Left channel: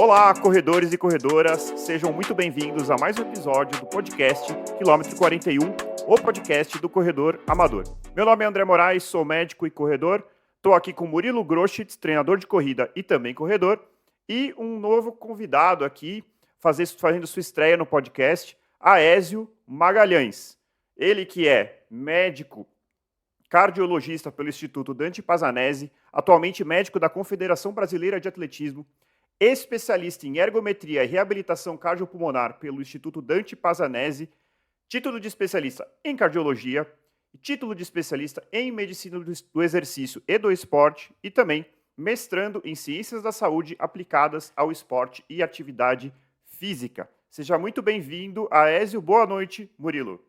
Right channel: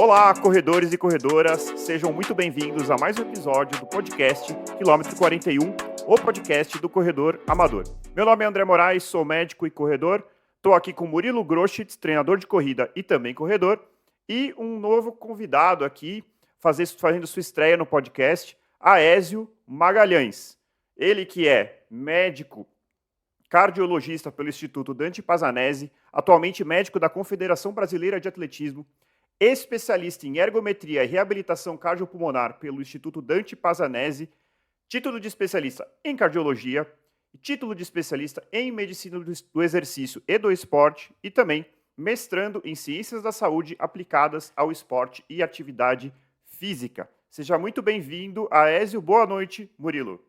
Olá, corredores e corredoras, sejam muito bem-vindos a mais um episódio do podcast Quilômetro 41, o podcast do corredor amador. Meu nome é André Moraes, sou médico e corredor, estou aqui com Murilo Groschitz, treinador de corrida e também corredor, e um novo convidado aqui, fazendo sua estreia no podcast, Aézio Magalhães. Ele que é médico, cardiologista pelo Instituto Dante Pazanese, atualmente médico da Confederação Brasileira de Atletismo, especialista em ergometria e reabilitação cardiopulmonar pelo Instituto Dante Pazanese, título de especialista em cardiologia, título de especialista em medicina do exercício e do esporte e também mestrando em ciências da saúde aplicadas ao esporte e atividade física. Seja muito bem-vindo, Aézio. Boa noite, Murilo.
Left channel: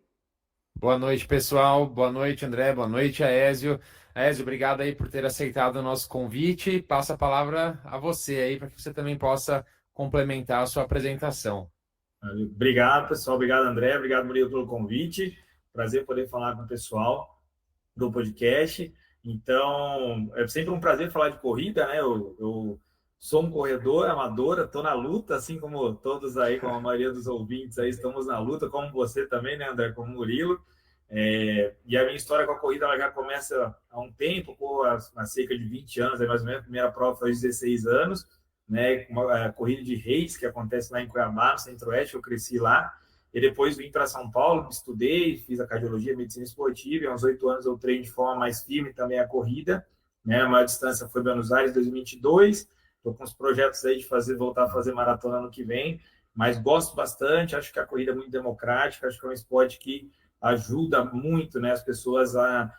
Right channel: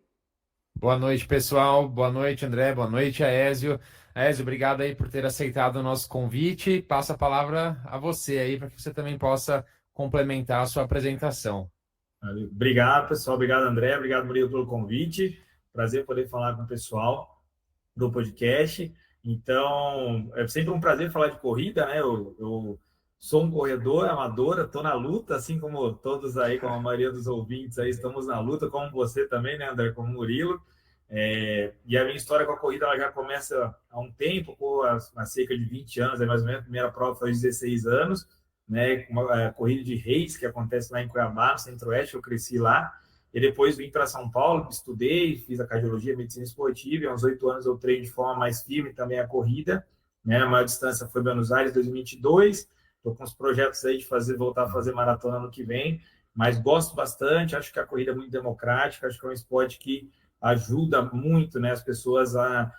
Boa noite, pessoal. Boa noite, André. Boa noite, Aézio. Aézio, obrigado aí por ter aceitado o nosso convite. Passo a palavra a você aí para que você também possa complementar a sua apresentação. Obrigado, pessoal. Obrigado, André. Obrigado, Murilo, pelo convite. Prazer poder falar com o pessoal do podcast. Então, é sempre um prazer falar de corrida, né? Eu sou um corredor amador, estou na luta, assim como todos aí, como a maioria dos ouvintes aí, estamos na luta, como você também, né, André, como o Murilo. E a minha história com a corrida ela já começa há um tempo, há cerca de 20 anos, aí mais ou menos. A primeira prova foi aos 16 anos, né, uma corrida de reis que acontece lá em Cuiabá, no Centro-Oeste. Eu cresci lá. E depois vim para São Paulo, estudei, fiz a cardiologia, medicina esportiva, e há uns 8 anos eu treino de forma mais firme também a corrida, né? A maior distância foi Buenos Aires, 2022, estou com os projetos aí de voltar a fazer maratona ano que vem, mas gosto bastante, acho que a corrida é muito democrática, acho que é um esporte que ajuda muito, né, as pessoas a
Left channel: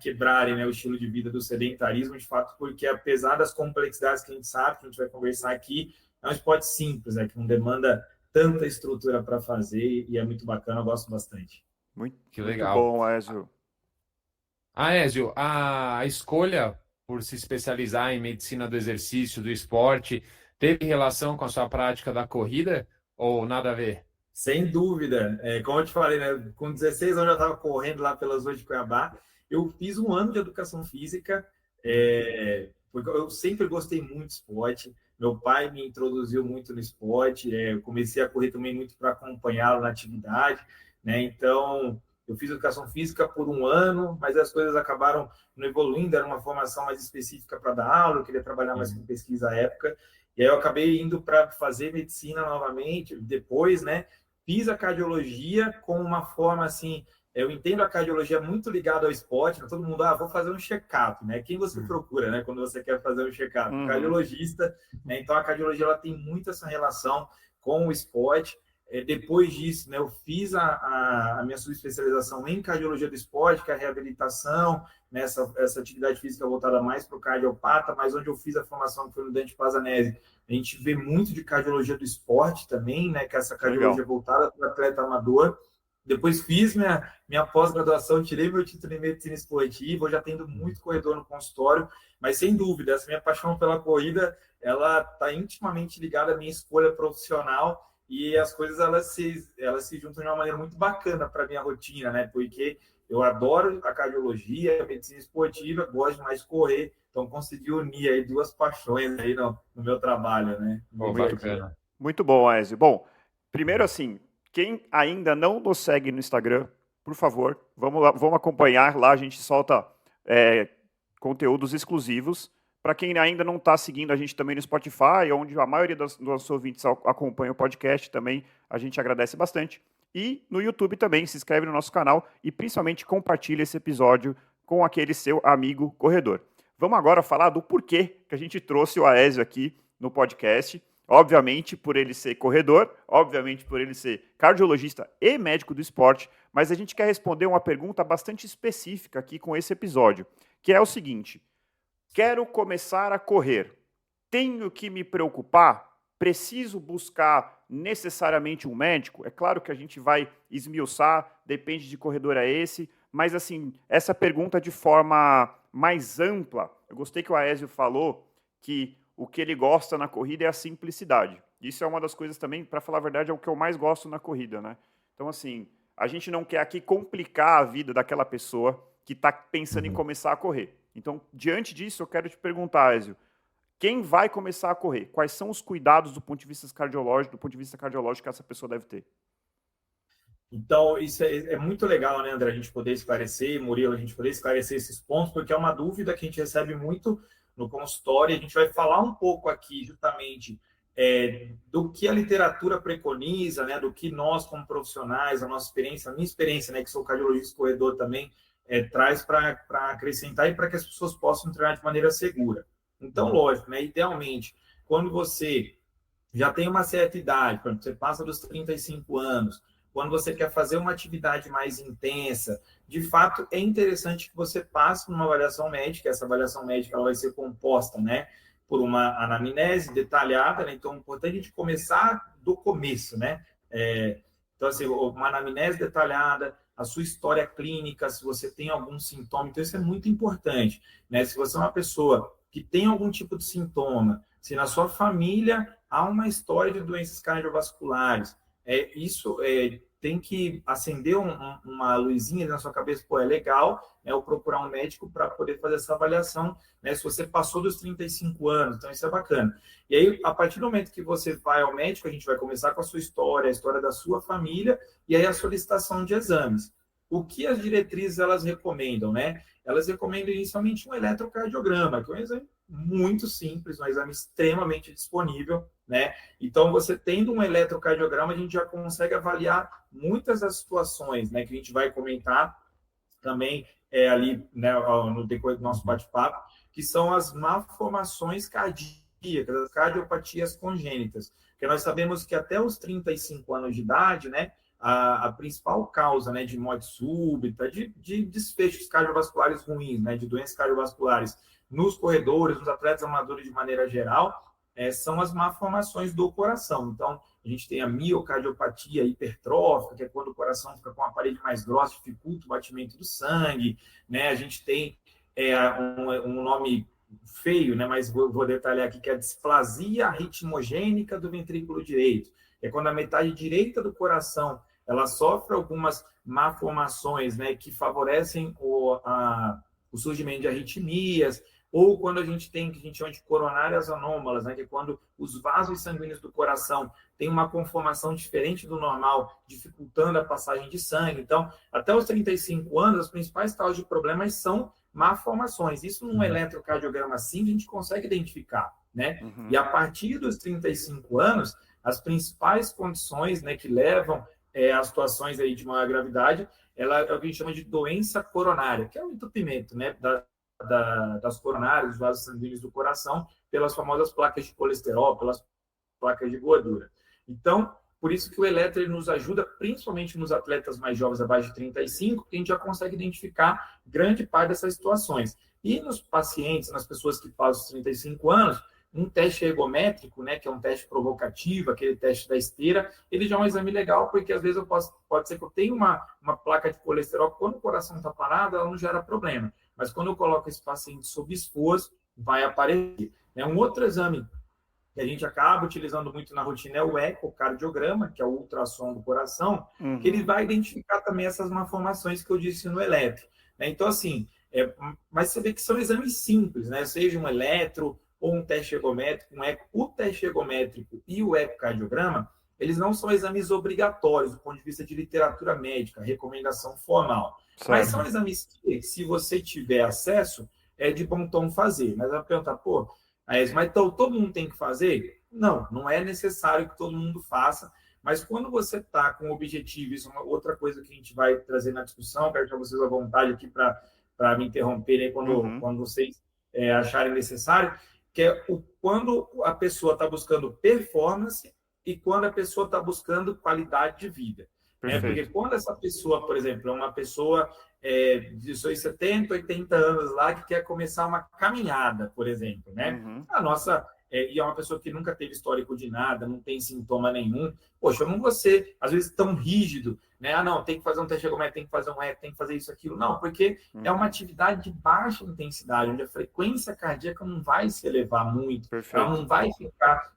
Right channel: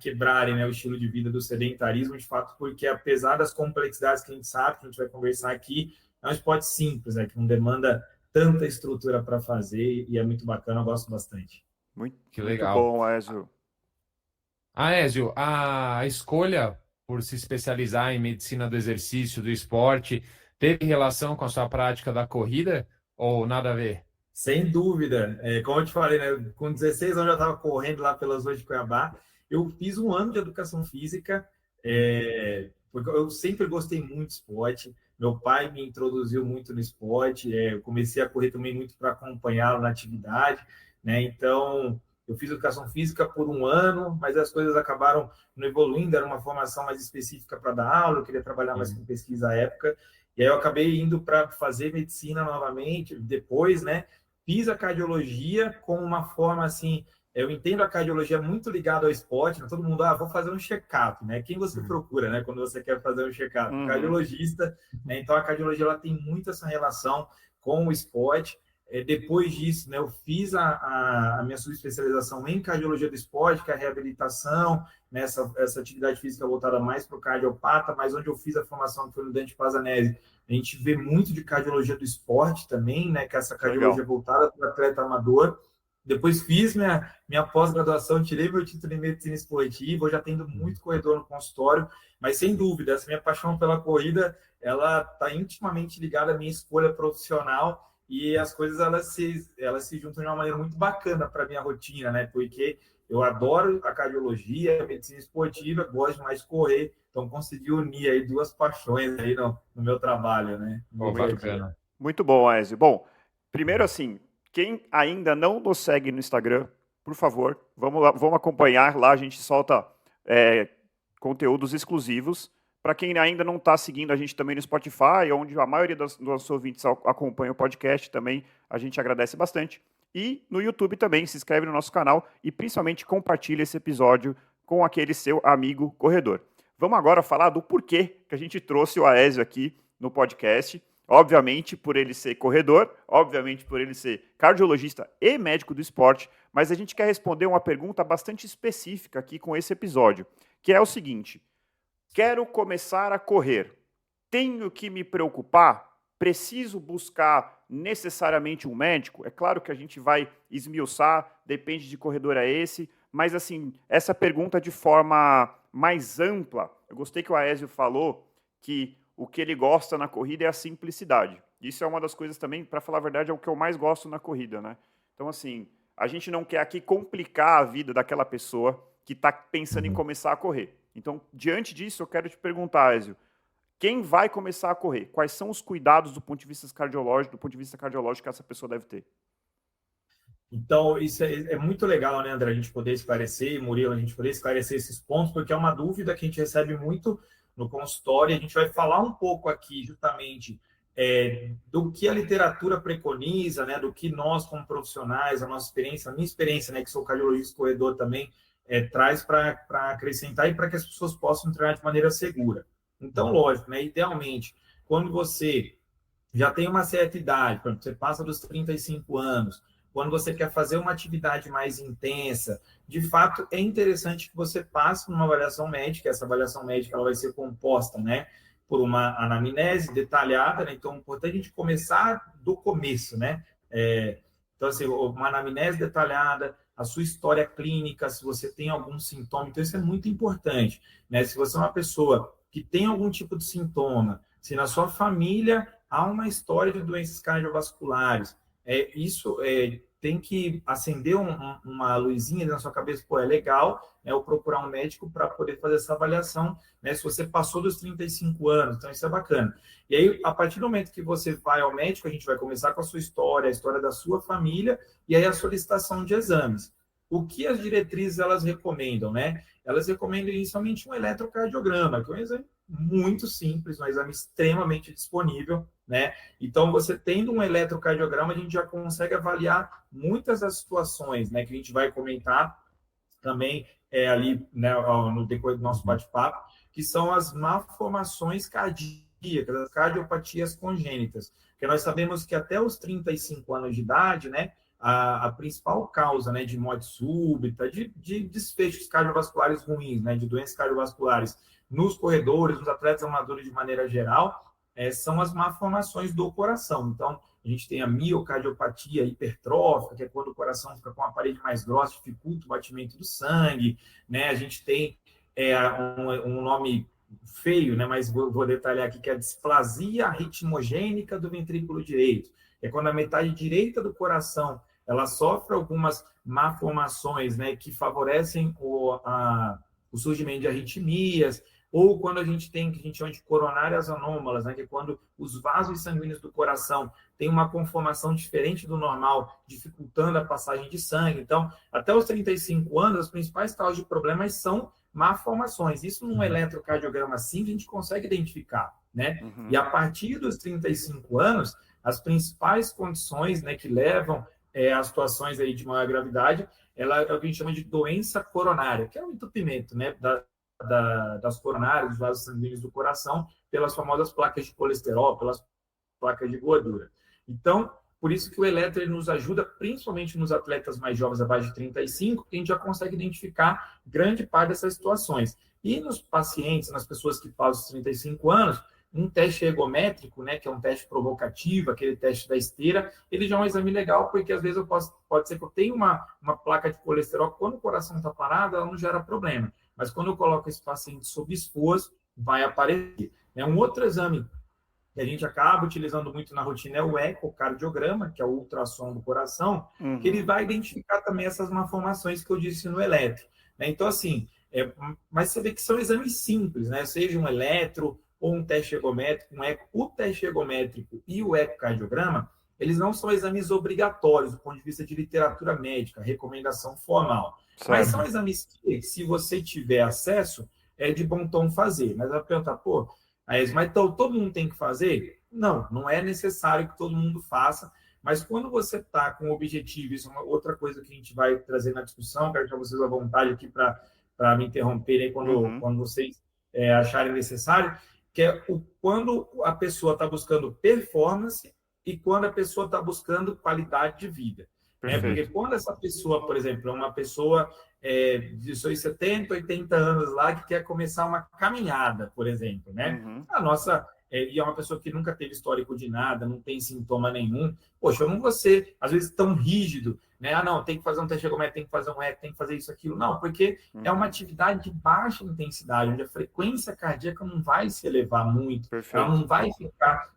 quebrarem, né, o estilo de vida do sedentarismo, de fato, porque apesar das complexidades que a gente sabe, que a gente vai conversar aqui, é um esporte simples, né, que não demanda tanta estrutura para fazer e é muito bacana, eu gosto bastante. Muito legal. Bom, Aézio. Aézio, a escolha por se especializar em medicina do exercício, do esporte, teve relação com a sua prática da corrida ou nada a ver? Sem dúvida. Como eu te falei, né, com 16 anos eu já estava correndo lá pelas ruas de Cuiabá. Eu fiz um ano de educação física, porque eu sempre gostei muito de esporte. Meu pai me introduziu muito no esporte. Eu comecei a correr também muito para acompanhá-lo na atividade, né? Então, eu fiz educação física por um ano, mas as coisas acabaram não evoluindo. Era uma formação mais específica para dar aula. Eu queria trabalhar mais com pesquisa à época. E aí eu acabei indo para fazer medicina novamente, depois, né? Fiz a cardiologia com uma forma assim, eu entendo a cardiologia muito ligada ao esporte, né? Todo mundo, vou fazer um check-up, né? Quem você procura, né? Quando você quer fazer um check-up? Cardiologista, né? Então a cardiologia ela tem muito essa relação com o esporte. Depois disso, né, eu fiz a minha subespecialização em cardiologia do esporte, que é a reabilitação, né, essa atividade física voltada mais para o cardiopata, mas onde eu fiz a formação que foi no Dante Pazanese. A gente vê muito de cardiologia do esporte também, né, que é essa cardiologia voltada para o atleta amador. Depois fiz minha pós-graduação, tirei meu título em medicina esportiva, eu já tendo muito corredor no consultório, mas sem dúvida, essa minha paixão pela corrida, ela está intimamente ligada à minha escolha profissional, e as coisas elas se juntam de uma maneira muito bacana para a minha rotina, né? Porque eu adoro a cardiologia, a medicina esportiva, gosto mais de correr, então consegui unir aí duas paixões aí no meu trabalho, né? Bacana. Muito bom, Aézio. Bom, primeiro assim, quem ainda não nos segue no Instagram, por favor, vamos lá, vamos acompanhar. Lá a gente solta conteúdos exclusivos. Para quem ainda não está seguindo a gente também no Spotify, onde a maioria dos nossos ouvintes acompanha o podcast também, a gente agradece bastante. E no YouTube também, se inscreve no nosso canal e principalmente compartilha esse episódio com aquele seu amigo corredor. Vamos agora falar do porquê que a gente trouxe o Aézio aqui no podcast. Obviamente por ele ser corredor, obviamente por ele ser cardiologista e médico do esporte, mas a gente quer responder uma pergunta bastante específica aqui com esse episódio, que é o seguinte: quero começar a correr, tenho que me preocupar? Preciso buscar necessariamente um médico? É claro que a gente vai esmiuçar, depende de corredor a esse, mas assim, essa pergunta de forma mais ampla, eu gostei que o Aézio falou que o que ele gosta na corrida é a simplicidade. Isso é uma das coisas também, para falar a verdade, é o que eu mais gosto na corrida, né? Então, assim, a gente não quer aqui complicar a vida daquela pessoa que está pensando em começar a correr. Então, diante disso, eu quero te perguntar, Aézio, quem vai começar a correr? Quais são os cuidados do ponto de vista cardiológico que essa pessoa deve ter? Então, isso é muito legal, né, André, a gente poder esclarecer, Murilo, a gente poder esclarecer esses pontos, porque é uma dúvida que a gente recebe muito no consultório, e a gente vai falar um pouco aqui, justamente, do que a literatura preconiza, né, do que nós, como profissionais, a nossa experiência, a minha experiência, né, que sou cardiologista corredor também, traz para acrescentar e para que as pessoas possam treinar de maneira segura. Então, lógico, né, idealmente, quando você já tem uma certa idade, por exemplo, você passa dos 35 anos, quando você quer fazer uma atividade mais intensa, de fato é interessante que você passe numa avaliação médica. Essa avaliação médica ela vai ser composta, né, por uma anamnese detalhada, né? Então é importante a gente começar do começo, né? Então, assim, uma anamnese detalhada, a sua história clínica, se você tem algum sintoma, então isso é muito importante, né? Se você é uma pessoa que tem algum tipo de sintoma, se na sua família há uma história de doenças cardiovasculares, isso tem que acender uma luzinha na sua cabeça, pô, é legal, né, eu procurar um médico para poder fazer essa avaliação, né, se você passou dos 35 anos, então isso é bacana. E aí, a partir do momento que você vai ao médico, a gente vai começar com a sua história, a história da sua família, e aí a solicitação de exames. O que as diretrizes elas recomendam, né? Elas recomendam inicialmente um eletrocardiograma, que é um exame muito simples, um exame extremamente disponível, né? Então, você tendo um eletrocardiograma, a gente já consegue avaliar muitas das situações, né, que a gente vai comentar também ali, né, no decorrer do nosso bate-papo, que são as malformações cardíacas, as cardiopatias congênitas. Porque nós sabemos que até os 35 anos de idade, né, a principal causa, né, de morte súbita, de desfechos cardiovasculares ruins, né, de doenças cardiovasculares nos corredores, nos atletas amadores de maneira geral, são as malformações do coração. Então, a gente tem a miocardiopatia hipertrófica, que é quando o coração fica com a parede mais grossa, dificulta o batimento do sangue, né? A gente tem um nome feio, né? Mas vou detalhar aqui, que é a displasia ritmogênica do ventrículo direito. É quando a metade direita do coração ela sofre algumas malformações, né, que favorecem o surgimento de arritmias, ou quando a gente tem o que a gente chama de coronárias anômalas, né, que é quando os vasos sanguíneos do coração têm uma conformação diferente do normal, dificultando a passagem de sangue. Então, até os 35 anos, as principais causas de problemas são malformações. Isso num eletrocardiograma simples a gente consegue identificar, né? E a partir dos 35 anos, as principais condições, né, que levam a situações aí de maior gravidade, ela é o que a gente chama de doença coronária, que é o entupimento, né, das coronárias, dos vasos sanguíneos do coração, pelas famosas placas de colesterol, pelas placas de gordura. Então, por isso que o eletro nos ajuda, principalmente nos atletas mais jovens, abaixo de 35, que a gente já consegue identificar grande parte dessas situações. E nos pacientes, nas pessoas que passam os 35 anos, um teste ergométrico, né, que é um teste provocativo, aquele teste da esteira, ele já é um exame legal, porque às vezes pode ser que eu tenha uma placa de colesterol, quando o coração está parado, ela não gera problema. Mas quando eu coloco esse paciente sob esforço, vai aparecer. Um outro exame que a gente acaba utilizando muito na rotina é o ecocardiograma, que é o ultrassom do coração, que ele vai identificar também essas malformações que eu disse no eletro. Então, assim, mas você vê que são exames simples, né? Seja um eletro ou um teste ergométrico, o teste ergométrico e o ecocardiograma, eles não são exames obrigatórios do ponto de vista de literatura médica, recomendação formal. Certo. Mas são exames que, se você tiver acesso, é de bom tom fazer. Mas vai perguntar, pô, mas então todo mundo tem que fazer? Não, não é necessário que todo mundo faça, mas quando você está com o objetivo, isso é uma outra coisa que a gente vai trazer na discussão, quero deixar vocês à vontade aqui para me interromperem quando vocês acharem necessário, que é quando a pessoa está buscando performance e quando a pessoa está buscando qualidade de vida. Porque quando essa pessoa, por exemplo, é uma pessoa de seus 70, 80 anos lá que quer começar uma caminhada, por exemplo, né? A nossa... e é uma pessoa que nunca teve histórico de nada, não tem sintoma nenhum. Poxa, eu não vou ser, às vezes, tão rígido, né? Ah, não, tem que fazer um teste ergométrico, tem que fazer um eco, tem que fazer isso, aquilo. Não, porque é uma atividade de baixa intensidade, onde a frequência cardíaca não vai se elevar muito, ela não vai ficar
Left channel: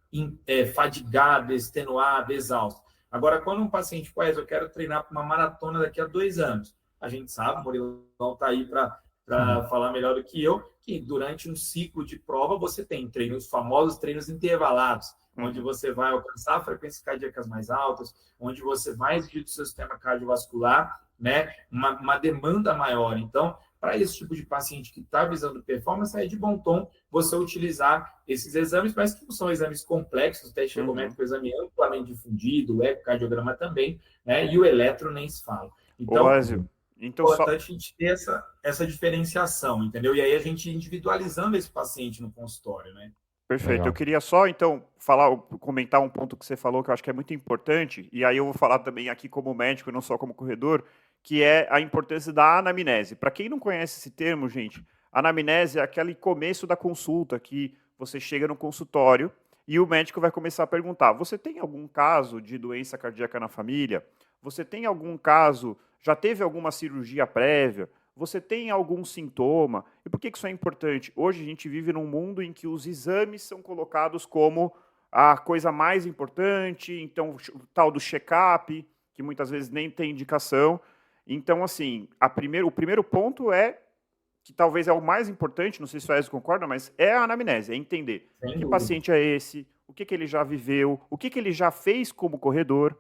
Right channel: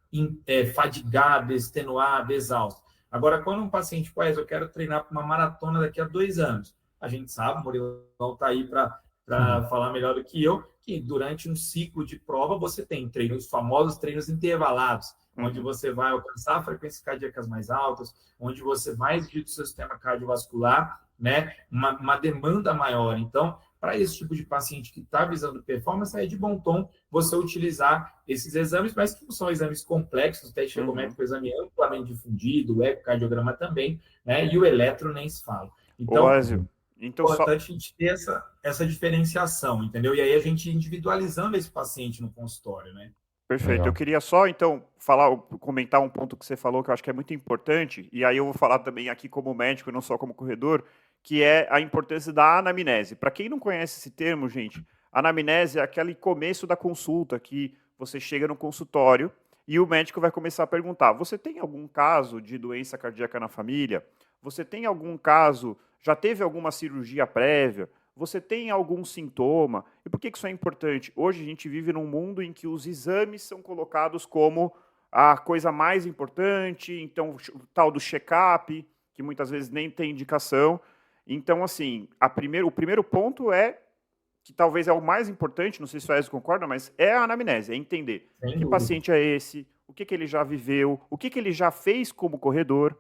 fadigada, extenuada, exausta. Agora, quando um paciente, eu quero treinar para uma maratona daqui a 2 anos, a gente sabe, o Murilão está aí para para falar melhor do que eu, que durante um ciclo de prova você tem treinos, famosos treinos intervalados, onde você vai alcançar frequências cardíacas mais altas, onde você vai exigir do seu sistema cardiovascular, né, uma demanda maior. Então, para esse tipo de paciente que está visando performance, é de bom tom você utilizar esses exames, mas que não são exames complexos, o teste ergométrico é um exame amplamente difundido, o ecocardiograma também, né, e o eletro nem se fala. Então, então é importante a gente ter essa diferenciação, entendeu? E aí a gente individualizando esse paciente no consultório, né? Perfeito. Legal. Eu queria só, então, comentar um ponto que você falou que eu acho que é muito importante, e aí eu vou falar também aqui como médico, não só como corredor, que é a importância da anamnese. Para quem não conhece esse termo, gente, anamnese é aquele começo da consulta, que você chega no consultório e o médico vai começar a perguntar: você tem algum caso de doença cardíaca na família? Você tem algum caso, já teve alguma cirurgia prévia? Você tem algum sintoma? E por que isso é importante? Hoje a gente vive num mundo em que os exames são colocados como a coisa mais importante, então o tal do check-up, que muitas vezes nem tem indicação. Então, assim, o primeiro ponto é, que talvez é o mais importante, não sei se o Ezio concorda, mas é a anamnese, é entender que paciente é esse, o que ele já viveu, o que ele já fez como corredor,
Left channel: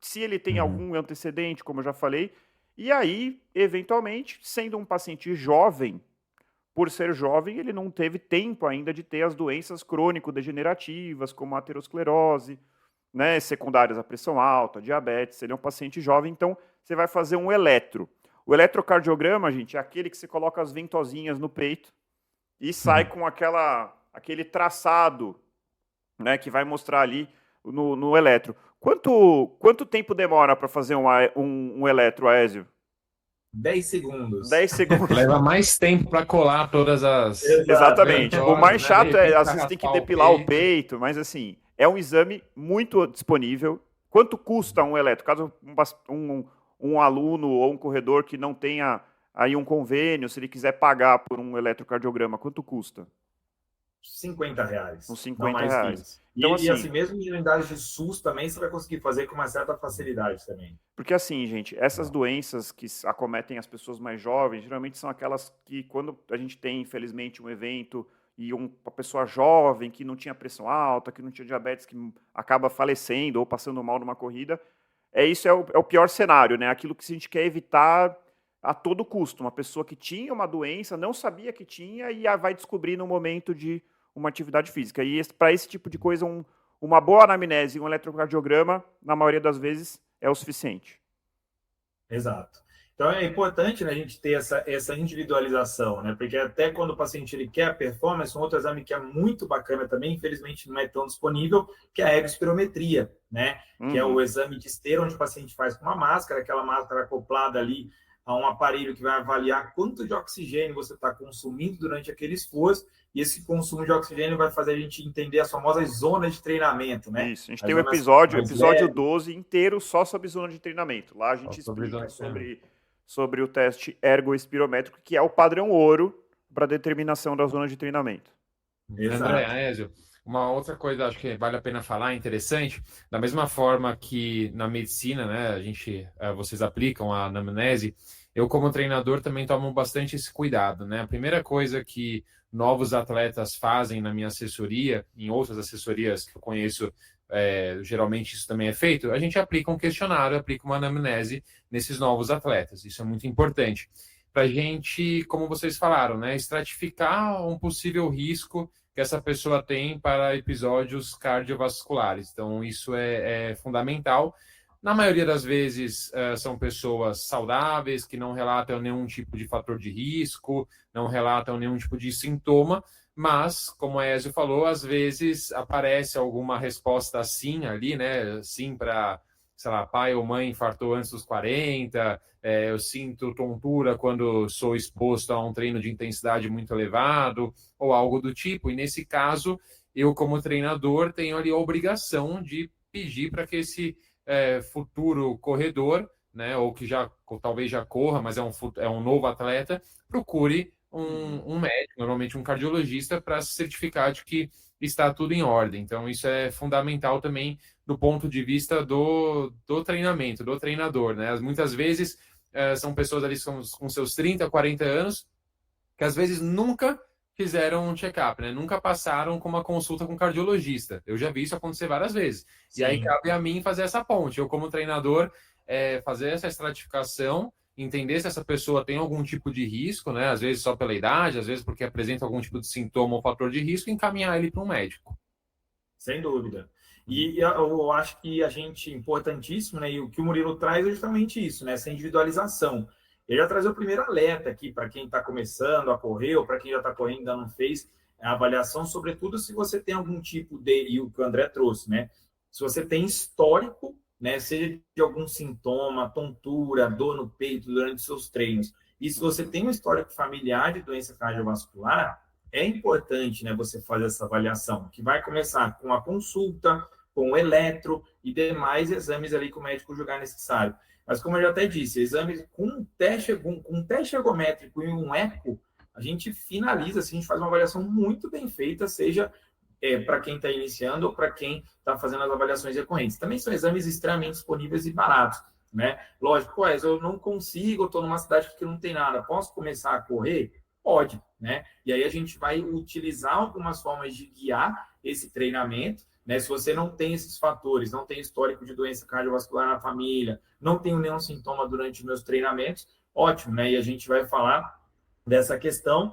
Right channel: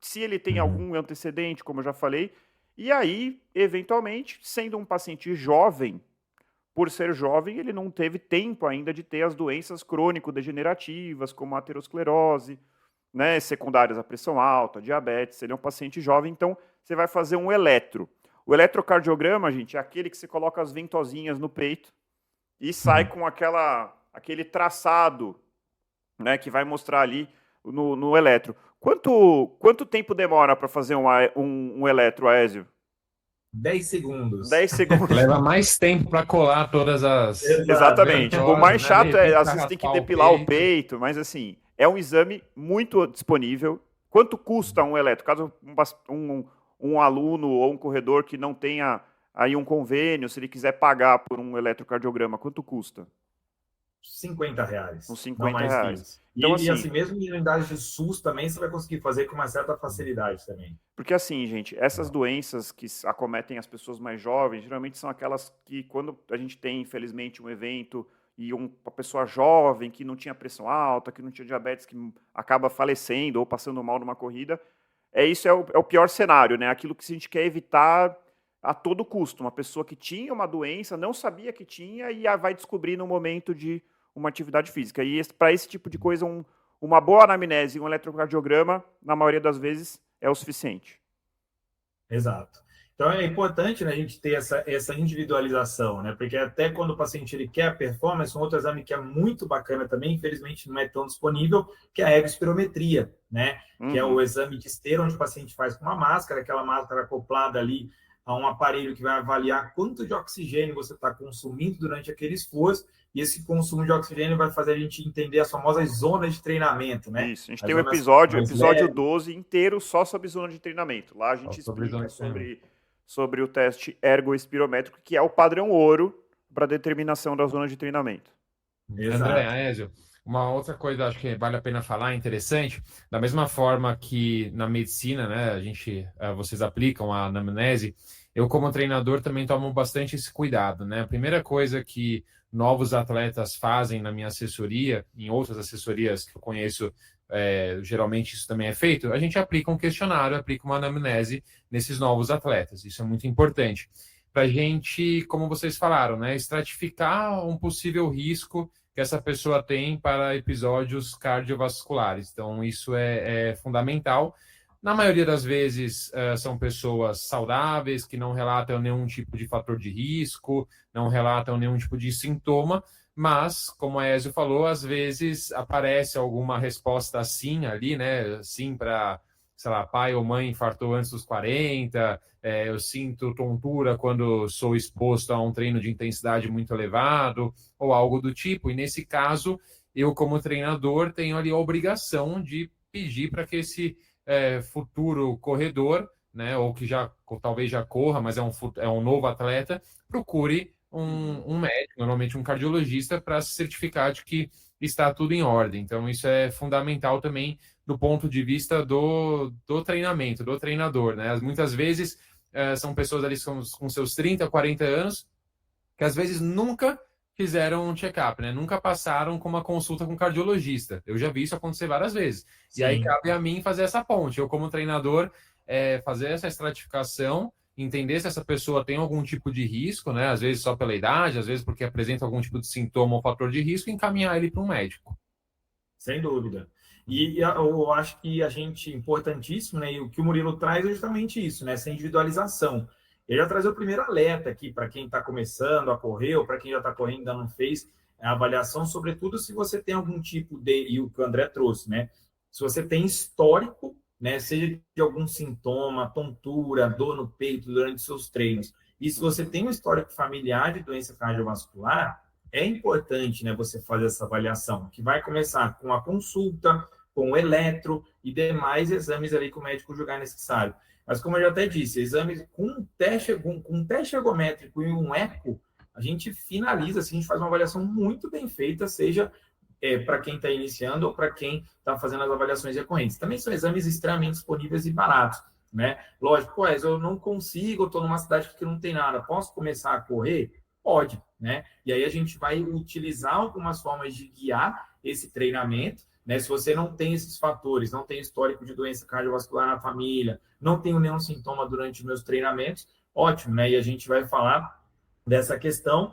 se ele tem algum antecedente, como eu já falei. E aí, eventualmente, sendo um paciente jovem, por ser jovem, ele não teve tempo ainda de ter as doenças crônico-degenerativas, como a aterosclerose, né, secundárias à pressão alta, diabetes. Ele é um paciente jovem, então você vai fazer um eletro. O eletrocardiograma, gente, é aquele que você coloca as ventosinhas no peito e sai com aquele traçado, né, que vai mostrar ali no eletro. Quanto tempo demora para fazer um eletro, Aésio? 10 segundos. 10 segundos. Leva mais tempo para colar todas as... Exatamente. O mais chato é, às vezes, raspar tem que depilar o peito, mas assim, é um exame muito disponível. Quanto custa um eletro? Caso um aluno ou um corredor que não tenha aí um convênio, se ele quiser pagar por um eletrocardiograma, quanto custa? R$50. Uns R$50. Então, e assim, mesmo em unidades de SUS também, você vai conseguir fazer com uma certa facilidade também. Porque assim, gente, essas doenças que acometem as pessoas mais jovens, geralmente são aquelas que, quando a gente tem, infelizmente, um evento e uma pessoa jovem que não tinha pressão alta, que não tinha diabetes, que acaba falecendo ou passando mal numa corrida, isso é o pior cenário, né? Aquilo que a gente quer evitar a todo custo. Uma pessoa que tinha uma doença, não sabia que tinha e vai descobrir no momento de uma atividade física. E para esse tipo de coisa, uma boa anamnese e um eletrocardiograma, na maioria das vezes, é o suficiente. Exato. Então é importante, né, a gente ter essa individualização, né? Porque até quando o paciente ele quer a performance, um outro exame que é muito bacana também, infelizmente não é tão disponível, que é a egospirometria, né? Que é o exame de esteira, onde o paciente faz com uma máscara, aquela máscara acoplada ali a um aparelho que vai avaliar quanto de oxigênio você está consumindo durante aquele esforço, e esse consumo de oxigênio vai fazer a gente entender as famosas zonas de treinamento, né? Isso, a gente tem um episódio 12 inteiro só sobre zona de treinamento. Lá a gente explica sobre o teste ergoespirométrico, que é o padrão ouro para determinação da zona de treinamento. André, Aésio, uma outra coisa acho que vale a pena falar, interessante, da mesma forma que na medicina, né, vocês aplicam a anamnese, eu como treinador também tomo bastante esse cuidado, né? A primeira coisa que novos atletas fazem na minha assessoria, em outras assessorias que eu conheço, geralmente isso também é feito, a gente aplica um questionário, aplica uma anamnese nesses novos atletas. Isso é muito importante para a gente, como vocês falaram, né, estratificar um possível risco que essa pessoa tem para episódios cardiovasculares. Então, isso é fundamental. Na maioria das vezes, são pessoas saudáveis, que não relatam nenhum tipo de fator de risco, não relatam nenhum tipo de sintoma, mas, como a Ezio falou, às vezes aparece alguma resposta sim ali, né? Sim para, sei lá, pai ou mãe infartou antes dos 40, eu sinto tontura quando sou exposto a um treino de intensidade muito elevado, ou algo do tipo. E nesse caso, eu, como treinador, tenho ali a obrigação de pedir para que esse futuro corredor, né, ou que talvez já corra, mas é um novo atleta, procure um médico, normalmente um cardiologista, para se certificar de que está tudo em ordem. Então, isso é fundamental também do ponto de vista do treinamento, do treinador, né? Muitas vezes são pessoas ali com seus 30, 40 anos, que às vezes nunca fizeram um check-up, né? Nunca passaram com uma consulta com um cardiologista. Eu já vi isso acontecer várias vezes. E aí Sim. cabe a mim fazer essa ponte. Eu, como treinador, fazer essa estratificação, entender se essa pessoa tem algum tipo de risco, né? Às vezes só pela idade, às vezes porque apresenta algum tipo de sintoma ou fator de risco, e encaminhar ele para um médico. Sem dúvida. E eu acho que a gente, importantíssimo, né? E o que o Murilo traz é justamente isso, né? Essa individualização. Ele já trazer o primeiro alerta aqui para quem está começando a correr, ou para quem já está correndo e ainda não fez a avaliação, sobretudo se você tem algum tipo de, e o que o André trouxe, né? Se você tem histórico, né? Seja de algum sintoma, tontura, dor no peito durante seus treinos, e se você tem um histórico familiar de doença cardiovascular, é importante, né, você fazer essa avaliação, que vai começar com a consulta, com o eletro e demais exames ali que o médico julgar necessário. Mas como eu já até disse, exames com um teste ergométrico e um eco, a gente finaliza, assim, a gente faz uma avaliação muito bem feita, seja para quem está iniciando ou para quem está fazendo as avaliações recorrentes. Também são exames extremamente disponíveis e baratos, né? Lógico, eu não consigo, eu estou numa cidade que não tem nada, posso começar a correr? Pode, né? E aí a gente vai utilizar algumas formas de guiar esse treinamento, né? Se você não tem esses fatores, não tem histórico de doença cardiovascular na família, não tenho nenhum sintoma durante meus treinamentos, ótimo, né? E a gente vai falar dessa questão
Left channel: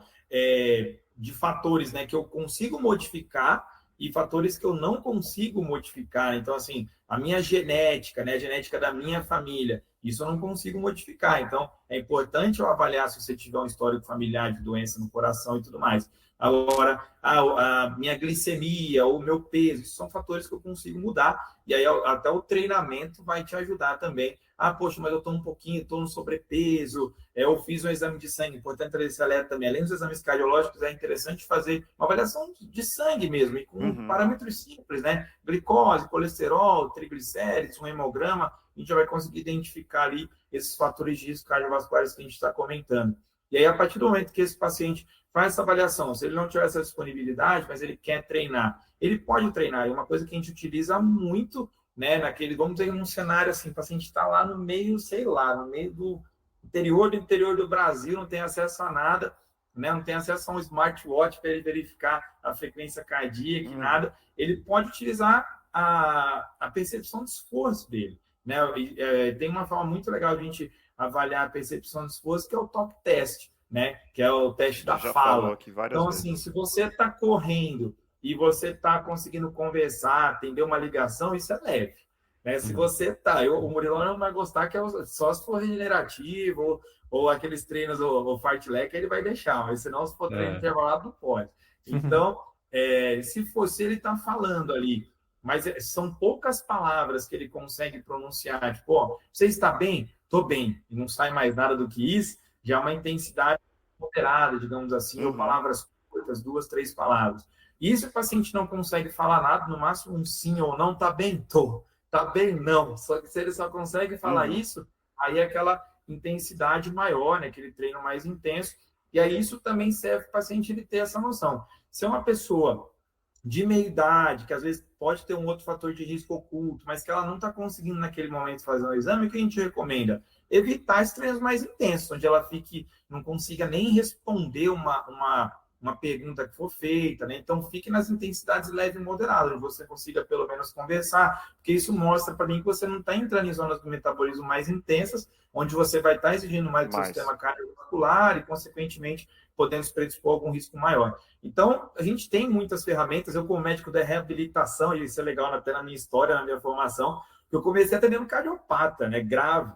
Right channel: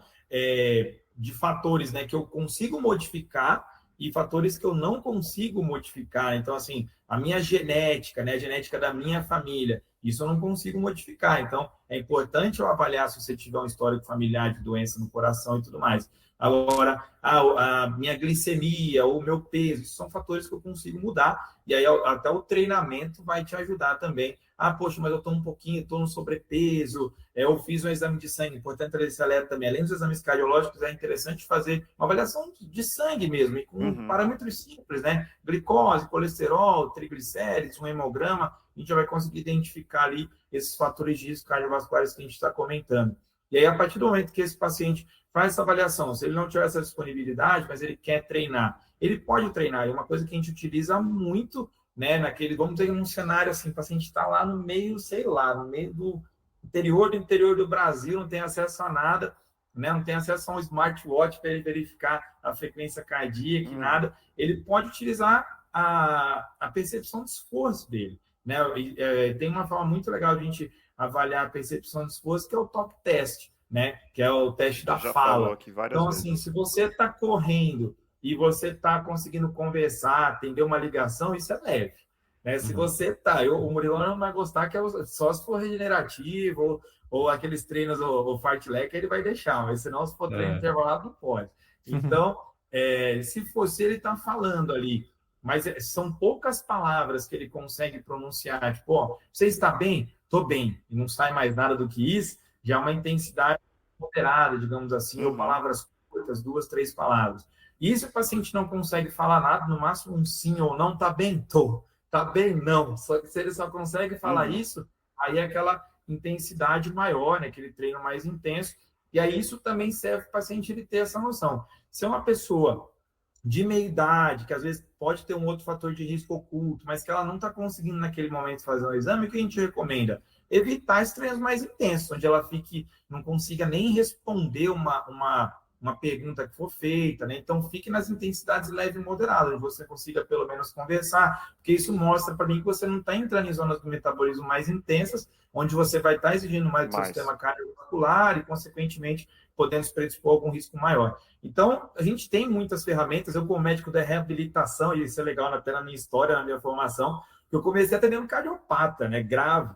de fatores, né, que eu consigo modificar e fatores que eu não consigo modificar. Então, assim, a minha genética, né, a genética da minha família, isso eu não consigo modificar. Então, é importante eu avaliar se você tiver um histórico familiar de doença no coração e tudo mais. Agora, a minha glicemia, o meu peso, isso são fatores que eu consigo mudar. E aí, até o treinamento vai te ajudar também. Ah, poxa, mas eu estou um pouquinho, estou no sobrepeso, eu fiz um exame de sangue, importante trazer esse alerta também. Além dos exames cardiológicos, é interessante fazer uma avaliação de sangue mesmo, e com parâmetros simples, né? Glicose, colesterol, triglicérides, um hemograma, a gente já vai conseguir identificar ali esses fatores de risco cardiovasculares que a gente está comentando. E aí, a partir do momento que esse paciente faz essa avaliação, se ele não tiver essa disponibilidade, mas ele quer treinar, ele pode treinar. É uma coisa que a gente utiliza muito, né, vamos dizer, num cenário assim, o paciente está lá no meio, sei lá, no meio do interior do Brasil, não tem acesso a nada, né, não tem acesso a um smartwatch para ele verificar a frequência cardíaca e nada, ele pode utilizar a percepção de esforço dele, né? Tem uma forma muito legal de a gente avaliar a percepção de esforço, que é o talk test, né, que é o teste da já fala. Falou aqui várias então, vezes. assim, se você está correndo e você está conseguindo conversar, atender uma ligação, isso é leve. Né? Se você está, o Murilo não vai gostar, que só se for regenerativo, ou aqueles treinos, o fartlek, ele vai deixar, mas senão, se for treino intervalado, não pode. Então, se ele está falando ali, mas são poucas palavras que ele consegue pronunciar, tipo, ó, você está bem? Estou bem, e não sai mais nada do que isso, já é uma intensidade moderada, digamos assim, ou palavras curtas, 2, 3 palavras. E se o paciente não consegue falar nada, no máximo um sim ou não, tá bem? Tô. Tá bem? Não. Só que se ele só consegue falar isso, aí é aquela intensidade maior, né? Aquele treino mais intenso. E aí isso também serve para o paciente ele ter essa noção. Se é uma pessoa de meia idade, que às vezes pode ter um outro fator de risco oculto, mas que ela não está conseguindo naquele momento fazer um exame, o que a gente recomenda? Evitar esses treinos mais intensos, onde ela não consiga nem responder uma pergunta que for feita, né? Então, fique nas intensidades leve e moderada, onde você consiga pelo menos conversar, porque isso mostra para mim que você não está entrando em zonas do metabolismo mais intensas, onde você vai estar exigindo mais do seu sistema cardiovascular e, consequentemente, podendo se predispor a algum risco maior. Então, a gente tem muitas ferramentas. Eu, como médico da reabilitação, e isso é legal até na minha história, na minha formação, que eu comecei atendendo cardiopata, né? Grave.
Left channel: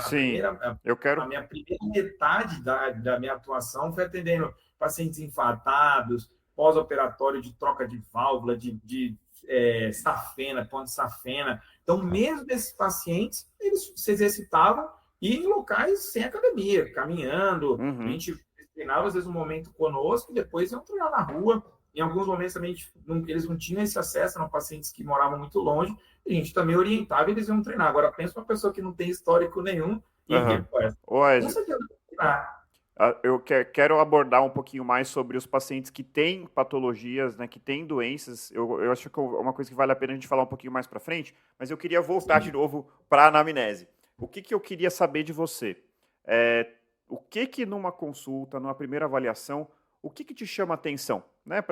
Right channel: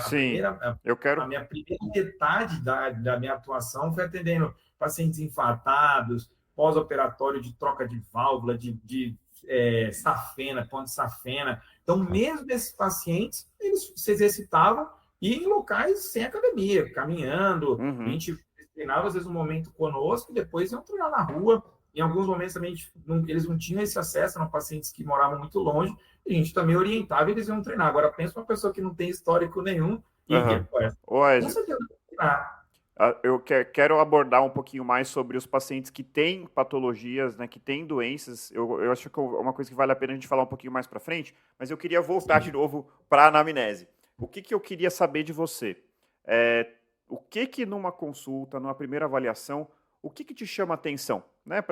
Sim, eu quero. A minha primeira metade da minha atuação foi atendendo pacientes infartados, pós-operatório de troca de válvula, de safena, ponto de safena. Então, mesmo esses pacientes, eles se exercitavam e em locais sem academia, caminhando. A gente treinava, às vezes, um momento conosco e depois iam treinar na rua. Em alguns momentos também eles não tinham esse acesso, eram pacientes que moravam muito longe, e a gente também orientava e eles iam treinar. Agora, pensa uma pessoa que não tem histórico nenhum e com certeza treinar. Eu quero abordar um pouquinho mais sobre os pacientes que têm patologias, né, que têm doenças. Eu acho que é uma coisa que vale a pena a gente falar um pouquinho mais para frente, mas eu queria voltar de novo para a anamnese. O que eu queria saber de você? o que numa consulta, numa primeira avaliação, o que te chama atenção? Né?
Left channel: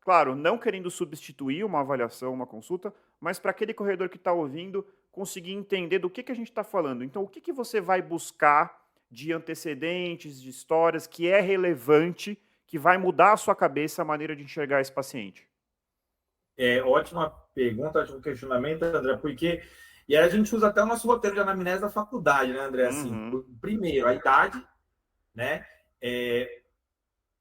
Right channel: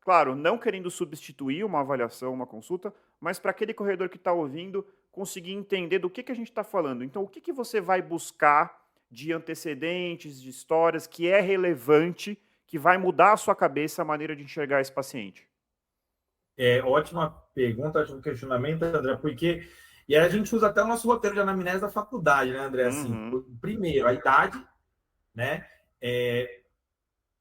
Claro, não querendo substituir uma avaliação, uma consulta, mas para aquele corredor que está ouvindo conseguir entender do que a gente está falando. Então, o que você vai buscar de antecedentes, de histórias, que é relevante, que vai mudar a sua cabeça, a maneira de enxergar esse paciente? Ótima pergunta, ótimo questionamento, André, porque e aí a gente usa até o nosso roteiro de anamnese da faculdade, né, André? Assim, primeiro, a idade, né?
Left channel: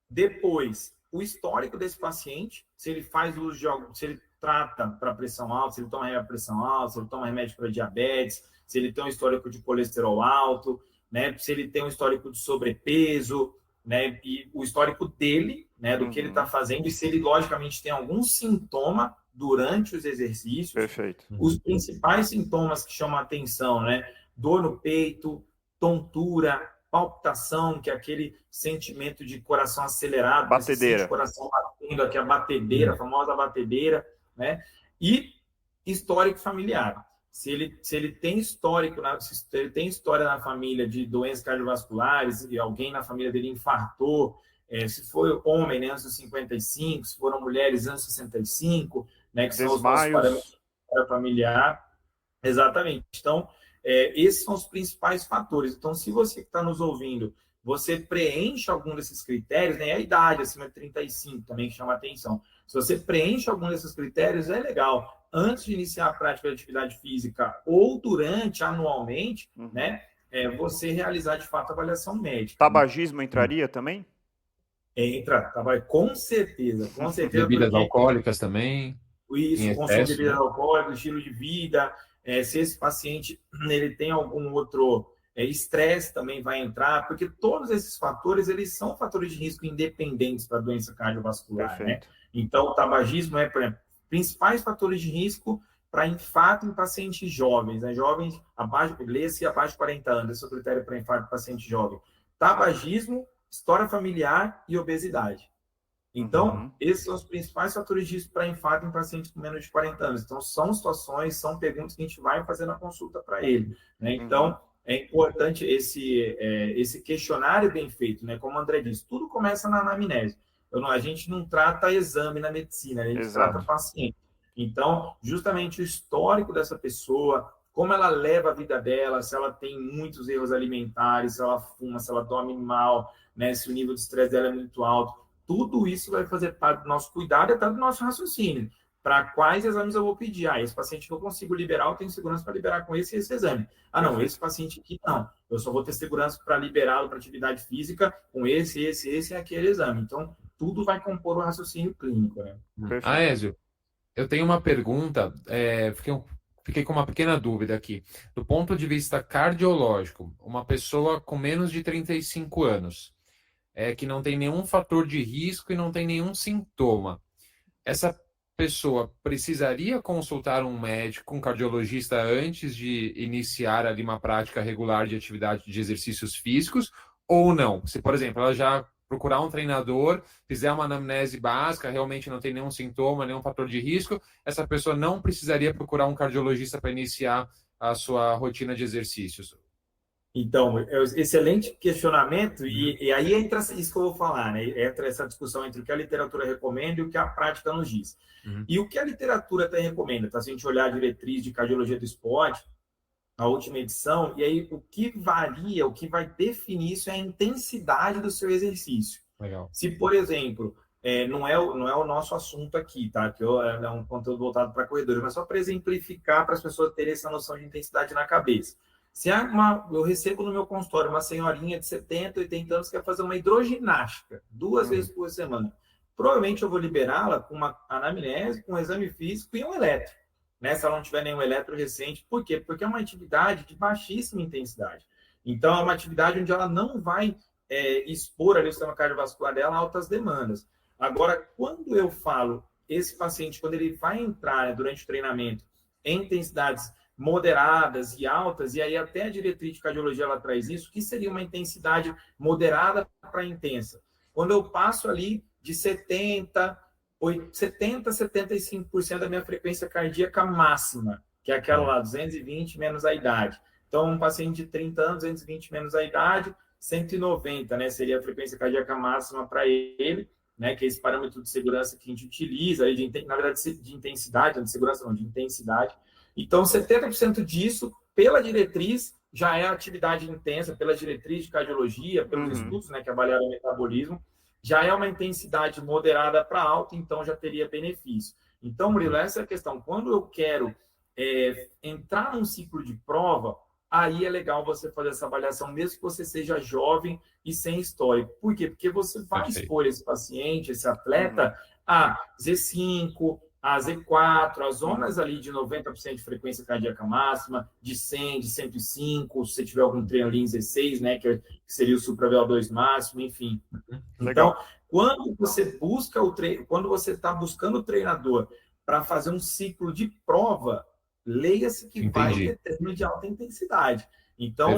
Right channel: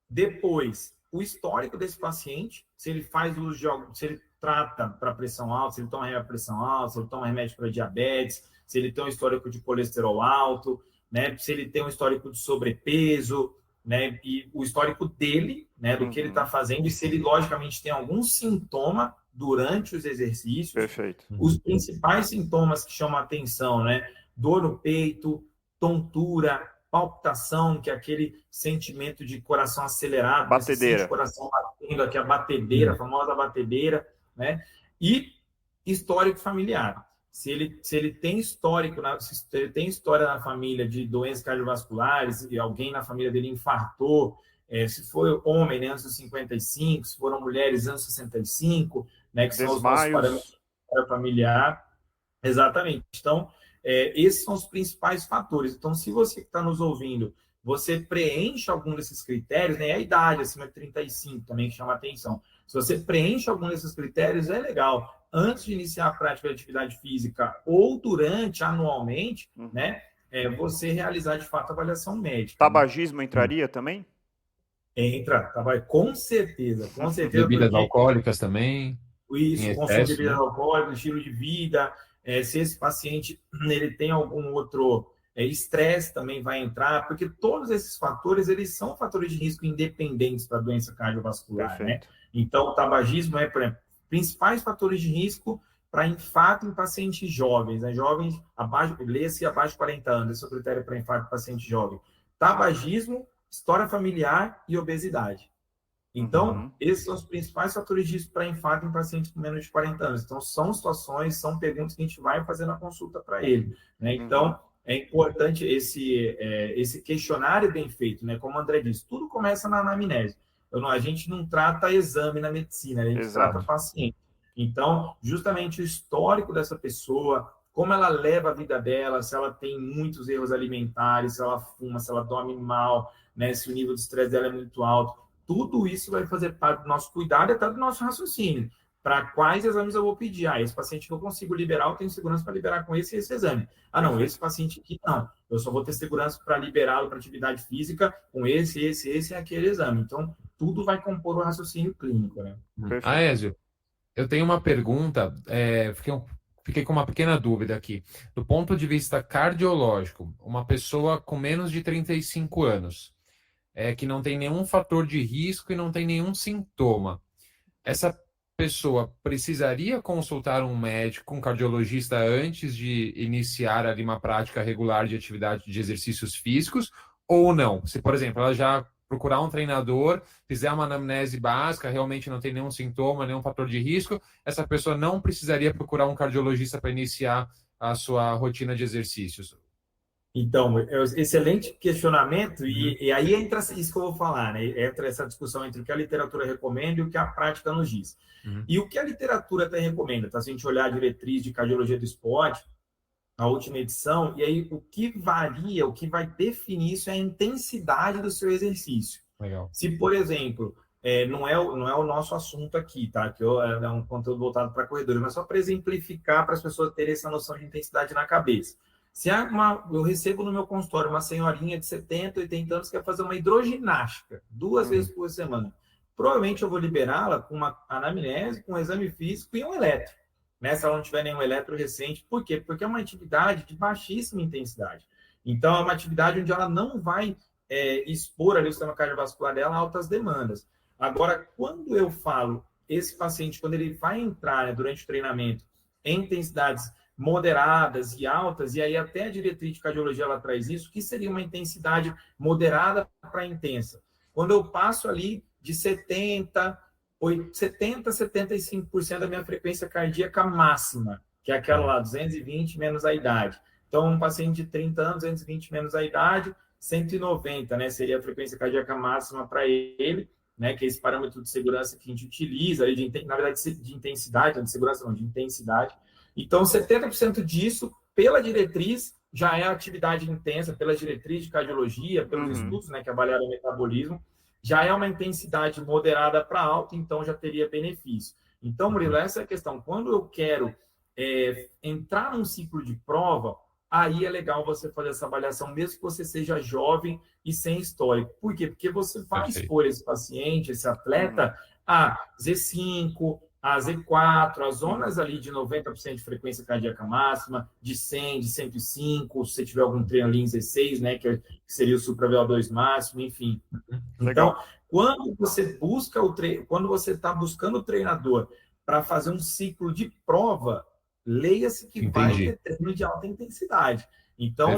Depois, o histórico desse paciente, se ele faz uso de algo, se ele trata para pressão alta, se ele toma remédio para pressão alta, se ele toma remédio para diabetes, se ele tem um histórico de colesterol alto, né? Se ele tem um histórico de sobrepeso, né? E o histórico dele, né? Do que ele está fazendo, e se ele, logicamente, tem algum sintoma durante os exercícios. Perfeito. Os principais sintomas que chamam a atenção, né? Dor no peito, tontura, palpitação, que é aquele sentimento de coração acelerado, batedeira, coração batendo, aqui a batedeira, a famosa batedeira, né? E histórico familiar. Se ele tem histórico, se ele tem história na família de doenças cardiovasculares e alguém na família dele infartou, se for homem, né, antes dos 55, se foram mulheres antes dos 65, né, que são os nossos parâmetros familiar. Exatamente. Então, esses são os principais fatores. Então, se você que está nos ouvindo, você preenche algum desses critérios, né? A idade acima de 35 também que chama atenção. Se você preenche algum desses critérios, é legal. Antes de iniciar a prática de atividade física ou durante, anualmente, né? Você realizar, de fato, a avaliação médica. Tabagismo entraria também? Entra, com certeza. Com certeza. Bebidas alcoólicas também. Isso, consumo de bebidas alcoólicas, estilo de vida. Se esse paciente ele tem algum outro estresse, também vai entrar, porque todos esses fatores, eles são fatores de risco independentes para a doença cardiovascular, né? Então, o tabagismo por exemplo, principais fatores de risco para infarto em pacientes jovens, né? Jovens abaixo de 40 anos, esse é o critério para infarto em paciente jovem. Tabagismo, história familiar e obesidade. Então, esses são os principais fatores de risco para infarto em pacientes com menos de 40 anos. Então, são situações, são perguntas que a gente vai fazer na consulta para ele, né? Então, é importante esse questionário bem feito, né? Como o André disse, tudo começa na anamnese. A gente não trata exame na medicina, a gente trata paciente. Então, justamente o histórico dessa pessoa, como ela leva a vida dela, se ela tem muitos erros alimentares, se ela fuma, se ela dorme mal, né? Se o nível de estresse dela é muito alto, tudo isso vai fazer parte do nosso cuidado e até do nosso raciocínio. Para quais exames eu vou pedir? Esse paciente que eu consigo liberar, eu tenho segurança para liberar com esse e esse exame. Não, esse paciente aqui não. Eu só vou ter segurança para liberá-lo para atividade física com esse e aquele exame. Então, tudo vai compor o raciocínio clínico, né? Aézio, eu tenho uma pergunta, fiquei com uma pequena dúvida aqui. Do ponto de vista cardiológico, uma pessoa com menos de 35 anos, que não tem nenhum fator de risco e não tem nenhum sintoma, essa pessoa precisaria consultar um médico, um cardiologista, antes de iniciar ali uma prática regular de atividade de exercícios físicos, ou não? Se, por exemplo, ela já procurar um treinador, fizer uma anamnese básica, realmente não tem nenhum sintoma, nenhum fator de risco, essa pessoa não precisaria procurar um cardiologista para iniciar a sua rotina de exercícios? Então, excelente questionamento, e aí entra isso que eu vou falar, né? Entra essa discussão entre o que a literatura recomenda e o que a prática nos diz. E o que a literatura até recomenda, tá? Se a gente olhar a diretriz de cardiologia do esporte, a última edição, e aí o que varia, o que vai definir isso é a intensidade do seu exercício. Legal. Se, por exemplo, não é o nosso assunto aqui, tá? Que é um conteúdo voltado para corredores, mas só para exemplificar, para as pessoas terem essa noção de intensidade na cabeça. Se eu recebo no meu consultório uma senhorinha de 70, 80 anos que quer fazer uma hidroginástica 2 vezes por semana, provavelmente eu vou liberá-la com uma anamnese, com um exame físico e um eletro, né? Se ela não tiver nenhum eletro recente. Por quê? Porque é uma atividade de baixíssima intensidade. Então, é uma atividade onde ela não vai expor ali o sistema cardiovascular dela a altas demandas. Agora, quando eu falo, esse paciente, quando ele vai entrar, né, durante o treinamento em intensidades moderadas e altas, e aí até a diretriz de cardiologia ela traz isso, que seria uma intensidade moderada para intensa. Quando eu passo ali de 70, 75% da minha frequência cardíaca máxima, que é aquela lá, 220 menos a idade. Então, um paciente de 30 anos, 220 menos a idade, 190, né? Seria a frequência cardíaca máxima para ele, né? Que é esse parâmetro de segurança que a gente utiliza, aí na verdade, de intensidade, não de segurança não, de intensidade. Então, 70% disso, pela diretriz, já é atividade intensa, pela diretriz de cardiologia, pelos estudos, né? Que avaliaram o metabolismo, já é uma intensidade moderada para alta, então já teria benefício. Então, Murilo, essa é a questão. Quando eu quero entrar num ciclo de prova, aí é legal você fazer essa avaliação, mesmo que você seja jovem e sem histórico. Por quê? Porque você vai expor esse paciente, esse atleta, a Z5, a Z4, as zonas ali de 90% de frequência cardíaca máxima, de 100, de 105, se você tiver algum treino ali em Z6, né, que seria o supra-VO2 máximo, enfim. Legal. Então, quando você busca quando você está buscando o treinador para fazer um ciclo de prova, leia-se que vai ter treino de alta intensidade. Então,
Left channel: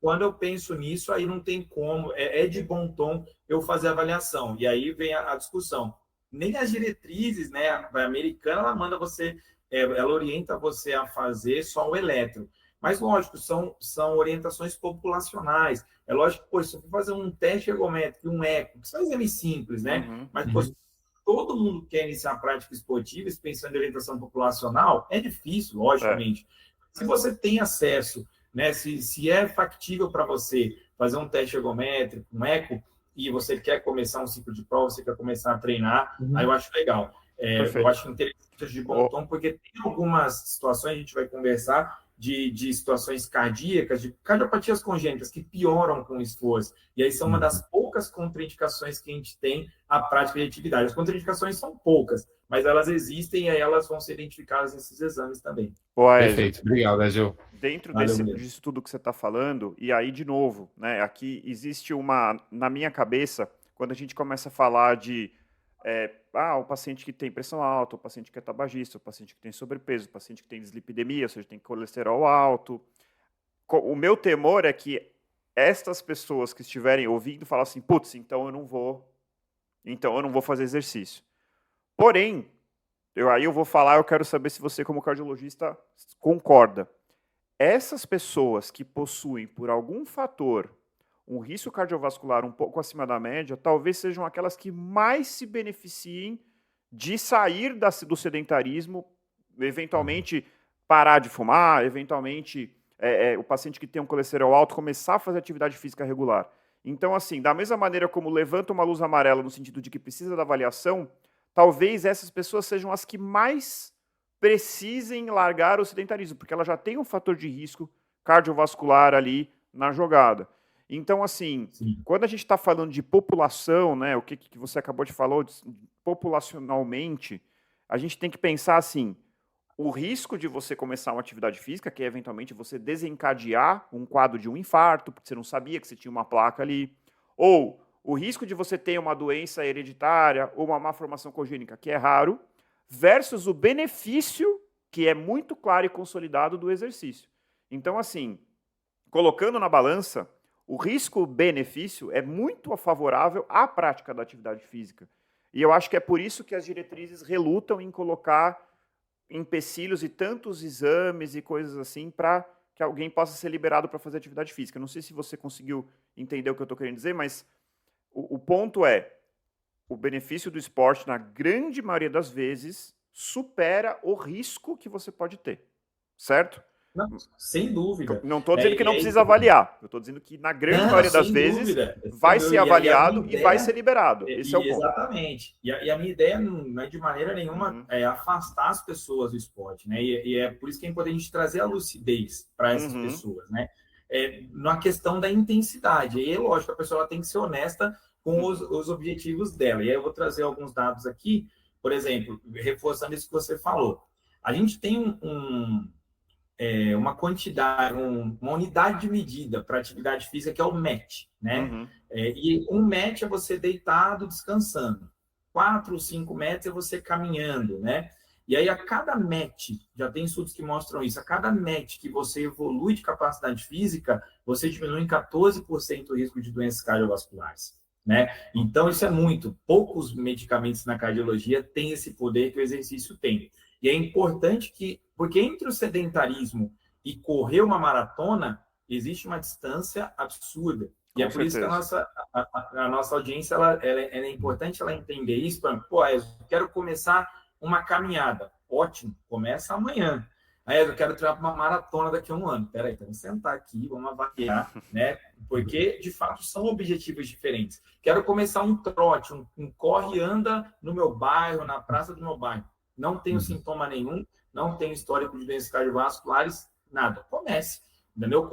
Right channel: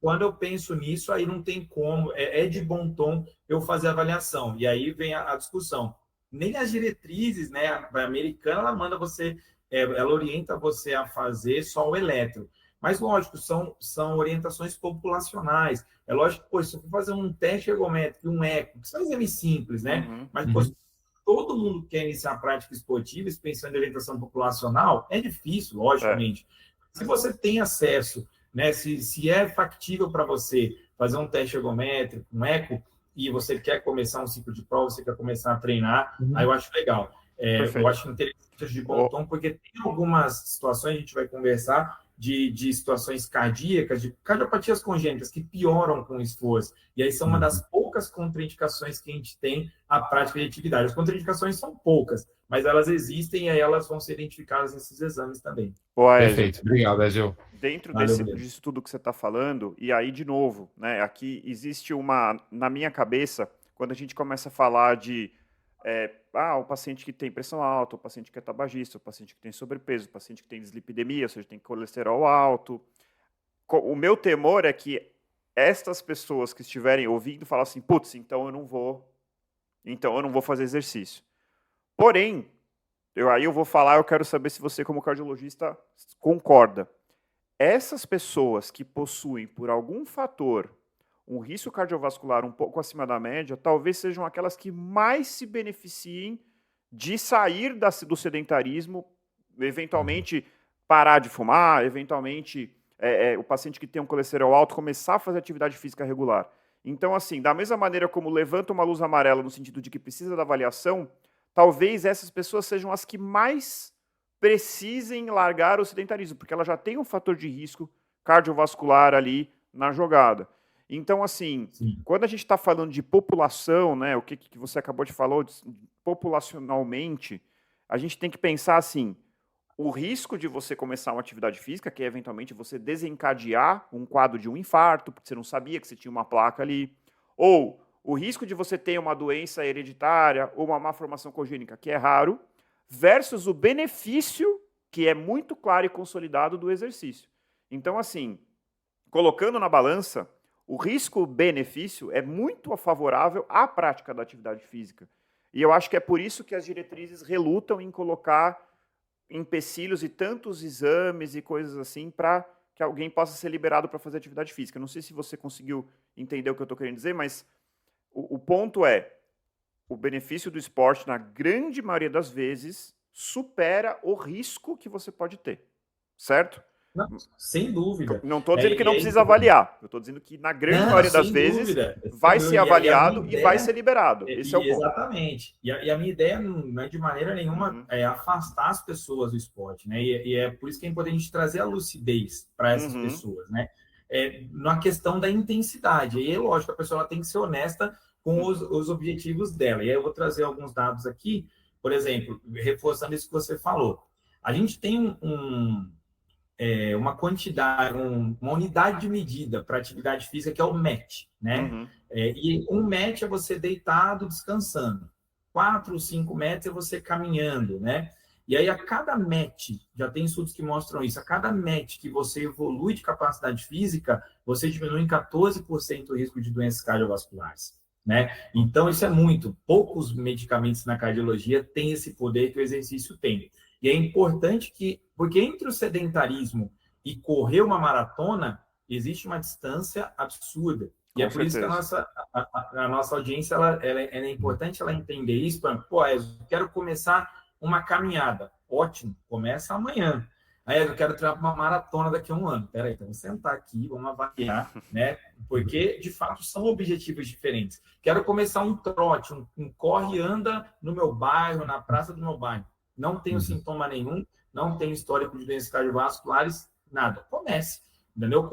quando eu penso nisso, aí não tem como, é de bom tom eu fazer a avaliação. E aí vem a discussão. Nem as diretrizes, né, a americana, ela manda você, ela orienta você a fazer só o eletro. Mas, lógico, são orientações populacionais. É lógico que, pô, se eu for fazer um teste ergométrico, um eco, que são exames simples, né? Mas, pô, todo mundo quer iniciar a prática esportiva, pensando em orientação populacional, é difícil, logicamente. Se você tem acesso, né, se é factível para você fazer um teste ergométrico, um eco, e você quer começar um ciclo de prova, você quer começar a treinar, aí eu acho legal. Eu acho interessante de bom tom, porque tem algumas situações, a gente vai conversar, de situações cardíacas, de cardiopatias congênitas, que pioram com o esforço. E aí são uma das poucas contraindicações que a gente tem à prática de atividade. As contraindicações são poucas, mas elas existem e aí elas vão ser identificadas nesses exames também. Perfeito. Obrigado, Ezio. Dentro disso tudo que você está falando, e aí, de novo, né, aqui existe na minha cabeça, quando a gente começa a falar de o paciente que tem pressão alta, o paciente que é tabagista, o paciente que tem sobrepeso, o paciente que tem dislipidemia, ou seja, tem colesterol alto. O meu temor é que estas pessoas que estiverem ouvindo falam assim, putz, então eu não vou fazer exercício. Porém, eu vou falar, eu quero saber se você, como cardiologista, concorda. Essas pessoas que possuem, por algum fator, um risco cardiovascular um pouco acima da média, talvez sejam aquelas que mais se beneficiem de sair do sedentarismo, eventualmente parar de fumar, eventualmente o paciente que tem um colesterol alto começar a fazer atividade física regular. Então, assim, da mesma maneira como levanta uma luz amarela no sentido de que precisa da avaliação, talvez essas pessoas sejam as que mais precisem largar o sedentarismo, porque ela já tem um fator de risco cardiovascular ali na jogada. Então, assim, quando a gente está falando de população, né, o que você acabou de falar, populacionalmente, a gente tem que pensar assim, o risco de você começar uma atividade física, que é eventualmente você desencadear um quadro de um infarto, porque você não sabia que você tinha uma placa ali, ou o risco de você ter uma doença hereditária ou uma malformação congênita, que é raro, versus o benefício, que é muito claro e consolidado do exercício. Então, assim, colocando na balança, o risco-benefício é muito favorável à prática da atividade física. E eu acho que é por isso que as diretrizes relutam em colocar empecilhos e tantos exames e coisas assim para que alguém possa ser liberado para fazer atividade física. Não sei se você conseguiu entender o que eu estou querendo dizer, mas o ponto é, o benefício do esporte, na grande maioria das vezes, supera o risco que você pode ter, certo? Não, sem dúvida. Não estou dizendo que não precisa avaliar. Eu estou dizendo que, na grande maioria das vezes, vai ser avaliado e vai ser liberado. Esse é o ponto. Exatamente. E a minha ideia não é, de maneira nenhuma, afastar as pessoas do esporte, né? E é por isso que é importante a gente trazer a lucidez para essas pessoas, né? Na questão da intensidade. E, lógico, a pessoa ela tem que ser honesta com os objetivos dela. E aí eu vou trazer alguns dados aqui. Por exemplo, reforçando isso que você falou. A gente tem uma quantidade, uma unidade de medida para atividade física que é o MET, né? E um MET é você deitado, descansando. 4 ou 5 METs é você caminhando, né? E aí, a cada MET, já tem estudos que mostram isso, a cada MET que você evolui de capacidade física, você diminui em 14% o risco de doenças cardiovasculares, né? Então, isso é muito. Poucos medicamentos na cardiologia têm esse poder que o exercício tem. E é importante porque entre o sedentarismo e correr uma maratona, existe uma distância absurda. E é Com por isso que certeza. a nossa audiência ela é importante ela entender isso. Pô, eu quero começar uma caminhada. Ótimo, começa amanhã. Aí eu quero treinar uma maratona daqui a um ano. Peraí, então vamos sentar aqui, vamos avaliar, né? Porque, de fato, são objetivos diferentes. Quero começar um trote, um corre e anda no meu bairro, na praça do meu bairro. Não tenho sintoma nenhum, não tenho histórico de doenças cardiovasculares, nada. Comece, entendeu?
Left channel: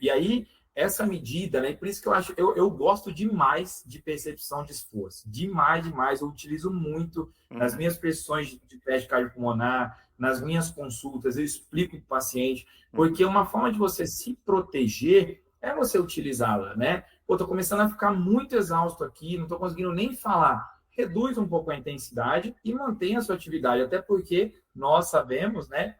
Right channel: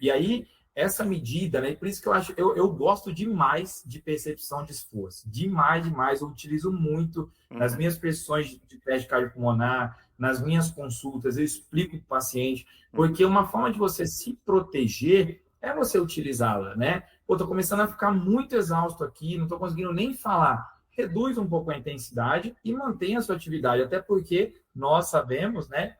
E aí, essa medida, né? E por isso que eu gosto demais de percepção de esforço. Demais, demais. Eu utilizo muito nas minhas prescrições de teste cardiopulmonar, nas minhas consultas, eu explico para o paciente, porque uma forma de você se proteger é você utilizá-la, né? Pô, tô começando a ficar muito exausto aqui, não estou conseguindo nem falar. Reduz um pouco a intensidade e mantenha a sua atividade, até porque nós sabemos, né?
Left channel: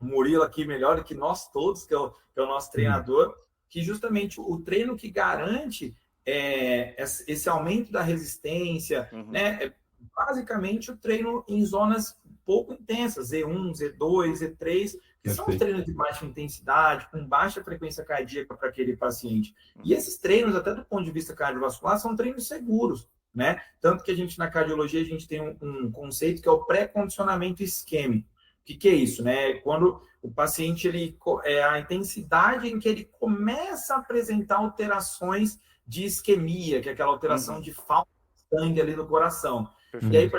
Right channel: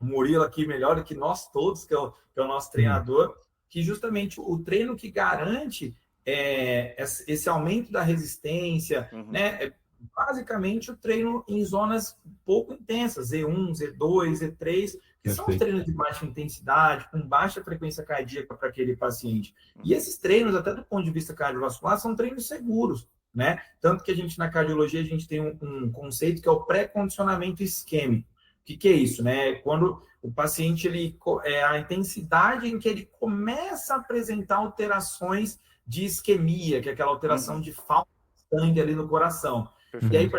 O Murilo aqui melhor do que nós todos, que é o nosso treinador, que justamente o treino que garante esse aumento da resistência, né? Basicamente o treino em zonas pouco intensas, Z1, Z2, Z3, que são os treinos de baixa intensidade, com baixa frequência cardíaca para aquele paciente. E esses treinos, até do ponto de vista cardiovascular, são treinos seguros, né? Tanto que a gente, na cardiologia, a gente tem um conceito que é o pré-condicionamento isquêmico. O que é isso, né? Quando o paciente, a intensidade em que ele começa a apresentar alterações de isquemia, que é aquela alteração de falta de sangue ali no coração. E aí,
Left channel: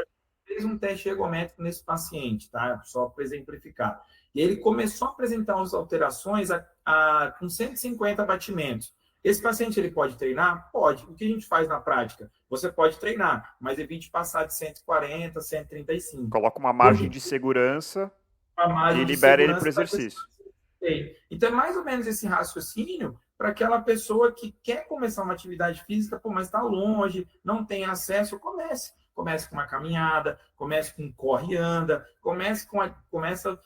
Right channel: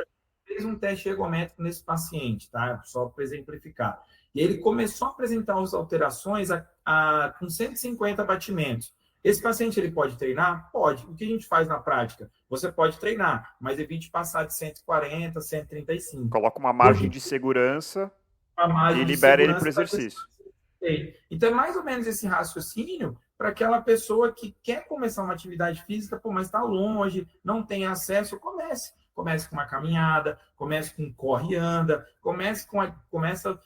fez um teste ergométrico nesse paciente, tá? Só para exemplificar. E ele começou a apresentar as alterações com 150 batimentos. Esse paciente, ele pode treinar? Pode. O que a gente faz na prática? Você pode treinar, mas evite passar de 140, 135. Coloca uma margem de segurança e libera ele para o exercício. Então, é mais ou menos esse raciocínio para aquela pessoa que quer começar uma atividade física, pô, mas está longe, não tem acesso, comece. Comece com uma caminhada, comece com um corre e anda, começa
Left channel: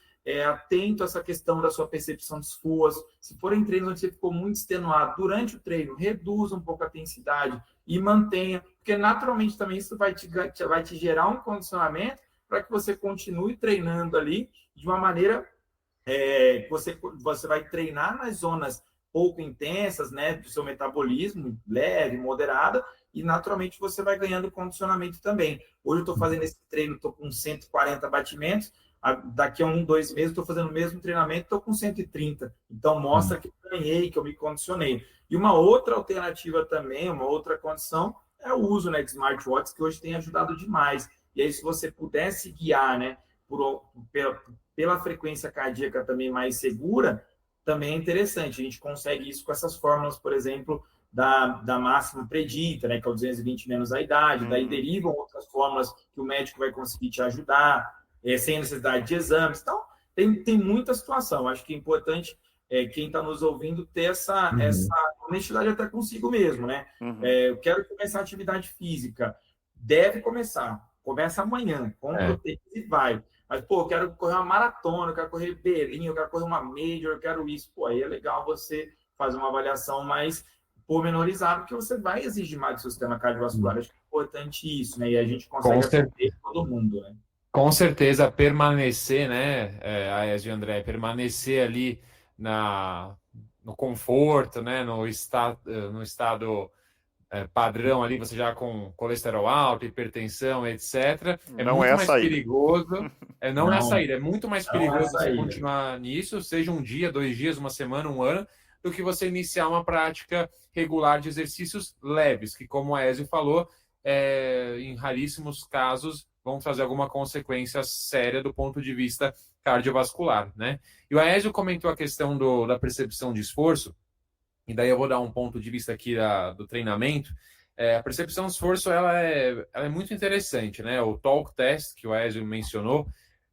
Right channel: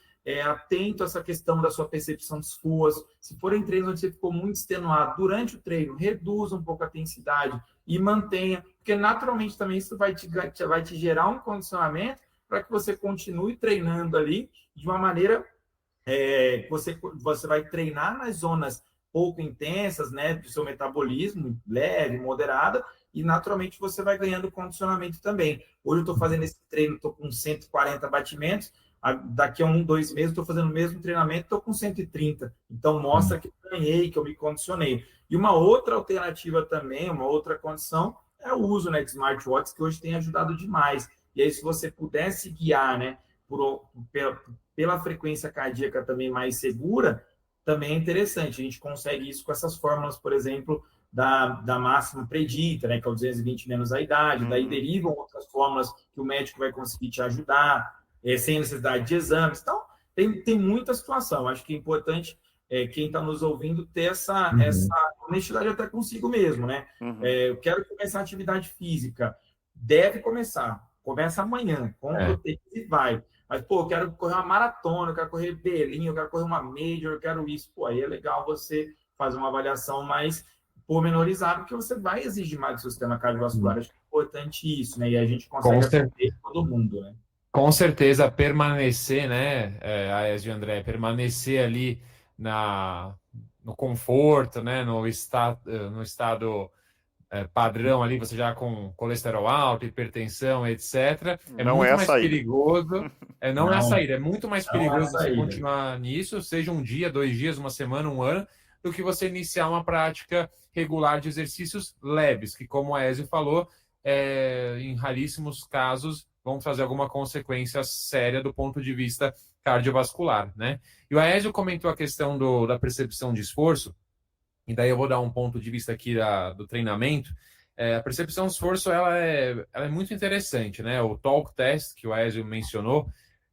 atento a essa questão da sua percepção de esforço. Se forem treinos onde você ficou muito extenuado durante o treino, reduza um pouco a intensidade e mantenha, porque naturalmente também isso vai te gerar um condicionamento para que você continue treinando ali de uma maneira que você vai treinar nas zonas pouco intensas, né, do seu metabolismo, leve, moderada, e naturalmente você vai ganhando condicionamento também. Hoje eu estou fazendo esse treino, estou com 140 batimentos, daqui a 2 meses estou fazendo o mesmo treinamento, estou com 130. Então mostra que eu ganhei, que eu me condicionei. E uma outra alternativa também, uma outra condição, é o uso, né, de smartwatches, que hoje tem ajudado demais. E aí, se você pudesse guiar, né, pela frequência cardíaca também mais segura, também é interessante. A gente consegue isso com essas fórmulas, por exemplo, da máxima predita, né, que é o 220 menos a idade. Daí derivam outras fórmulas que o médico vai conseguir te ajudar, sem necessidade de exames. Então, tem muita situação. Acho que é importante quem está nos ouvindo ter essa honestidade até consigo mesmo, né? Eu quero começar a atividade física. Deve começar. Começa amanhã. Compra o tênis e vai. Mas, pô, eu quero correr uma maratona, eu quero correr Berlim, eu quero correr uma Major, eu quero isso. Pô, aí é legal você fazer uma avaliação mais pormenorizada, porque você vai exigir mais do seu sistema cardiovascular. Acho que é importante isso, né? E a gente consegue atender todo mundo, né? Com certeza, permanecer, né, Aécio e André, permanecer ali no conforto, né, no estado padrão ali, você já com colesterol alto, hipertensão, etc. É Não muito é a mais saída. perigoso. Não é a saída. É muito mais perigoso você saída. continuar nisso, seja um dia, 2 dias, uma semana, um ano, do que você iniciar uma prática regular de exercícios leves, que, como a Aécio falou, em raríssimos casos vão trazer alguma consequência séria do ponto de vista cardiovascular, né? E o Aécio comentou a questão da percepção de esforço, e daí eu vou dar um ponto de vista aqui do treinamento. A percepção de esforço ela é muito interessante, né? O talk test que o Aécio mencionou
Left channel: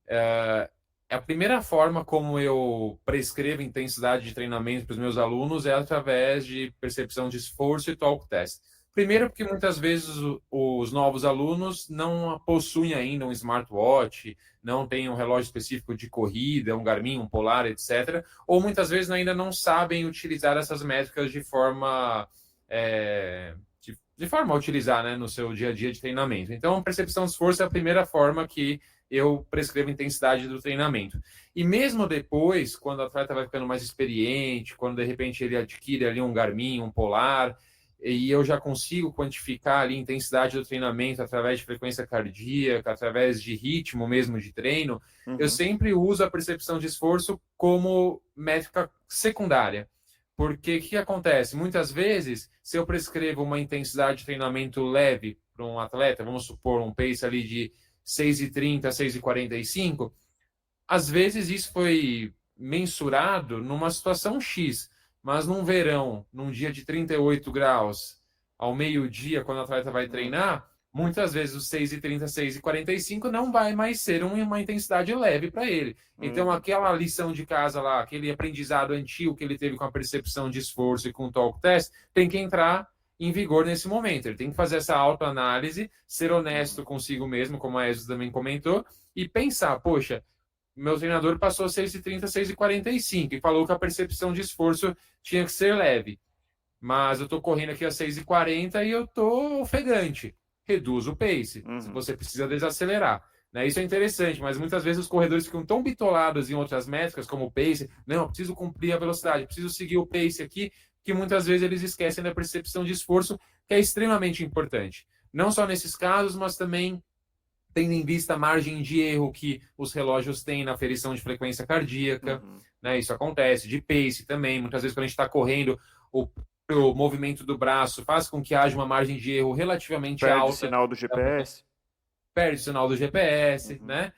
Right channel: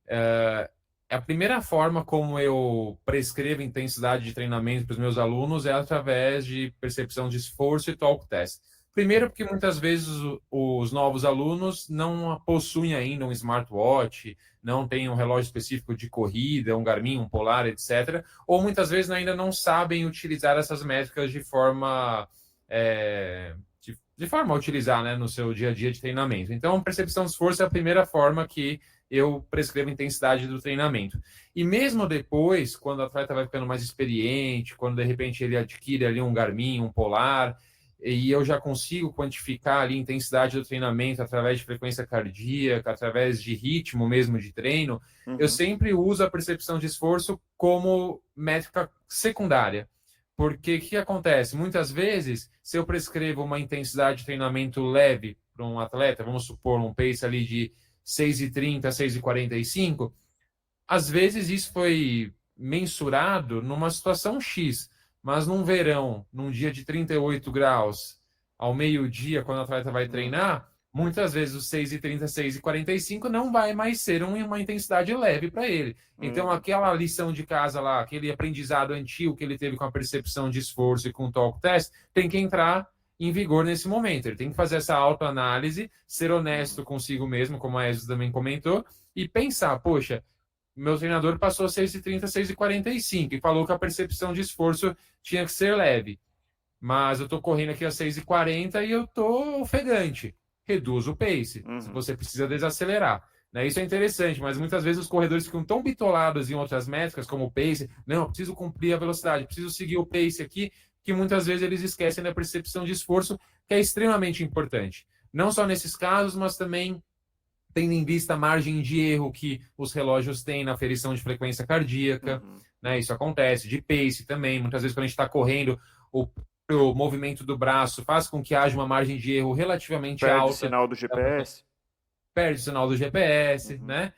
é a primeira forma como eu prescrevo intensidade de treinamento para os meus alunos é através de percepção de esforço e talk test. Primeiro porque muitas vezes os novos alunos não possuem ainda um smartwatch, não tem um relógio específico de corrida, um Garmin, um Polar, etc. Ou muitas vezes ainda não sabem utilizar essas métricas de forma a utilizar, né, no seu dia a dia de treinamento. Então, percepção de esforço é a primeira forma que eu prescrevo intensidade do treinamento. E mesmo depois, quando o atleta vai ficando mais experiente, quando de repente ele adquire ali um Garmin, um Polar, e eu já consigo quantificar ali a intensidade do treinamento através de frequência cardíaca, através de ritmo mesmo de treino, eu sempre uso a percepção de esforço como métrica secundária. Porque o que acontece? Muitas vezes, se eu prescrevo uma intensidade de treinamento leve para um atleta, vamos supor um pace ali de 6,30 a 6,45, às vezes isso foi mensurado numa situação X, mas num verão, num dia de 38 graus, ao meio-dia, quando o atleta vai treinar, muitas vezes os 6,30, 6,45 não vai mais ser uma intensidade leve para ele. Então, aquela lição de casa lá, aquele aprendizado antigo que ele teve com a percepção de esforço e com o talk test, tem que entrar em vigor nesse momento. Ele tem que fazer essa autoanálise, ser honesto consigo mesmo, como a Ezio também comentou, e pensar, poxa, meu treinador passou 6,30, 6,45 e falou que a percepção de esforço tinha que ser leve. Mas eu estou correndo aqui a 6,40 e eu estou ofegante. Reduz o pace. Se você precisa desacelerar. Né? Isso é interessante, mas muitas vezes os corredores ficam tão bitolados em outras métricas, como o pace. Não, eu preciso cumprir a velocidade, preciso seguir o pace aqui, que muitas vezes eles esquecem da percepção de esforço, que é extremamente importante. Não só nesses casos, mas também tendo em vista a margem de erro que os relógios têm na aferição de frequência cardíaca, né? Isso acontece, de pace também. Muitas vezes, quando a gente está correndo, o movimento do braço faz com que haja uma margem de erro relativamente alta. Perde o sinal do GPS. Perde o sinal do GPS, né?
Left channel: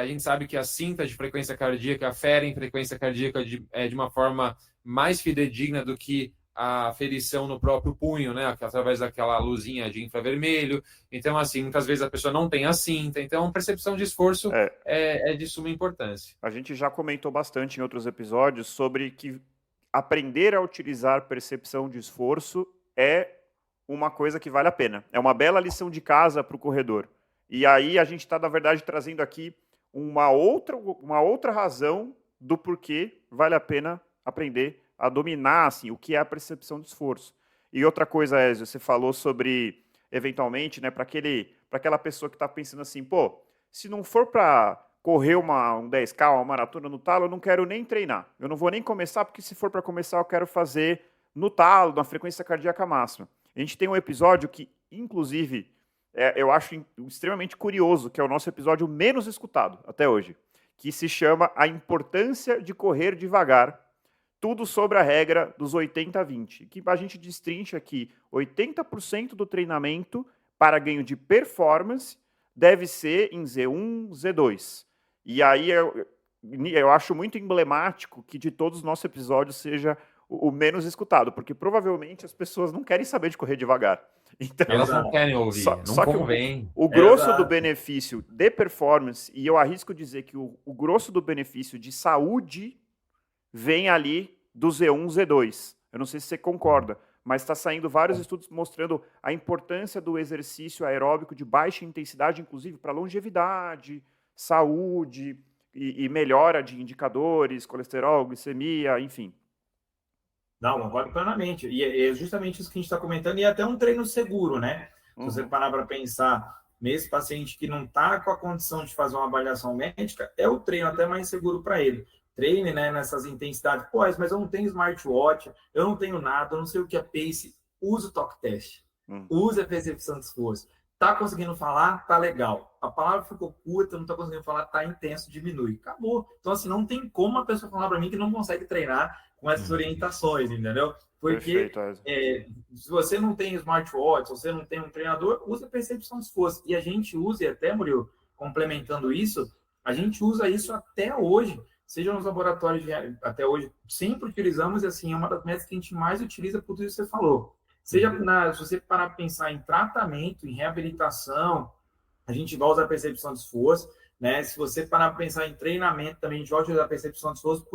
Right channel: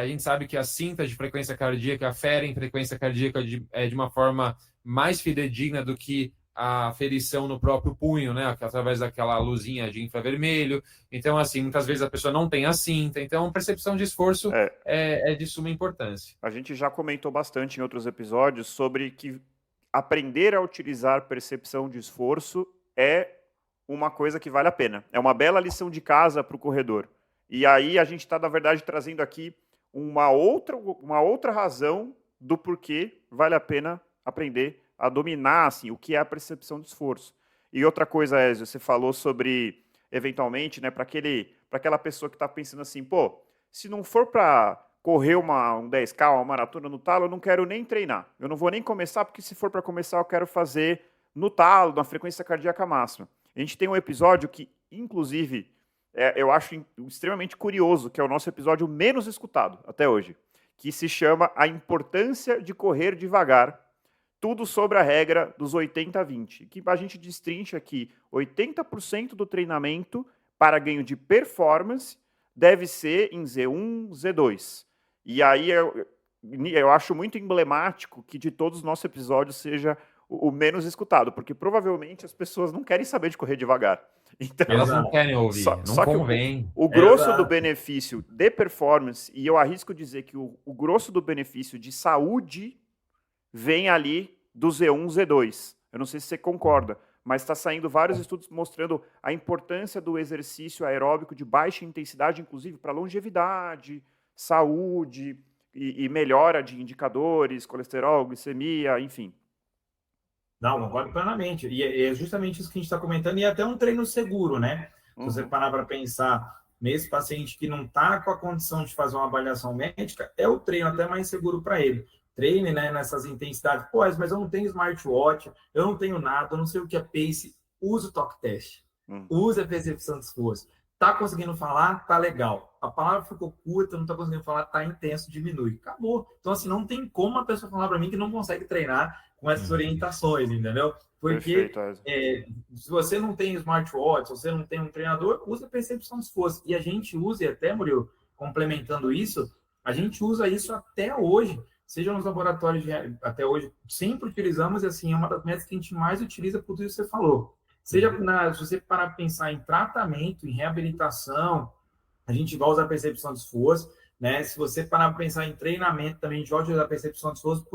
A gente sabe que as cintas de frequência cardíaca aferem frequência cardíaca de uma forma mais fidedigna do que a aferição no próprio punho, né? Através daquela luzinha de infravermelho. Então, assim, muitas vezes a pessoa não tem a cinta. Então, percepção de esforço é de suma importância. A gente já comentou bastante em outros episódios sobre que aprender a utilizar percepção de esforço é uma coisa que vale a pena. É uma bela lição de casa para o corredor. E aí a gente está, na verdade, trazendo aqui uma outra razão do porquê vale a pena aprender a dominar assim, o que é a percepção de esforço. E outra coisa, Ezio, você falou sobre, eventualmente, né, para aquela pessoa que está pensando assim, pô, se não for para correr um 10K, uma maratona no talo, eu não quero nem treinar. Eu não vou nem começar, porque se for para começar, eu quero fazer no talo, na frequência cardíaca máxima. A gente tem um episódio que, inclusive, eu acho extremamente curioso, que é o nosso episódio menos escutado até hoje, que se chama A Importância de Correr Devagar, tudo sobre a regra dos 80-20, que a gente destrincha aqui 80% do treinamento para ganho de performance deve ser em Z1, Z2. E aí eu acho muito emblemático que de todos os nossos episódios seja o menos escutado, porque provavelmente as pessoas não querem saber de correr devagar. Então, elas não querem ouvir, só que o grosso do benefício de performance, e eu arrisco dizer que o grosso do benefício de saúde vem ali do Z1, Z2. Eu não sei se você concorda, mas está saindo vários estudos mostrando a importância do exercício aeróbico de baixa intensidade, inclusive para longevidade, saúde e melhora de indicadores, colesterol, glicemia, enfim. Não, concordo plenamente. E é justamente isso que a gente está comentando, e é até um treino seguro, né? Se você parar para pensar, mesmo paciente que não está com a condição de fazer uma avaliação médica, é o treino até mais seguro para ele. Treine, né, nessas intensidades. Pô, mas eu não tenho smartwatch, eu não tenho nada, eu não sei o que é pace. Use o talk test. Use a percepção de esforço. Tá conseguindo falar? Tá legal. A palavra ficou curta, não tá conseguindo falar, tá intenso, diminui. Acabou. Então, assim, não tem como a pessoa falar para mim que não consegue treinar com essas orientações, entendeu? Porque se você não tem smartwatch, se você não tem um treinador, usa a percepção de esforço. E a gente usa, e até, Murilo, complementando isso, a gente usa isso até hoje. Seja nos laboratórios até hoje, sempre utilizamos, assim, é uma das métricas que a gente mais utiliza por tudo isso que você falou. Seja se você parar para pensar em tratamento, em reabilitação, a gente vai usar a percepção de esforço, né? Se você parar para pensar em treinamento, também a gente vai utilizar a percepção de esforço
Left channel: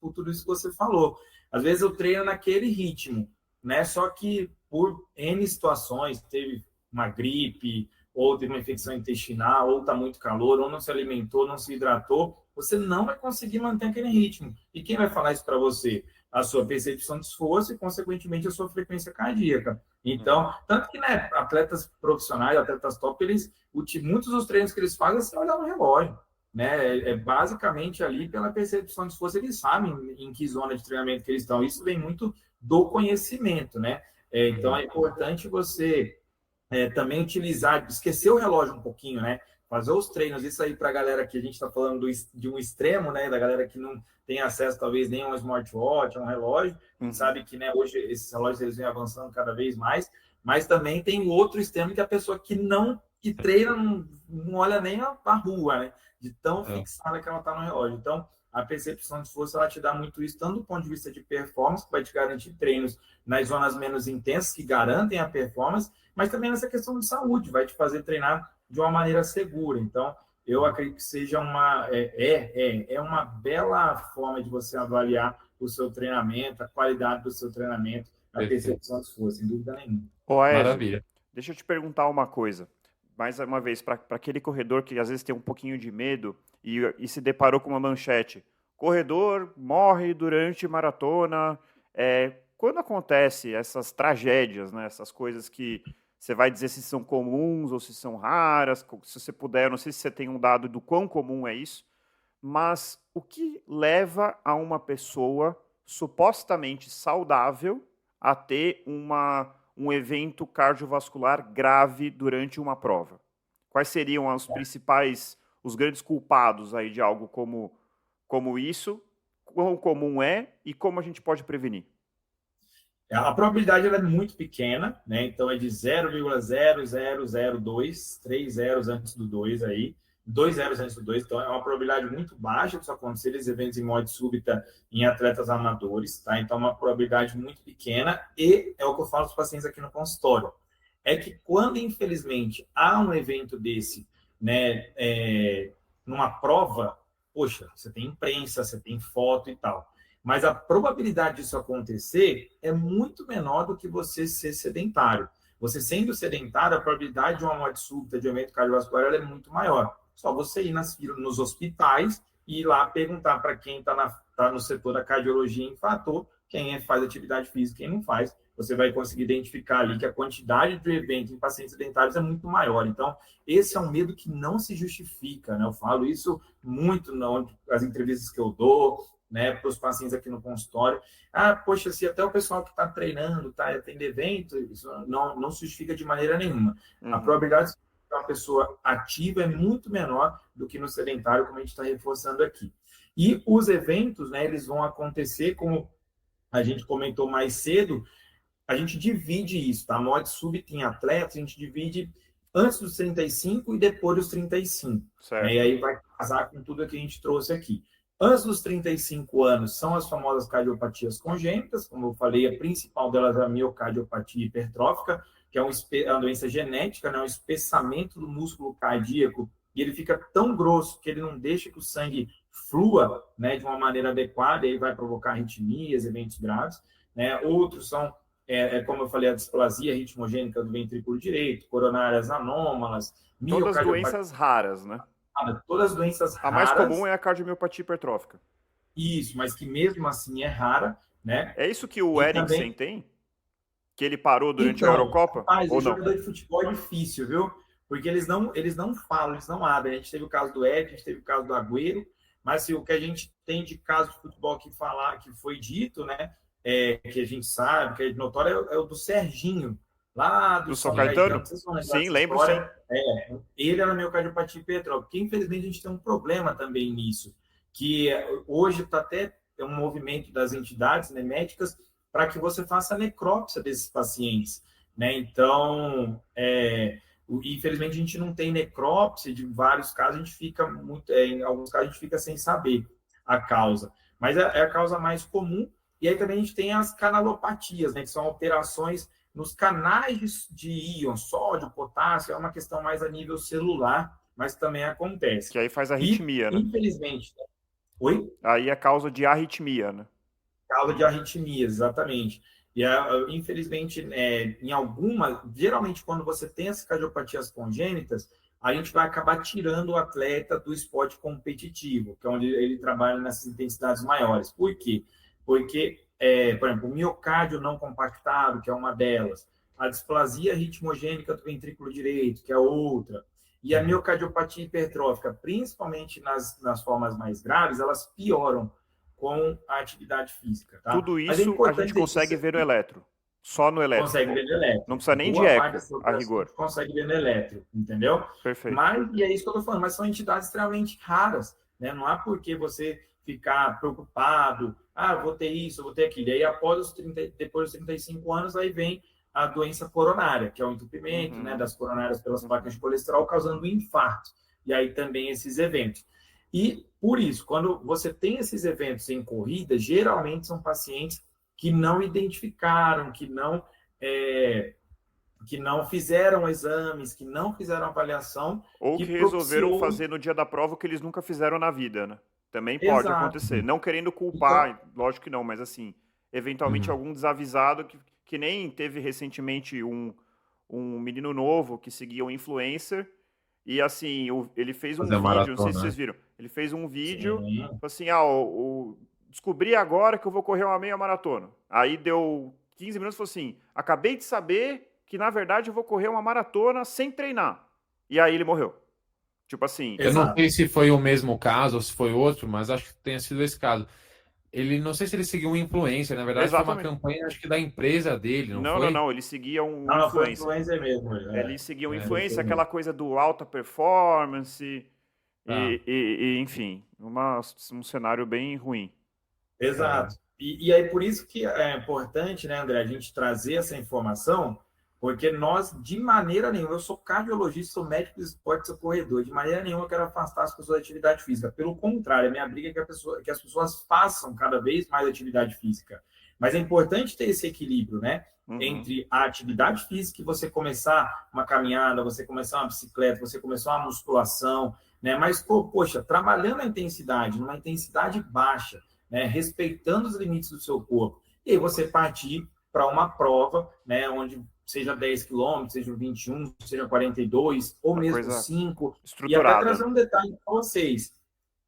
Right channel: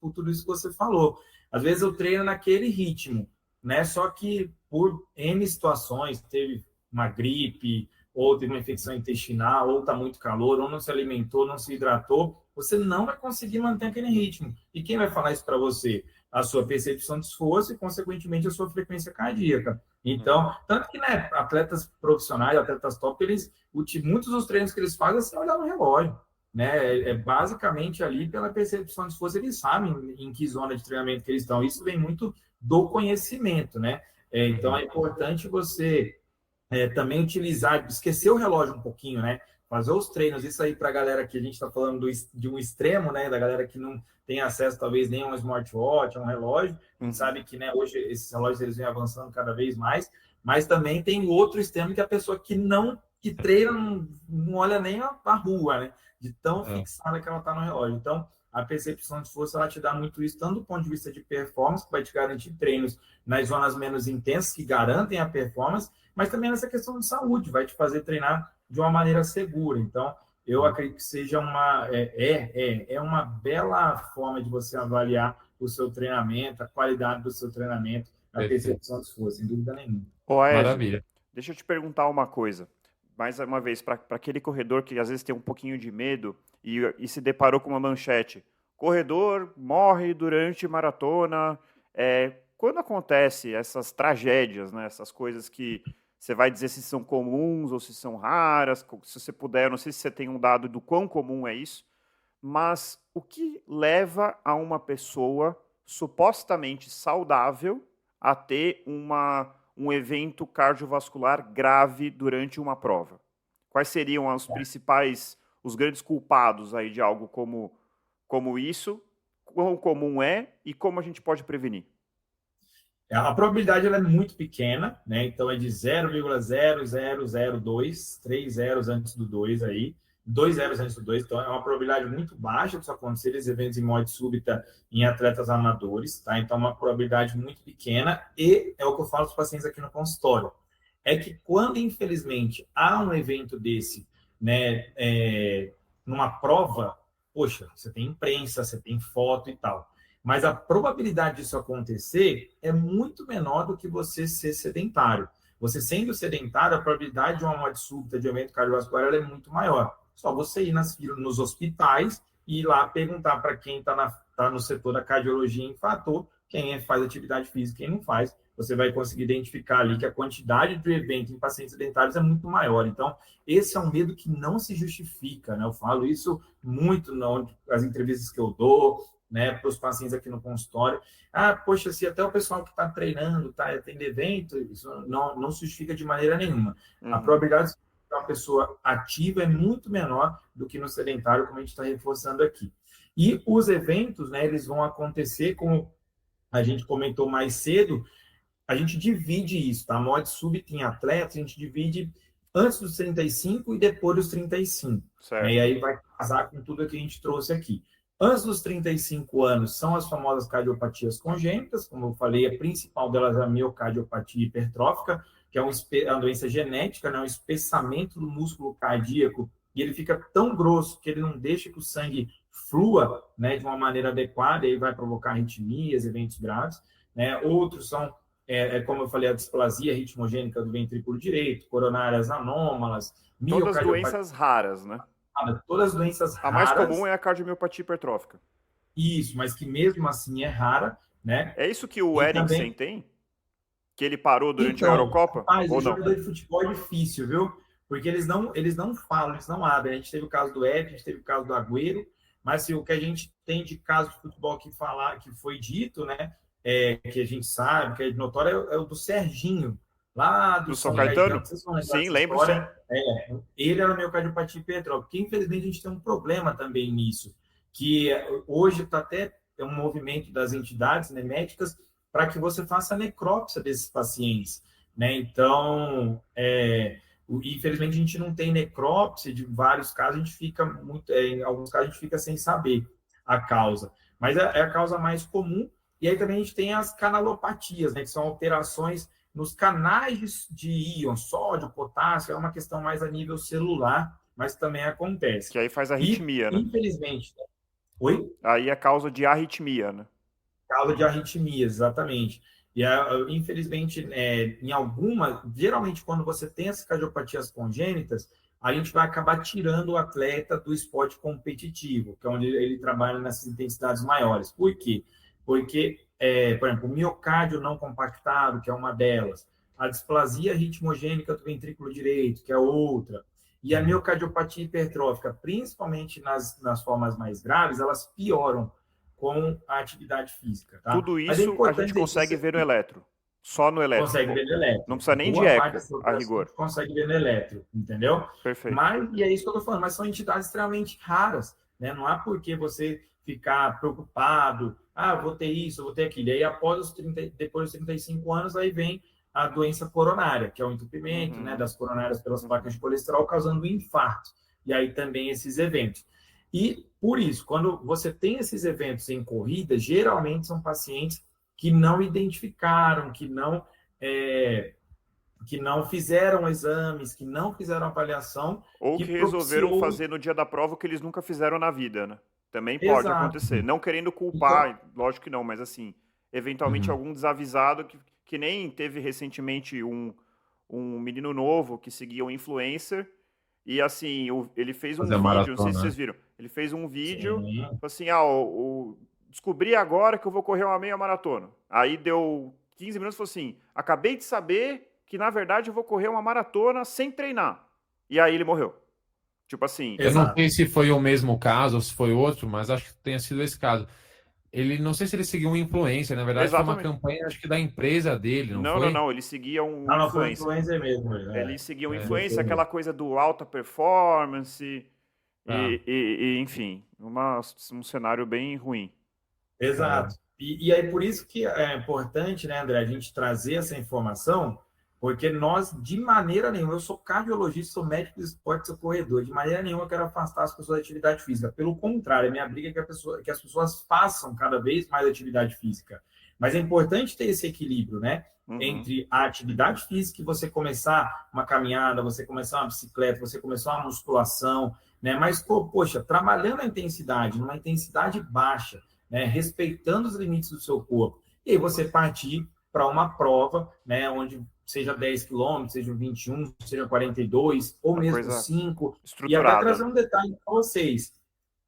por tudo isso que você falou. Às vezes eu treino naquele ritmo, né? Só que por N situações, teve uma gripe, ou teve uma infecção intestinal, ou está muito calor, ou não se alimentou, não se hidratou, você não vai conseguir manter aquele ritmo. E quem vai falar isso para você? A sua percepção de esforço e, consequentemente, a sua frequência cardíaca. Então, tanto que, né, atletas profissionais, atletas top, muitos dos treinos que eles fazem é sem olhar no relógio. Né? É basicamente ali pela percepção de esforço, eles sabem em que zona de treinamento que eles estão. Isso vem muito do conhecimento, né? Então, é importante você também utilizar, esquecer o relógio um pouquinho, né? Fazer os treinos, isso aí para a galera que a gente está falando de um extremo, né? Da galera que não tem acesso, talvez, nem a um smartwatch, a um relógio. A gente sabe que, né, hoje esses relógios eles vêm avançando cada vez mais, mas também tem o outro extremo que é a pessoa que treina, não olha nem a rua, né? De tão fixada que ela está no relógio. Então, a percepção de força ela te dá muito isso, tanto do ponto de vista de performance, que vai te garantir treinos nas zonas menos intensas, que garantem a performance, mas também nessa questão de saúde, vai te fazer treinar de uma maneira segura. Então, eu acredito que seja uma bela forma de você avaliar o seu treinamento, a qualidade do seu treinamento, a percepção de esforço, sem dúvida nenhuma. Maravilha. Deixa eu te perguntar uma coisa. Mais uma vez, para aquele corredor que às vezes tem um pouquinho de medo e se deparou com uma manchete. Corredor morre durante maratona. Quando acontece essas tragédias, né, essas coisas que você vai dizer se são comuns ou se são raras, se você puder, eu não sei se você tem um dado do quão comum é isso, mas o que leva a uma pessoa supostamente saudável a ter um evento cardiovascular grave durante uma prova? Quais seriam os principais, os grandes culpados aí de algo como isso? Quão comum é e como a gente pode prevenir? A probabilidade ela é muito pequena, né? Então é de 0,0002, 3 zeros antes do 2 aí, 2 zeros antes do 2, então é uma probabilidade muito baixa de isso acontecer, esses eventos em morte súbita em atletas amadores, tá? Então é uma probabilidade muito pequena e é o que eu falo para os pacientes aqui no consultório. É que quando, infelizmente, há um evento desse, né, numa prova, poxa, você tem imprensa, você tem foto e tal. Mas a probabilidade disso acontecer é muito menor do que você ser sedentário. Você sendo sedentário, a probabilidade de uma morte súbita de evento cardiovascular é muito maior. Só você ir nos hospitais e ir lá perguntar para quem está no setor da cardiologia infartor, quem faz atividade física e quem não faz. Você vai conseguir identificar ali que a quantidade de evento em pacientes sedentários é muito maior. Então, esse é um medo que não se justifica, né? Eu falo isso muito nas entrevistas que eu dou, né, para os pacientes aqui no consultório. Poxa, se até o pessoal que está treinando, está tendo evento, isso não se justifica de maneira nenhuma. A probabilidade de uma pessoa ativa é muito menor do que no sedentário, como a gente está reforçando aqui. E os eventos, né, eles vão acontecer, como a gente comentou mais cedo, a gente divide isso, tá? A morte súbita em atletas, a gente divide antes dos 35 e depois dos 35. Né? E aí vai casar com tudo que a gente trouxe aqui. Antes dos 35 anos são as famosas cardiopatias congênitas, como eu falei, a principal delas é a miocardiopatia hipertrófica, que é uma doença genética, né? Um espessamento do músculo cardíaco, e ele fica tão grosso que ele não deixa que o sangue flua, né, de uma maneira adequada, e aí vai provocar arritmias, eventos graves. Né? Outros são, como eu falei, a displasia ritmogênica do ventrículo direito, coronárias anômalas, todas doenças raras, né? Todas as doenças raras. A mais comum é a cardiomiopatia hipertrófica. Isso, mas que mesmo assim é rara, né? É isso que o Eriksen tem? Que ele parou durante a Eurocopa? Rapaz, ou o não? jogador de futebol é difícil, viu? Porque eles não falam, eles não abrem. A gente teve o caso do Ed, a gente teve o caso do Agüero, mas assim, o que a gente tem de caso de futebol que foi dito, né? Que a gente sabe, que é notório, é o do Serginho, lá do São Caetano? Sim, lembro sim. Ele era miocardiopatia hipertrófica, porque infelizmente a gente tem um problema também nisso, que hoje está até um movimento das entidades, né, médicas para que você faça a necrópsia desses pacientes, né? Então, infelizmente a gente não tem necrópsia de vários casos, a gente fica em alguns casos a gente fica sem saber a causa, mas é a causa mais comum. E aí também a gente tem as canalopatias, né, que são alterações nos canais de íon, sódio, potássio, é uma questão mais a nível celular, mas também acontece. Que aí faz arritmia, né? Infelizmente. Oi? Aí é causa de arritmia, né? Causa de arritmias, exatamente. E, infelizmente, geralmente quando você tem essas cardiopatias congênitas, a gente vai acabar tirando o atleta do esporte competitivo, que é onde ele trabalha nessas intensidades maiores. Por quê? Porque, por exemplo, o miocárdio não compactado, que é uma delas, a displasia ritmogênica do ventrículo direito, que é outra, e a miocardiopatia hipertrófica, principalmente nas formas mais graves, elas pioram com a atividade física. Tá? Tudo isso a gente consegue ver no eletro. Só no elétrico. Consegue ver no elétrico. Não precisa nem de Boa parte eco, dessa a rigor. consegue ver no elétrico, entendeu? Perfeito. Mas, e é isso que eu estou falando, mas são entidades extremamente raras, né? Não há por que você ficar preocupado, vou ter isso, vou ter aquilo. E aí, depois dos 35 anos, aí vem a doença coronária, que é o entupimento, né, das coronárias pelas placas de colesterol, causando infarto. E aí também esses eventos. E, por isso, quando você tem esses eventos em corrida, geralmente são pacientes que não identificaram, que não fizeram exames, que não fizeram avaliação. Ou que resolveram fazer no dia da prova o que eles nunca fizeram na vida, né? Também pode acontecer. Não querendo culpar, lógico que não, mas assim, eventualmente algum desavisado que nem teve recentemente um menino novo que seguia um influencer e assim, ele fez um vídeo, não sei se vocês viram, ele fez um vídeo, assim, descobri agora que eu vou correr uma meia maratona. Aí deu 15 minutos e falou assim, acabei de saber que na verdade eu vou correr uma maratona sem treinar. E aí ele morreu. Tipo assim... Eu não sei se foi o mesmo caso ou se foi outro, mas acho que tenha sido esse caso. Ele, não sei se ele seguiu um influencer, na verdade foi uma campanha, acho que da empresa dele, não foi? Não, ele seguia um influencer. Não, foi influencer mesmo. Ele seguia um influencer, aquela coisa do alta performance, enfim, um cenário bem ruim. Exato. E aí por isso que é importante, né, André, a gente trazer essa informação, porque nós, de maneira nenhuma, eu sou cardiologista, sou médico de esporte, sou corredor, de maneira nenhuma eu quero afastar as pessoas da atividade física. Pelo contrário, a minha briga é que as pessoas façam cada vez mais atividade física. Mas é importante ter esse equilíbrio, né? Entre a atividade física e você começar uma caminhada, você começar uma bicicleta, você começar uma musculação, né? Mas, poxa, trabalhando a intensidade, numa intensidade baixa, né? Respeitando os limites do seu corpo. E aí você partir para uma prova, né? Onde seja 10 quilômetros, seja 21, seja 42, ou mesmo 5. E até trazer um detalhe para vocês.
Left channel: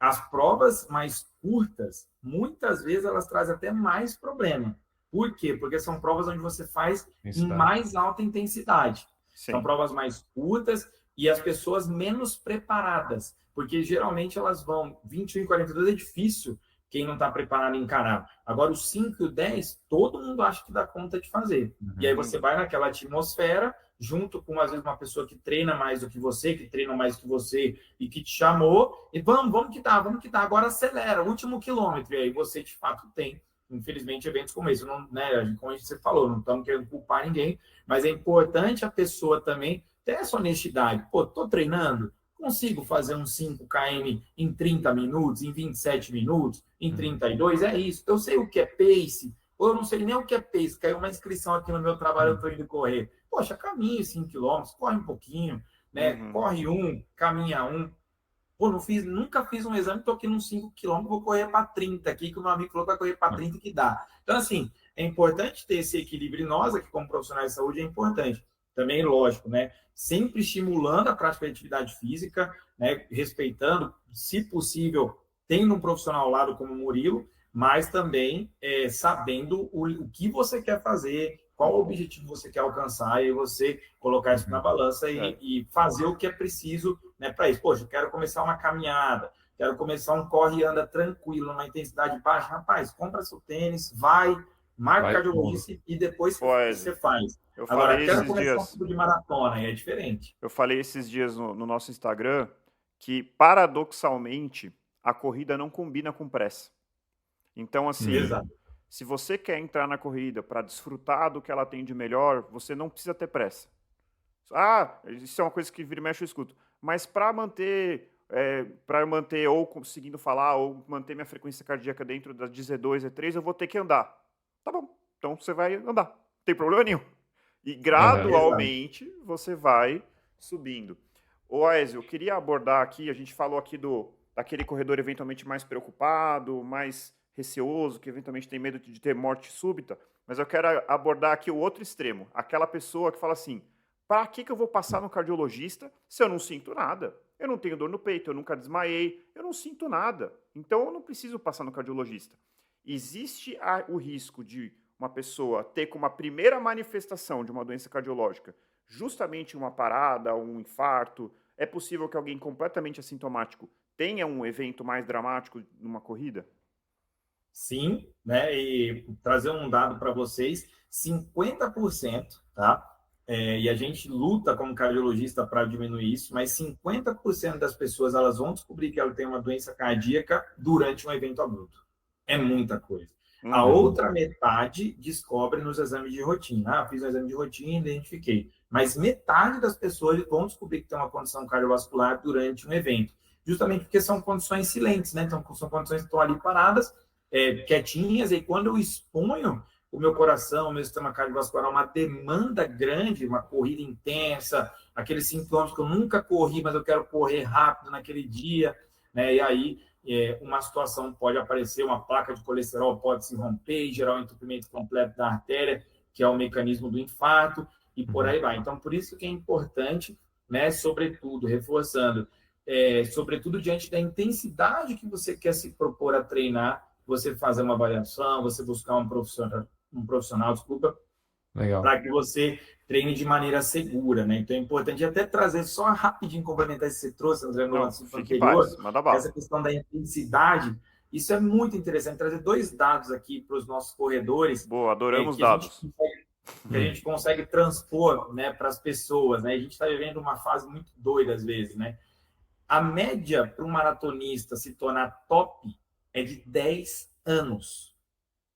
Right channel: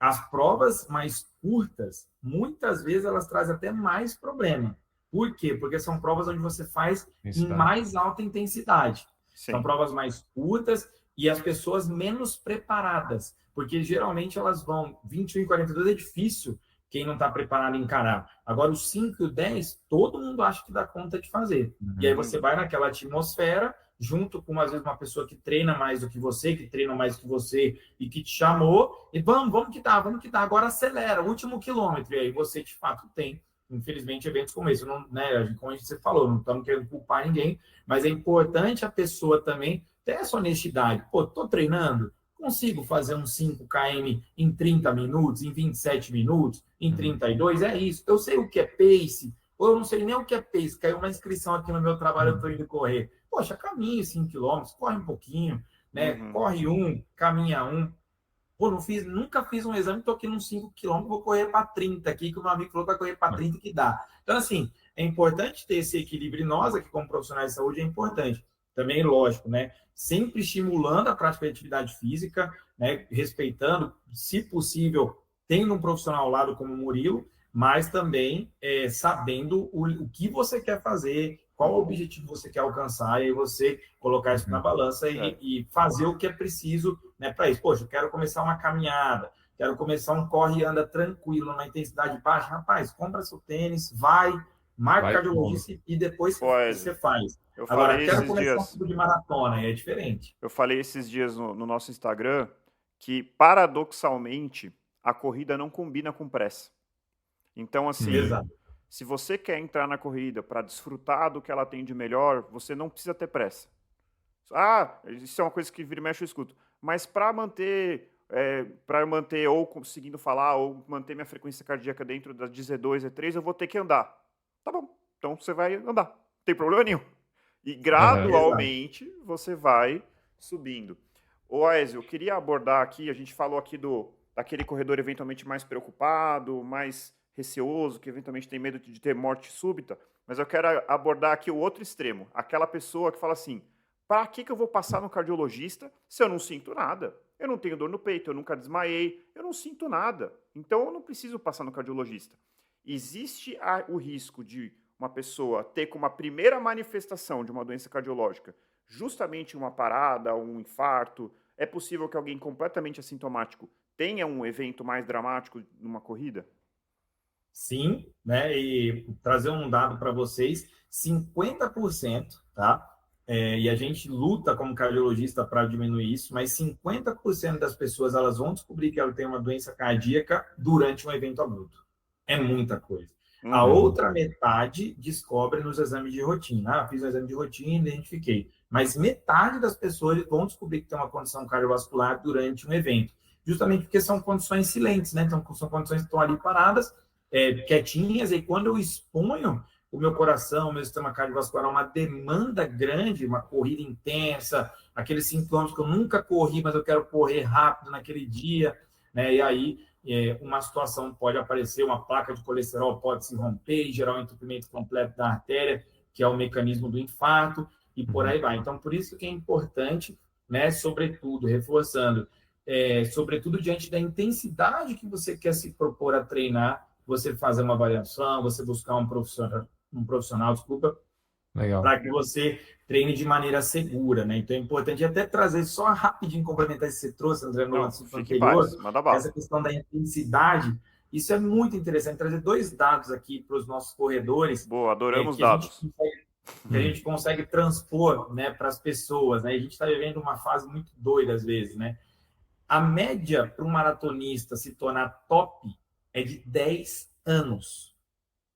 As provas mais curtas, muitas vezes elas trazem até mais problema. Por quê? Porque são provas onde você faz em mais alta intensidade. Sim. São provas mais curtas e as pessoas menos preparadas. Porque geralmente elas vão 21 e 42 é difícil quem não está preparado encarar. Agora, os 5 e o 10, todo mundo acha que dá conta de fazer. E aí você vai naquela atmosfera, junto com, às vezes, uma pessoa que treina mais do que você, que treina mais do que você e que te chamou, e vamos que dá, agora acelera, último quilômetro. E aí você, de fato, tem, infelizmente, eventos como esse. Não, né, como você falou, não estamos querendo culpar ninguém, mas é importante a pessoa também ter essa honestidade. Pô, estou treinando, consigo fazer uns 5 km em 30 minutos, em 27 minutos, em 32, é isso. Eu sei o que é pace, ou eu não sei nem o que é pace. Caiu uma inscrição aqui no meu trabalho, eu estou indo correr. Poxa, caminhe 5 km, corre um pouquinho, né? Corre caminha Pô, nunca fiz um exame, estou aqui nos 5 km, vou correr para 30 aqui, que o meu amigo falou que vai correr para 30 que dá. Então, assim, é importante ter esse equilíbrio, e nós aqui como profissionais de saúde é importante. Também, lógico, né? Sempre estimulando a prática de atividade física, né? Respeitando, se possível, tendo um profissional ao lado como o Murilo, mas também sabendo o que você quer fazer, qual objetivo você quer alcançar, e você colocar isso na balança e fazer o que é preciso, né, para isso. Poxa, eu quero começar uma caminhada, quero começar um corre e anda tranquilo, numa intensidade baixa. Rapaz, compra seu tênis, marca cardiologista e depois você faz. Eu falei esses dias, um tipo de maratona, é diferente. Eu falei esses dias no nosso Instagram que, paradoxalmente, a corrida não combina com pressa. Então, assim, se você quer entrar na corrida para desfrutar do que ela tem de melhor, você não precisa ter pressa. Isso é uma coisa que vira e mexe eu escuto. Mas para manter ou conseguindo falar, ou manter minha frequência cardíaca dentro das de Z2, Z3, eu vou ter que andar. Tá bom, então você vai andar. Não tem problema nenhum. E gradualmente você vai subindo. Ô Aézio, eu queria abordar aqui, a gente falou aqui daquele corredor eventualmente mais preocupado, mais receoso, que eventualmente tem medo de ter morte súbita, mas eu quero abordar aqui o outro extremo, aquela pessoa que fala assim, para que eu vou passar no cardiologista se eu não sinto nada? Eu não tenho dor no peito, eu nunca desmaiei, eu não sinto nada, então eu não preciso passar no cardiologista. Existe o risco de uma pessoa ter como a primeira manifestação de uma doença cardiológica justamente uma parada, um infarto. É possível que alguém completamente assintomático tenha um evento mais dramático numa corrida? Sim, né? E trazer um dado para vocês, 50%, tá? E a gente luta como cardiologista para diminuir isso, mas 50% das pessoas elas vão descobrir que ela tem uma doença cardíaca durante um evento abrupto. É muita coisa. A outra metade descobre nos exames de rotina. Fiz um exame de rotina, identifiquei. Mas metade das pessoas vão descobrir que tem uma condição cardiovascular durante um evento. Justamente porque são condições silentes, né? Então, são condições que estão ali paradas, quietinhas, e quando eu exponho o meu coração, o meu sistema cardiovascular, uma demanda grande, uma corrida intensa, aqueles sintomas que eu nunca corri, mas eu quero correr rápido naquele dia, né? E aí uma situação pode aparecer, uma placa de colesterol pode se romper e gerar um entupimento completo da artéria, que é o mecanismo do infarto, e por aí vai. Então, por isso que é importante, né, sobretudo, reforçando, sobretudo diante da intensidade que você quer se propor a treinar, você fazer uma avaliação, você buscar um profissional, desculpa, para que você treine de maneira segura, né? Então é importante até trazer só rapidinho, complementar isso que você trouxe, André, no assunto anterior, essa questão da intensidade. Isso é muito interessante, trazer 2 dados aqui para os nossos corredores. Boa, adoramos dados. Que a gente consegue transpor, né, para as pessoas, né? A gente está vivendo uma fase muito doida às vezes, né? A média para um maratonista se tornar top é de 10 anos.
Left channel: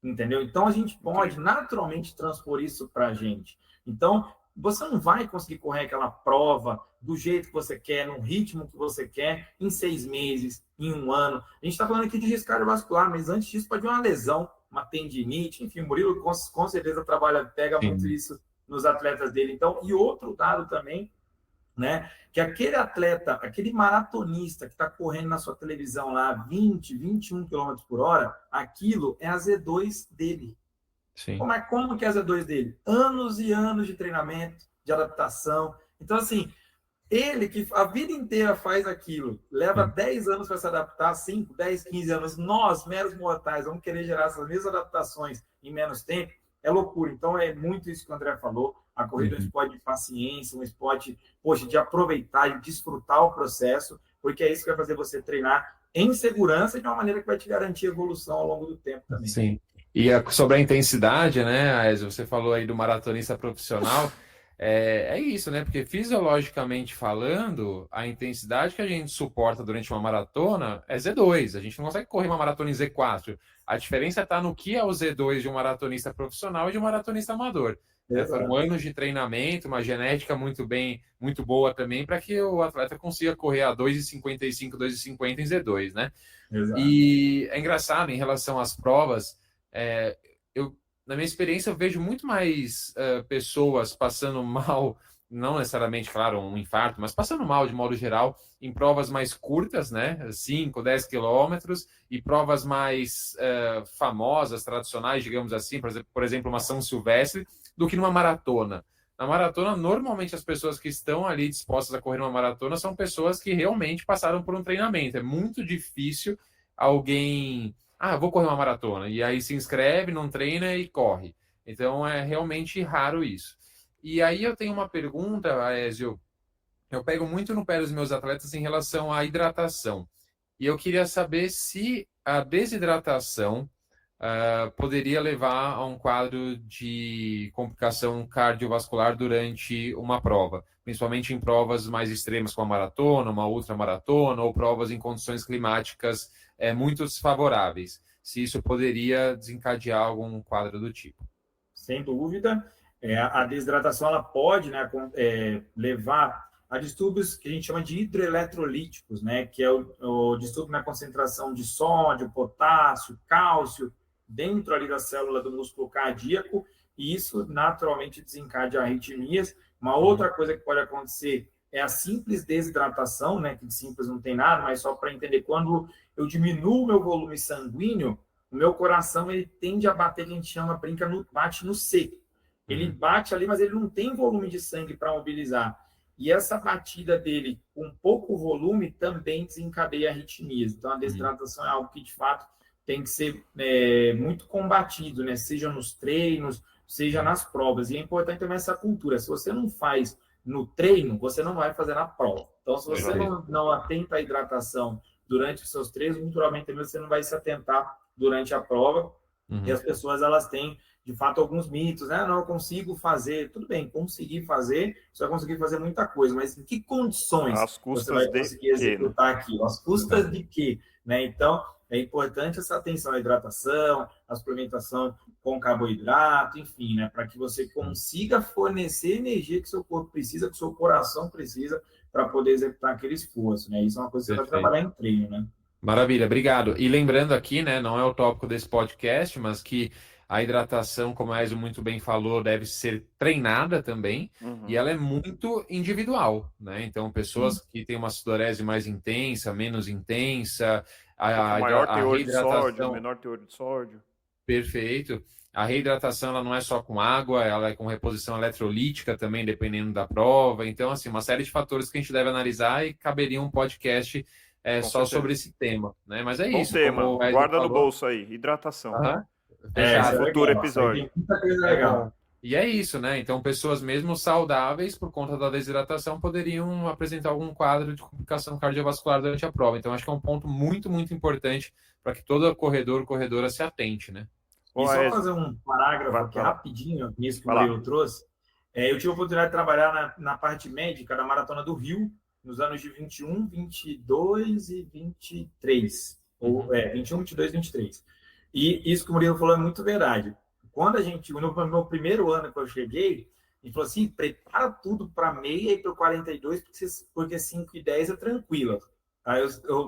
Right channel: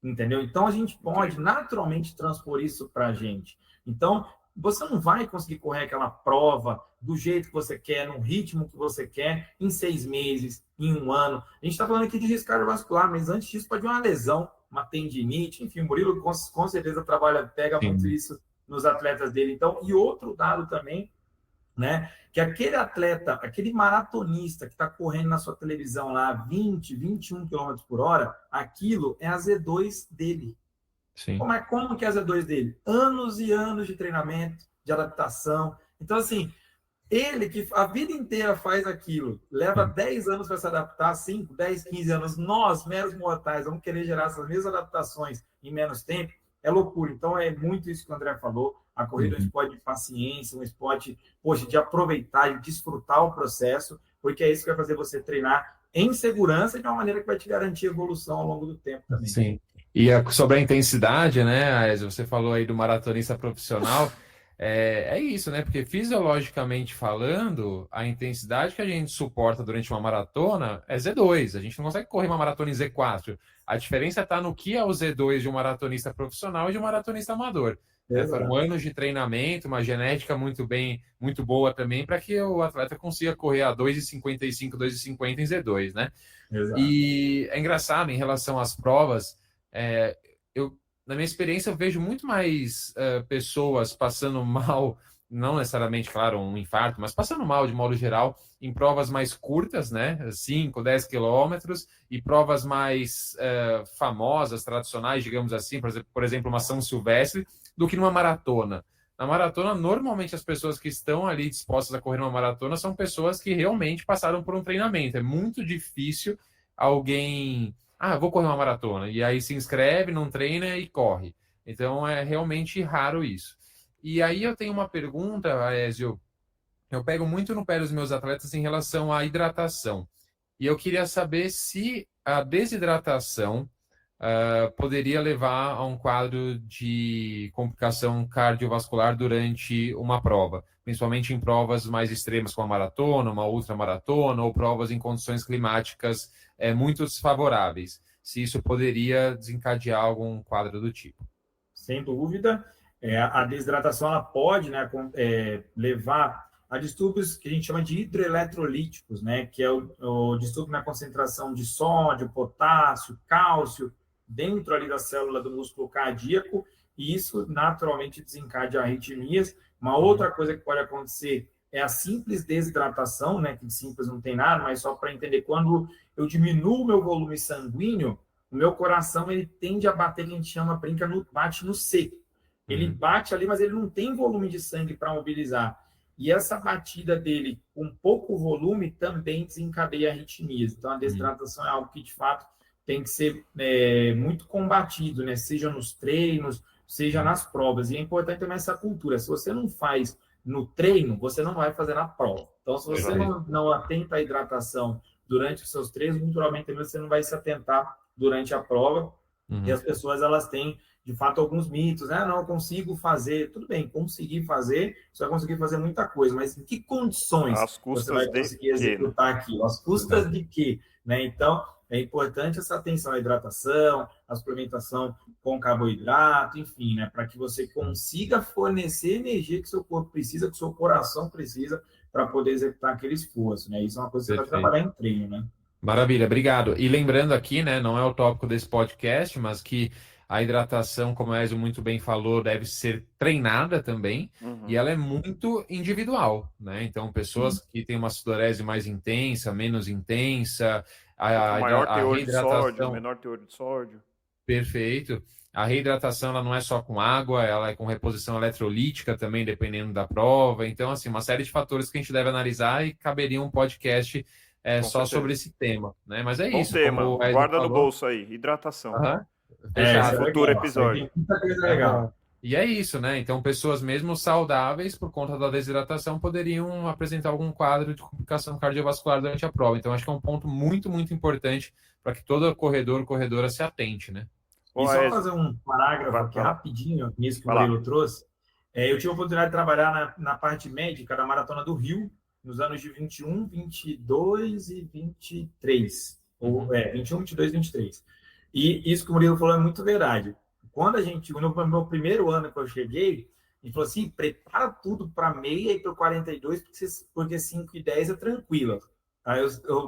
Entendeu? Então, a gente pode naturalmente transpor isso para a gente. Então, você não vai conseguir correr aquela prova do jeito que você quer, no ritmo que você quer, em 6 meses, em 1 ano. A gente está falando aqui de risco cardiovascular, mas antes disso pode vir uma lesão, uma tendinite, enfim, o Murilo com certeza pega muito isso nos atletas dele. Então, e outro dado também, né? Que aquele atleta, aquele maratonista que está correndo na sua televisão lá 20, 21 km por hora, aquilo é a Z2 dele. Sim. Mas como que é a Z2 dele? Anos e anos de treinamento, de adaptação. Então, assim, ele que a vida inteira faz aquilo, leva 10 anos para se adaptar, 5, 10, 15 anos. Nós, meros mortais, vamos querer gerar essas mesmas adaptações em menos tempo. É loucura. Então, é muito isso que o André falou. A corrida é um esporte de paciência, um esporte, poxa, de aproveitar e desfrutar o processo, porque é isso que vai fazer você treinar em segurança e de uma maneira que vai te garantir evolução ao longo do tempo também. Sim. E sobre a intensidade, né, Aézio, você falou aí do maratonista profissional, é isso, né? Porque fisiologicamente falando, a intensidade que a gente suporta durante uma maratona é Z2. A gente não consegue correr uma maratona em Z4. A diferença está no que é o Z2 de um maratonista profissional e de um maratonista amador. Foram anos de treinamento, uma genética muito boa também, para que o atleta consiga correr a 2,55, 2,50 em Z2, né? Exato. E é engraçado em relação às provas, na minha experiência, eu vejo muito mais pessoas passando mal, não necessariamente, claro, um infarto, mas passando mal de modo geral, em provas mais curtas, né? 5, 10 quilômetros, e provas mais famosas, tradicionais, digamos assim, por exemplo, uma São Silvestre, do que numa maratona. Na maratona, normalmente as pessoas que estão ali dispostas a correr uma maratona são pessoas que realmente passaram por um treinamento. É muito difícil alguém... vou correr uma maratona. E aí se inscreve, não treina e corre. Então é realmente raro isso. E aí eu tenho uma pergunta, Aézio. Eu pego muito no pé dos meus atletas em relação à hidratação. E eu queria saber se a desidratação poderia levar a um quadro de complicação cardiovascular durante uma prova, principalmente em provas mais extremas como a maratona, uma ultramaratona ou provas em condições climáticas muito desfavoráveis. Se isso poderia desencadear algum quadro do tipo. Sem dúvida. A desidratação ela pode, né, levar a distúrbios que a gente chama de hidroeletrolíticos, né, que é o distúrbio na concentração de sódio, potássio, cálcio, dentro ali da célula do músculo cardíaco, e isso naturalmente desencadeia arritmias. Uma outra coisa que pode acontecer é a simples desidratação, né, que de simples não tem nada, mas só para entender, quando eu diminuo o meu volume sanguíneo, o meu coração ele tende a bater, que a gente chama, bate no seco. Ele bate ali, mas ele não tem volume de sangue para mobilizar. E essa batida dele com pouco volume também desencadeia arritmias. Então, a desidratação é algo que, de fato, tem que ser muito combatido, né? Seja nos treinos, seja nas provas. E é importante também essa cultura. Se você não faz no treino, você não vai fazer na prova. Então, se você não atenta à hidratação durante os seus treinos, naturalmente você não vai se atentar durante a prova. Uhum. E as pessoas, elas têm, de fato, alguns mitos, né? Não, eu consigo fazer. Tudo bem, conseguir fazer, você vai conseguir fazer muita coisa, mas em que condições Às você custas vai de conseguir quê, né? executar aquilo? Às custas de quê? Né? Então, é importante essa atenção à hidratação, à suplementação com carboidrato, enfim, né? Para que você consiga fornecer energia que seu corpo precisa, que seu coração precisa, para poder executar aquele esforço, né? Isso é uma coisa que você vai Perfeito. trabalhar em treino, né? Maravilha, obrigado. E lembrando aqui, né, não é o tópico desse podcast, mas que a hidratação, como a Ezio muito bem falou, deve ser treinada também, e Uhum. ela é muito individual, né? Então, Sim. pessoas que têm uma sudorese mais intensa, menos intensa, Ou com a, maior a teor de sódio, reidratação, menor teor de sódio. perfeito. A reidratação, ela não é só com água, ela é com reposição eletrolítica também, dependendo da prova. Então, assim, uma série de fatores que a gente deve analisar e caberia um podcast Com só sobre certeza. esse tema, né? Mas é Bom isso, tema. como o Ezio Guarda no falou. bolso aí. Hidratação. Aham, Isso Para é fechado. futuro legal. Isso aí episódio. tem muita coisa É legal. bom. E é isso, né? Então, pessoas mesmo saudáveis, por conta da desidratação, poderiam apresentar algum quadro de complicação cardiovascular durante a prova. Então, acho que é um ponto muito, muito importante para que todo corredor, corredora se atente, né? E Ô, só Aécio, fazer um parágrafo aqui vai lá. rapidinho, nisso que o Vai lá. Murilo trouxe. Eu tive a oportunidade de trabalhar na parte médica da Maratona do Rio, nos anos de 21, 22 e 23. Ou, 21, 22 e 23. E isso que o Murilo falou é muito verdade. Quando a gente, no meu primeiro ano que eu cheguei, ele falou assim, prepara tudo para meia e para 42, porque 5 e 10 é tranquilo. Aí,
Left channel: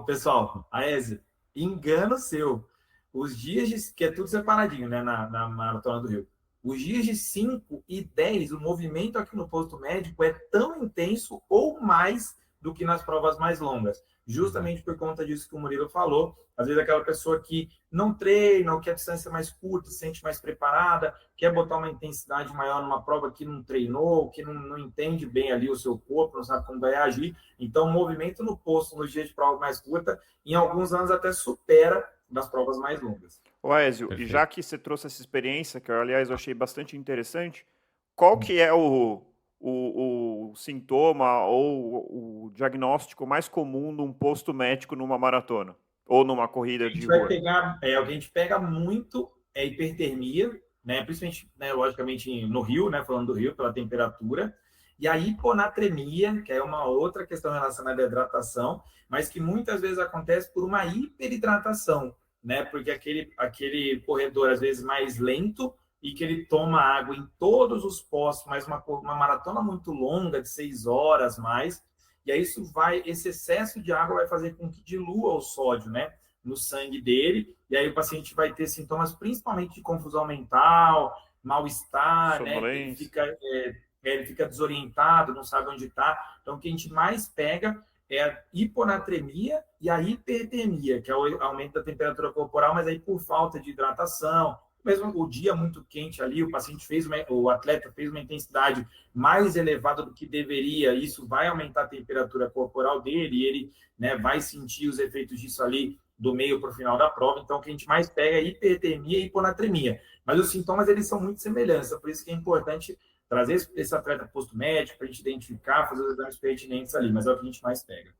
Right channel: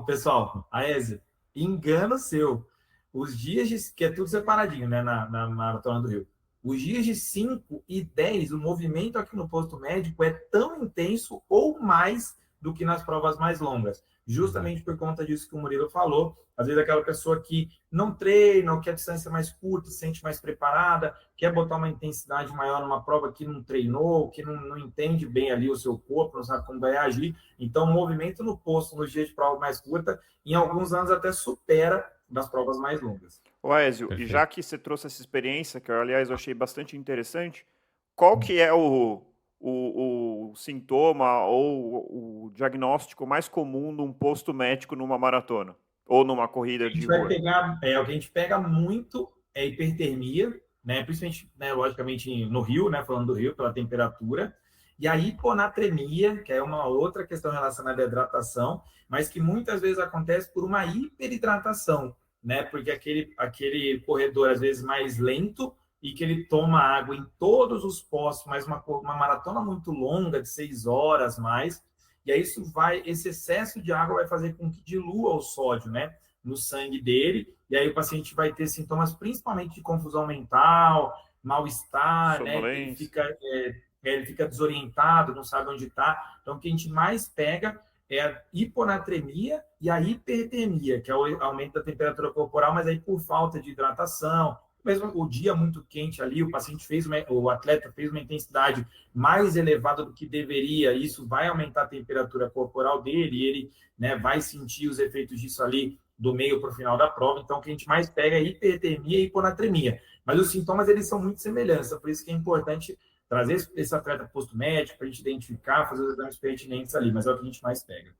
pessoal, Aézio, engano seu. Os dias de, que é tudo separadinho, né, na Maratona do Rio. Os dias de 5 e 10, o movimento aqui no posto médico é tão intenso ou mais do que nas provas mais longas. Justamente por conta disso que o Murilo falou. Às vezes aquela pessoa que não treina, ou quer distância mais curta, se sente mais preparada, quer botar uma intensidade maior numa prova que não treinou, que não entende bem ali o seu corpo, não sabe como vai agir. Então, o movimento no posto, nos dias de prova mais curta, em alguns anos até supera das provas mais longas. Ô, Aécio, e já que você trouxe essa experiência, que eu, aliás, eu achei bastante interessante, qual que é o sintoma ou o diagnóstico mais comum num posto médico numa maratona? Ou numa corrida de Vai rua? pegar, o que a gente pega muito é hipertermia, né? Principalmente, né, logicamente, no Rio, né? Falando do Rio, pela temperatura. E a hiponatremia, que é uma outra questão relacionada à hidratação, mas que muitas vezes acontece por uma hiperidratação, né? Porque aquele corredor, às vezes, mais lento e que ele toma água em todos os postos, mas uma maratona muito longa, de 6 horas mais, e aí esse excesso de água vai fazer com que dilua o sódio, né, no sangue dele, e aí o paciente vai ter sintomas principalmente de confusão mental, mal-estar, né, ele fica desorientado, não sabe onde está. Então, o que a gente mais pega é a hiponatremia e a hipertermia, que é o aumento da temperatura corporal, mas aí por falta de hidratação, mesmo o dia muito quente ali, o atleta fez uma intensidade mais elevada do que deveria, isso vai aumentar a temperatura corporal dele, e ele, né, vai sentir os efeitos disso ali do meio para o final da prova. Então, o que a gente mais pega é hipertermia e hiponatremia. Mas os sintomas, eles são muito semelhantes, por isso que é importante trazer esse atleta posto médico para a gente identificar, fazer os exames pertinentes ali, mas é o que a gente mais pega.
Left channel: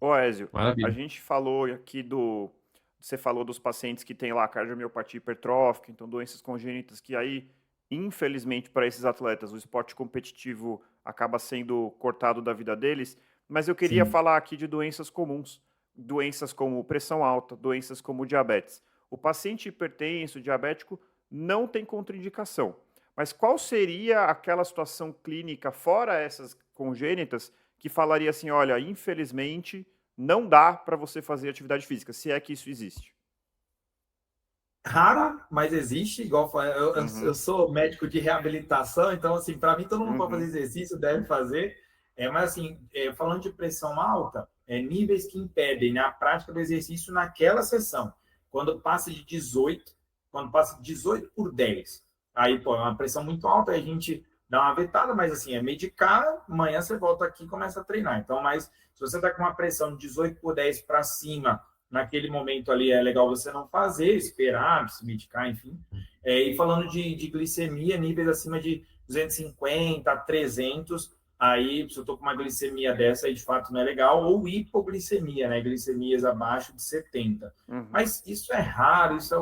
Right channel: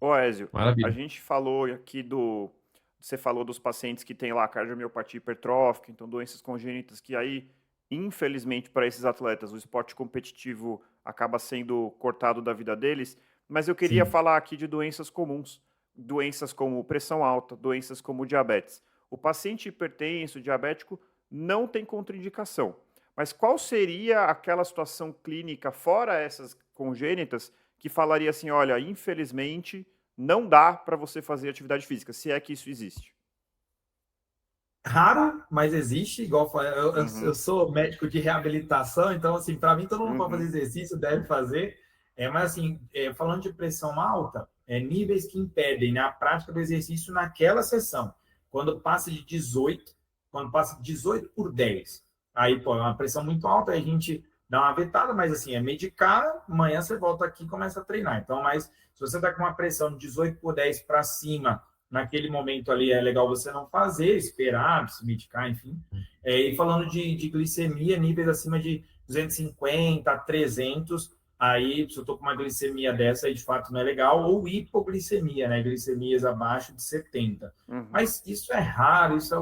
Ô, Ezio, Maravilha. a gente falou aqui você falou dos pacientes que têm lá cardiomiopatia hipertrófica, então doenças congênitas, que aí, infelizmente, para esses atletas, o esporte competitivo acaba sendo cortado da vida deles, mas eu queria falar aqui de doenças comuns, doenças como pressão alta, doenças como diabetes. O paciente hipertenso, diabético, não tem contraindicação, mas qual seria aquela situação clínica, fora essas congênitas, que falaria assim, olha, infelizmente não dá para você fazer atividade física, se é que isso existe? Raro, mas existe, igual eu sou médico de reabilitação, então, assim, para mim, todo mundo pode fazer exercício, deve fazer, mas, assim, falando de pressão alta, níveis que impedem, né, a prática do exercício naquela sessão. Quando passa de 18, quando passa de 18 por 10, aí, pô, é uma pressão muito alta, aí a gente dá uma vetada, mas, assim, é medicar, amanhã você volta aqui e começa a treinar. Então, mas se você está com uma pressão de 18 por 10 para cima, naquele momento ali é legal você não fazer, esperar, se medicar, enfim. E falando de glicemia, níveis acima de 250 a 300, aí se eu estou com uma glicemia dessa, aí de fato não é legal, ou hipoglicemia, né? Glicemias abaixo de 70. Mas isso é raro, isso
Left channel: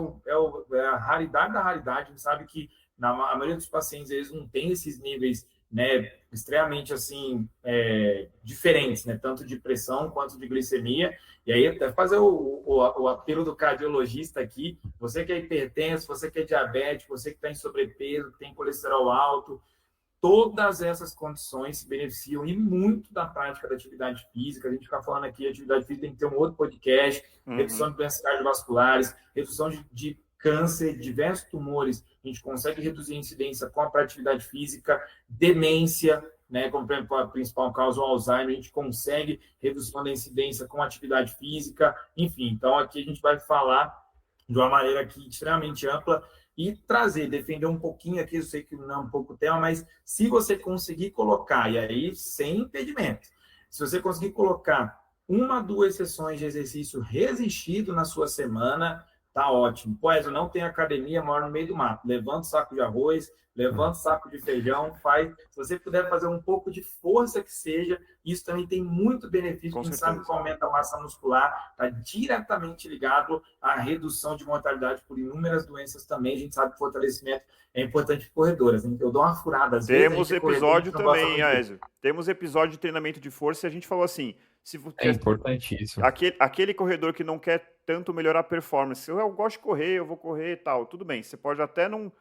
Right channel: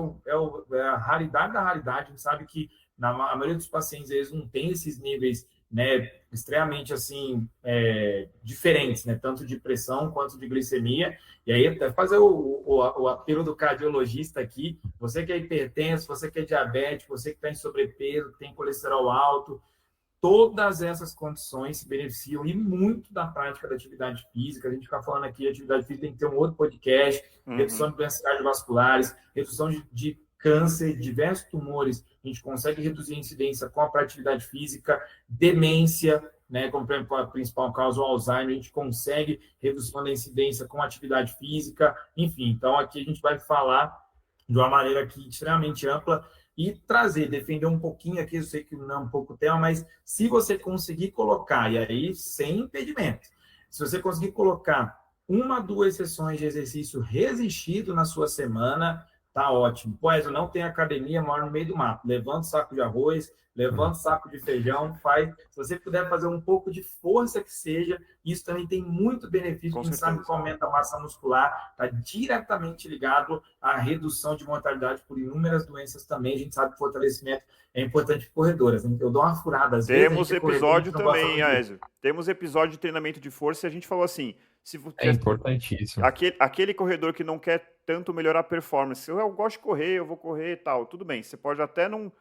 é a raridade da raridade. A gente sabe que a maioria dos pacientes eles não tem esses níveis, né, extremamente assim diferentes, né, tanto de pressão quanto de glicemia. E aí até fazer o apelo do cardiologista aqui, você que é hipertenso, você que é diabético, você que está em sobrepeso, que tem colesterol alto, todas essas condições se beneficiam e muito da prática da atividade física. A gente fica falando aqui, a atividade física tem que ter um outro podcast, redução de doenças cardiovasculares, redução de câncer, diversos tumores. A gente consegue reduzir a incidência com a atividade física, demência, né, como a principal causa, o Alzheimer, a gente consegue redução da incidência com atividade física, enfim. Então, aqui a gente vai falar de uma maneira aqui extremamente ampla e defender um pouquinho aqui, eu sei que não é um pouco o tema, mas se você conseguir colocar, e aí sem impedimento, se você conseguir colocar 1, 2 sessões de exercício resistido na sua semana, tá ótimo. Pois eu não tenho academia, moro no meio do mato. Levanta o saco de arroz, levanta o saco de feijão, faz. Se você puder fazer um pouco de força que seja, isso também tem muito benefício. A gente sabe que aumenta a massa muscular, está diretamente ligado à redução de mortalidade por inúmeras doenças também. A gente sabe que fortalecimento é importante para corredoras. Eu dou uma furada. Às Temos vezes, episódio também, Aézio. Temos episódio de treinamento de força e a gente falou assim, é importantíssimo. Aquele corredor que não quer tanto melhorar a performance, eu gosto de correr, eu vou correr e tal, tudo bem, você pode até não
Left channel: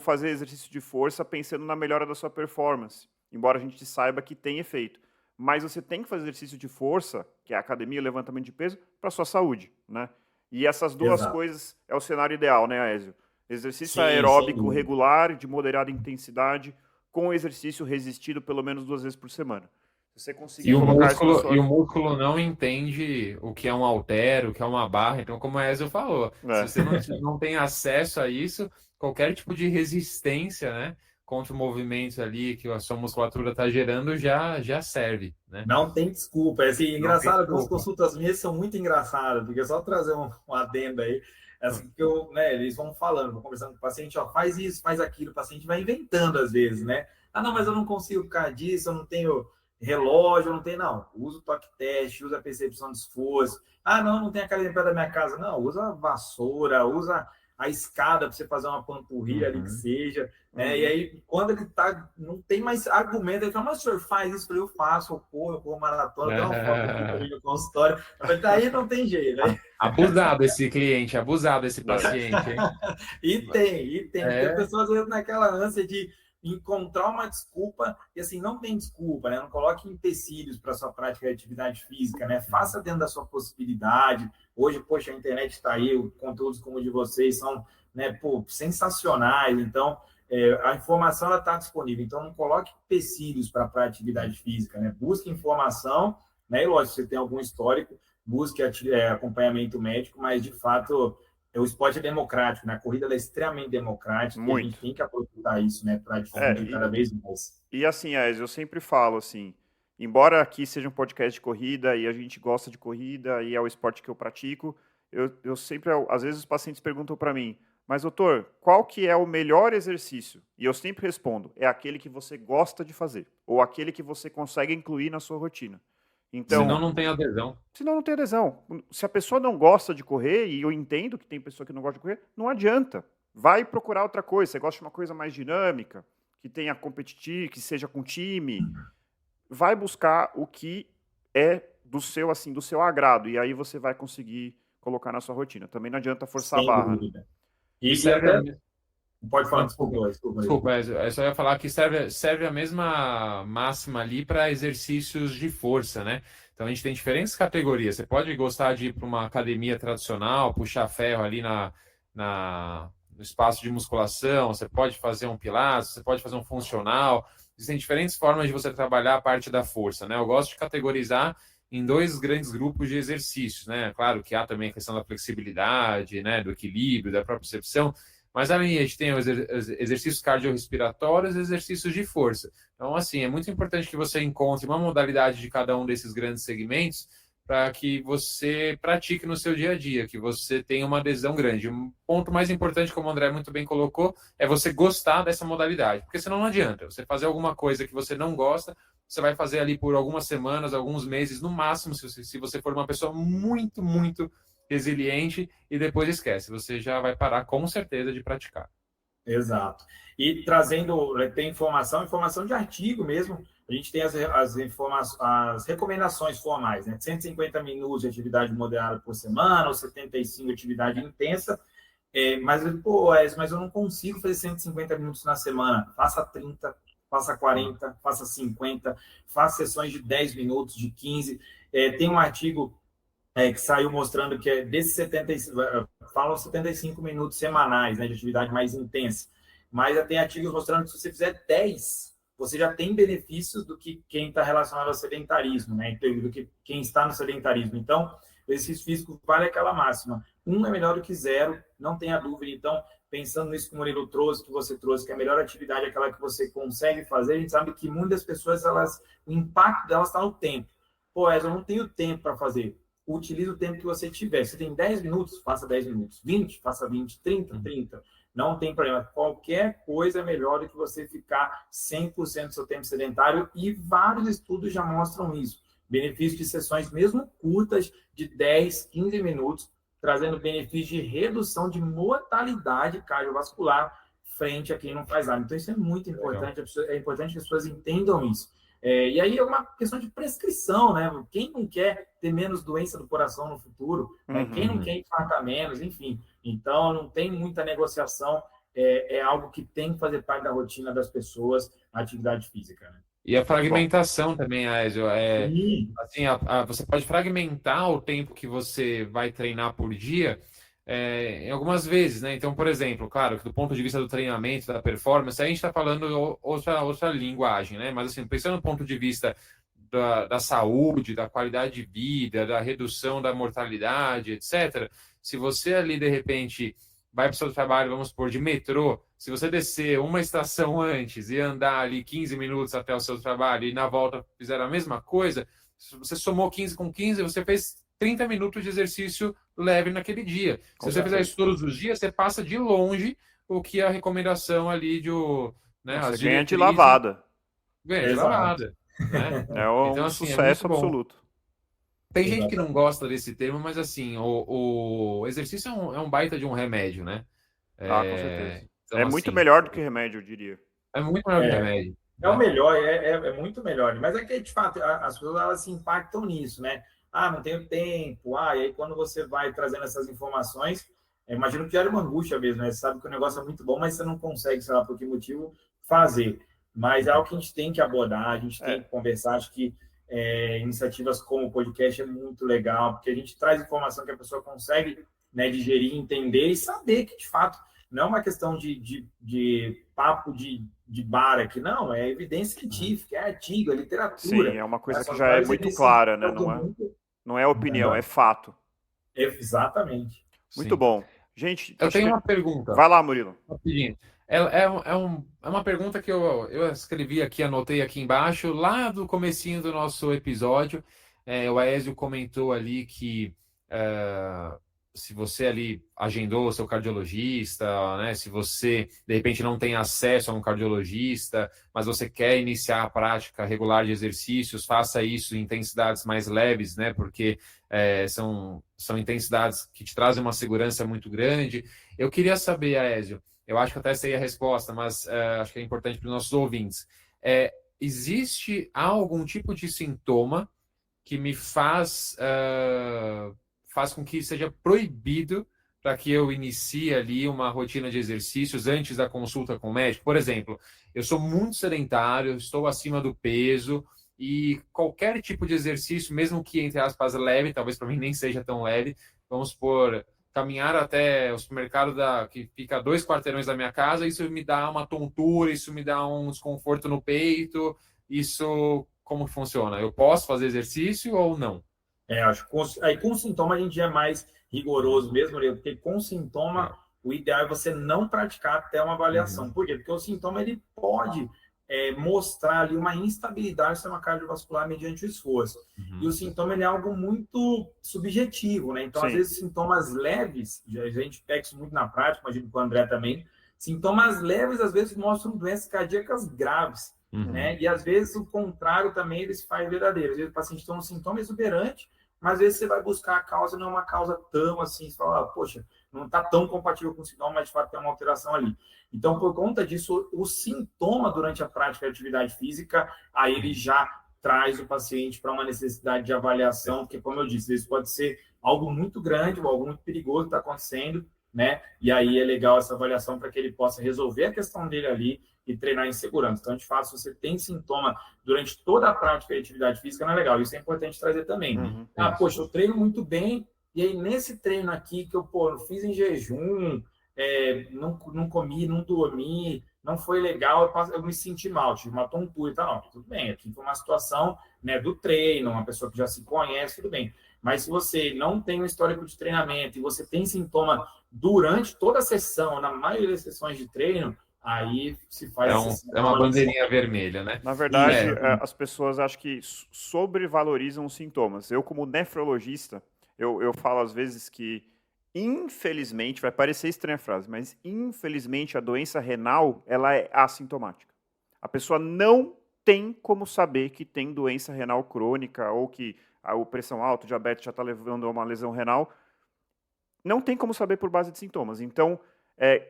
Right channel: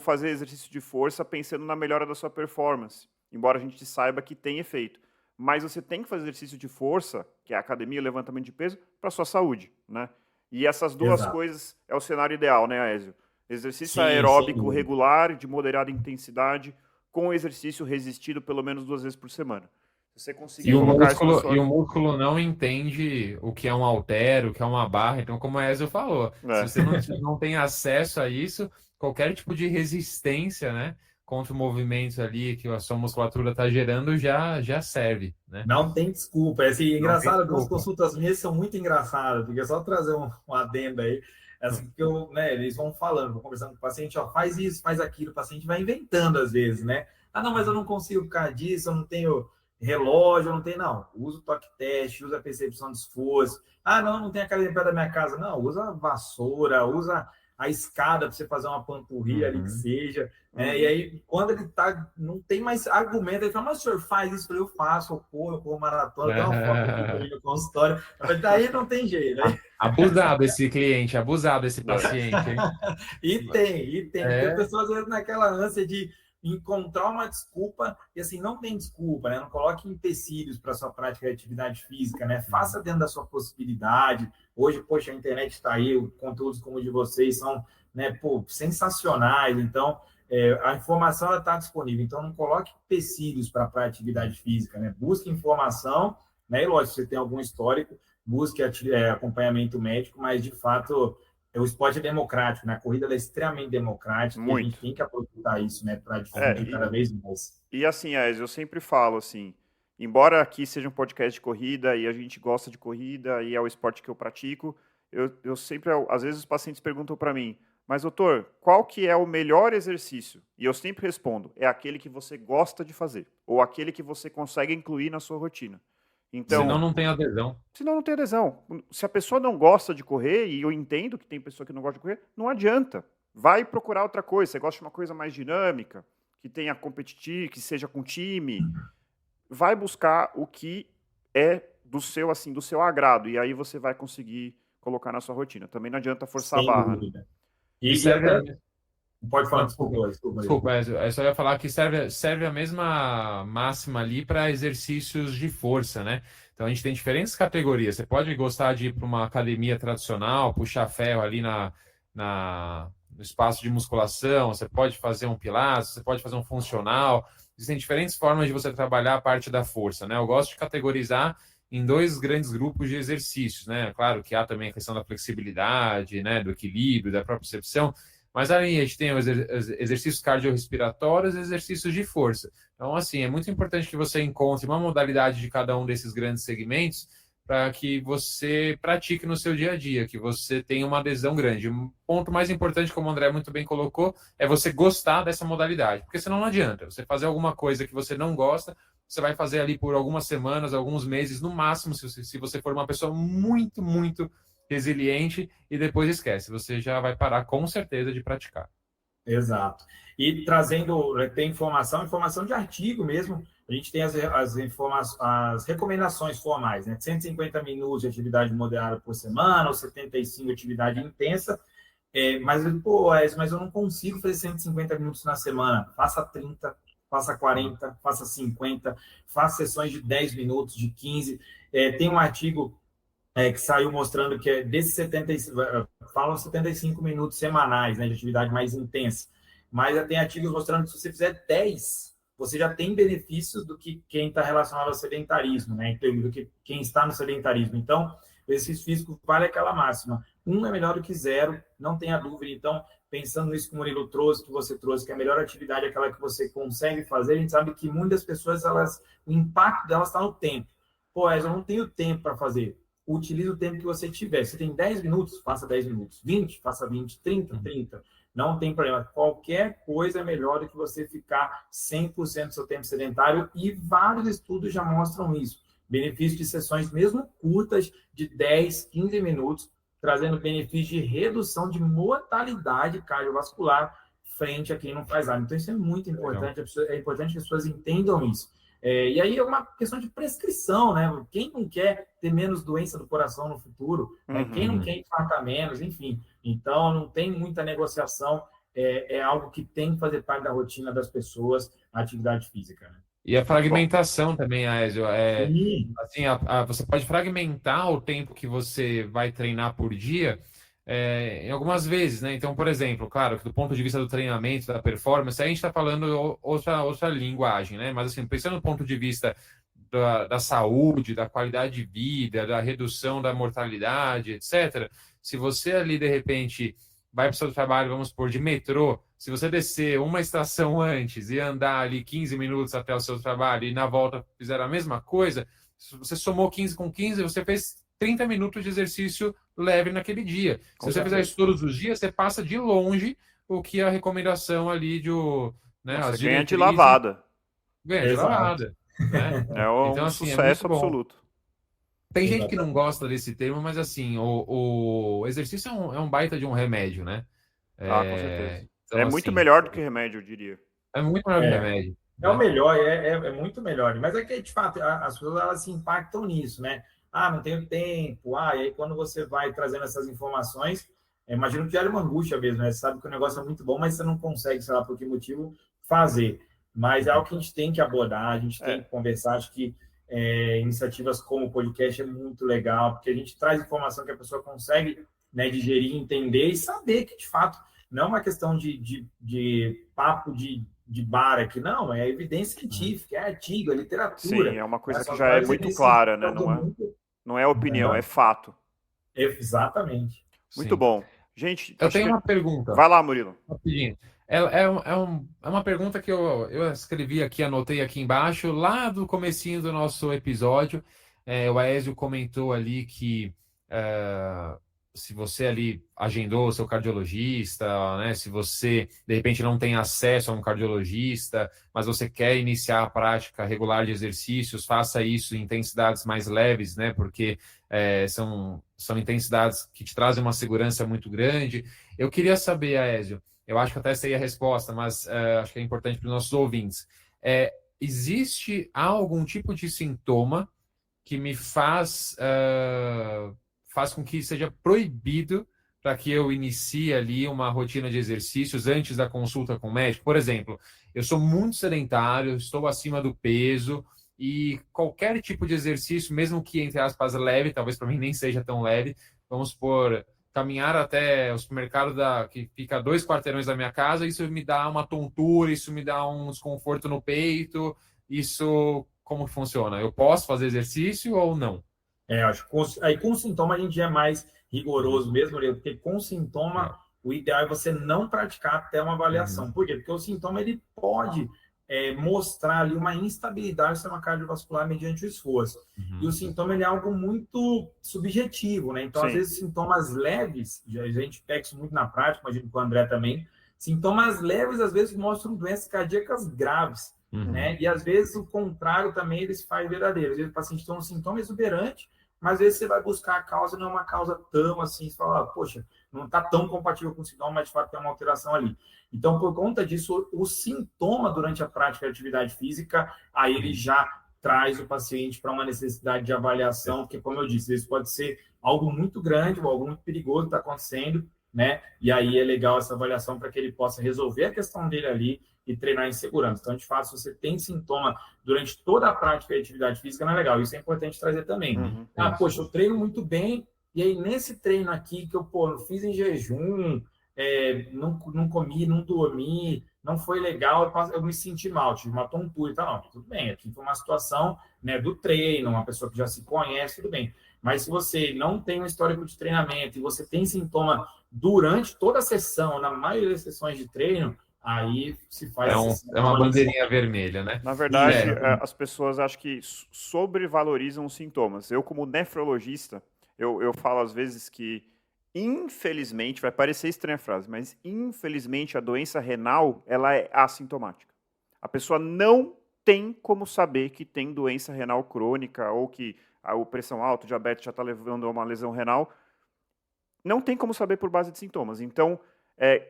fazer exercício de força pensando na melhora da sua performance, embora a gente saiba que tem efeito, mas você tem que fazer exercício de força, que é a academia, levantamento de peso, para sua saúde, né? E essas duas coisas é o cenário ideal, né, Aézio? Exercício aeróbico regular, de moderada intensidade, com exercício resistido pelo menos 2 vezes por semana. Você conseguir colocar isso na sua... E o músculo não entende o que é um halter, o que é uma barra. Então, como a Ezio falou, se você não tem acesso a isso, qualquer tipo de resistência, né, contra o movimento ali que a sua musculatura está gerando já serve, né? Não tem desculpa. É assim, engraçado, as consultas minhas são muito engraçadas, porque é só trazer um adendo aí. Assim, que eles vão falando, vão conversando com o paciente, faz isso, faz aquilo, o paciente vai inventando às vezes, né? Ah, não, mas eu não consigo por causa disso, eu não tenho relógio, não tem, não. Usa o toque teste, usa a percepção de esforço. Ah, não tem academia perto da minha casa. Não, usa a vassoura, usa a escada para você fazer uma panturrilha ali que seja. E aí, quando ele não tem mais argumento, ele fala, mas o senhor faz isso? Eu faço, eu corro maratona, dá uma foto aqui no consultório. Daí não tem jeito, né? Abusado esse cliente, abusado esse paciente. Hein? E tem. Porque as pessoas às vezes naquela ânsia de encontrar uma desculpa, e assim, não tem desculpa, né? Não coloque empecilhos para sua prática de atividade física, né? Faça dentro da sua possibilidade. Hoje, poxa, a internet está aí, conteúdos como o de vocês são, né, sensacionais. Então, a informação está disponível. Então, não coloque empecilhos para a atividade física, né? Busque informação, né? E lógico, se você tem algum histórico, busque acompanhamento médico, mas de fato o esporte é democrático, né? A corrida é extremamente democrática. Muito. E a gente tem que aproveitar isso, né? Para difundir cada vez mais. E assim, eu sempre falo assim, embora aqui seja um podcast de corrida e a gente gosta de corrida e é o esporte que eu pratico, eu sempre, às vezes os pacientes perguntam para mim, mas doutor, qual que é o melhor exercício? E eu sempre respondo, é aquele que você gosta de fazer, ou aquele que você consegue incluir na sua rotina. Então, senão não tem adesão. Senão não tem adesão. Se a pessoa não gosta de correr, e eu entendo que tem pessoa que não gosta de correr, não adianta. Vai procurar outra coisa. Você gosta de uma coisa mais dinâmica, que tenha competitivo, que seja com time. Vai buscar o que é do seu agrado. E aí você vai conseguir colocar na sua rotina. Também não adianta forçar a barra. Né? E serve... Pode falar, desculpa. Eu só ia falar que serve a mesma máxima ali para exercícios de força, né? Então a gente tem diferentes categorias. Você pode gostar de ir para uma academia tradicional, puxar ferro ali no espaço de musculação, você pode fazer um pilates, você pode fazer um funcional. Existem diferentes formas de você trabalhar a parte da força, né? Eu gosto de categorizar em 2 grandes grupos de exercícios, né? Claro que há também a questão da flexibilidade, né? Do equilíbrio, da propriocepção. Mas ali a gente tem os exercícios cardiorrespiratórios e exercícios de força. Então, assim, é muito importante que você encontre uma modalidade de cada um desses grandes segmentos para que você pratique no seu dia a dia, que você tenha uma adesão grande. Um ponto mais importante, como o André muito bem colocou, é você gostar dessa modalidade, porque senão não adianta. Você fazer alguma coisa que você não gosta, você vai fazer ali por algumas semanas, alguns meses, no máximo, se você for uma pessoa muito, muito resiliente, e depois esquece, você já vai parar com certeza de praticar. Exato. E trazendo, tem informação de artigo mesmo. A gente tem as recomendações formais, né? 150 minutos de atividade moderada por semana, ou 75 de atividade intensa. Mas eu não consigo fazer 150 minutos na semana. Faça 30, faça 40, faça 50, faça sessões de 10 minutos, de 15. Tem um artigo que saiu mostrando que desses 75, falam 75 minutos semanais, né, de atividade mais intensa. Mas já tem artigos mostrando que se você fizer 10, você já tem benefícios do que quem está relacionado ao sedentarismo, né, do que quem está no sedentarismo. Então, o exercício físico vale aquela máxima. 1 é melhor do que 0, não tenha dúvida. Então, pensando nisso que o Murilo trouxe, que você trouxe, que a melhor atividade é aquela que você consegue fazer, a gente sabe que muitas pessoas, o impacto delas está no tempo. Eu não tenho tempo para fazer. Utilize o tempo que você tiver. Se tem 10 minutos, faça 10 minutos. 20, faça 20. 30, 30. Não tem problema. Qualquer coisa é melhor do que você ficar 100% do seu tempo sedentário, e vários estudos já mostram isso. Benefício de sessões mesmo curtas, de 10, 15 minutos, trazendo benefício de redução de mortalidade cardiovascular frente a quem não faz nada. Então, isso é muito importante. É importante que as pessoas entendam isso. E aí é uma questão de prescrição, né? Quem não quer ter menos doença do coração no futuro? Né? Quem não quer infartar menos? Enfim. Então, não tem muita negociação. É algo que tem que fazer parte da rotina das pessoas, a atividade física, né? E a fragmentação também, Aézio. Assim, você pode fragmentar o tempo que você vai treinar por dia em algumas vezes, né? Então, por exemplo, claro que do ponto de vista do treinamento, da performance, a gente está falando outra linguagem, né? Mas, assim, pensando do ponto de vista da saúde, da qualidade de vida, da redução da mortalidade, etc., se você ali, de repente, vai para o seu trabalho, vamos supor, de metrô, se você descer uma estação antes e andar ali 15 minutos até o seu trabalho e na volta fizer a mesma coisa, se você somou 15 com 15, você fez 30 minutos de exercício leve naquele dia. Se você fizer isso todos os dias, você passa de longe o que a recomendação ali de... Né, você ganha de lavada. Ganha de lavada. Né? É um então, assim, sucesso absoluto. Tem gente que não gosta desse termo, mas assim, o exercício é um baita de um remédio, né? Com certeza. Então, é muito melhor do que remédio, eu diria. É muito melhor que remédio. É o melhor, é muito melhor. Mas é que, de fato, as pessoas elas se impactam nisso, né? Não tenho tempo. E aí quando você vai trazendo essas informações, imagino que gera uma angústia mesmo, né? Você sabe que o negócio é muito bom, mas você não consegue, sei lá por que motivo, fazer. Mas é algo que a gente tem que abordar, a gente tem que conversar. Acho que iniciativas como o podcast é muito legal, porque a gente traz informação que a pessoa consegue, né, digerir, entender e saber que, de fato, não é uma questão de papo de bar aqui, não, é evidência científica, é artigo, é literatura. Sim, é uma coisa que já é muito clara, né? Não é opinião, é fato. Exatamente. Muito bom. Gente, eu tenho uma pergunta. Vai lá, Murilo. Rapidinho. É uma pergunta que eu escrevi aqui, anotei aqui embaixo, lá do comecinho do nosso episódio. O Aézio comentou ali que se você ali agendou o seu cardiologista, né, se você, de repente, não tem acesso a um cardiologista, mas você quer iniciar a prática regular de exercícios, faça isso em intensidades mais leves, né, porque são intensidades que te trazem uma segurança muito grande. Eu queria saber, Aézio, eu acho que até sei a resposta, mas acho que é importante para os nossos ouvintes. Existe algum tipo de sintoma que me faz com que seja proibido para que eu inicie ali uma rotina de exercícios antes da consulta com o médico? Por exemplo, eu sou muito sedentário, estou acima do peso e qualquer tipo de exercício, mesmo que, entre aspas, leve, talvez para mim nem seja tão leve, vamos supor, caminhar até o supermercado que fica a 2 quarteirões da minha casa, isso me dá uma tontura, isso me dá um desconforto no peito, isso como funciona? Eu posso fazer exercício ou não? Acho que aí com sintoma a gente é mais rigoroso mesmo, porque com sintoma o ideal é você não praticar até uma avaliação. Por quê? Porque o sintoma ele pode mostrar ali uma instabilidade do sistema cardiovascular mediante o esforço. E o sintoma ele é algo muito subjetivo, né? Então, às Sim. vezes, sintomas leves, a gente pega isso muito na prática, imagino com o André também, sintomas leves, às vezes, mostram doenças cardíacas graves, né? E, às vezes, o contrário também eles faz verdadeiro. Às vezes, o paciente tem um sintoma exuberante, mas, às vezes, você vai buscar a causa, não é uma causa tão assim, você fala, poxa, não está tão compatível com o sintoma, mas, de fato, tem uma alteração ali. Então, por conta disso, o sintoma durante a prática de atividade física, aí ele já traz o paciente para uma necessidade de avaliação, porque, como eu disse, isso pode ser algo muito grande ou algo muito perigoso que está acontecendo, né? E aí é legal essa avaliação para que ele possa resolver a questão dele ali e treinar em segurança. Então, de fato, se você tem sintoma durante toda a prática de atividade física, não é legal. Isso é importante trazer também. Poxa, eu treino muito bem, e aí nesse treino aqui que eu fiz em jejum, não comi, não dormi, não foi legal, eu me senti mal, tive uma tontura e tal. Não, tudo bem, aqui foi uma situação, né, do treino, uma pessoa que já se conhece, tudo bem. Mas se você não tem um histórico de treinamento e você tem sintoma durante toda a sessão, na maioria das sessões de treino, aí se faz... É uma bandeirinha vermelha, né? Na verdade, as pessoas acho que sobrevalorizam os sintomas. Eu, como nefrologista, eu falo às vezes que, infelizmente, vai parecer estranha a frase, mas infelizmente a doença renal, ela é assintomática. A pessoa não tem como saber que tem doença renal crônica ou que a pressão alta, o diabetes já está levando a uma lesão renal. Não tem como saber por base de sintomas. Então,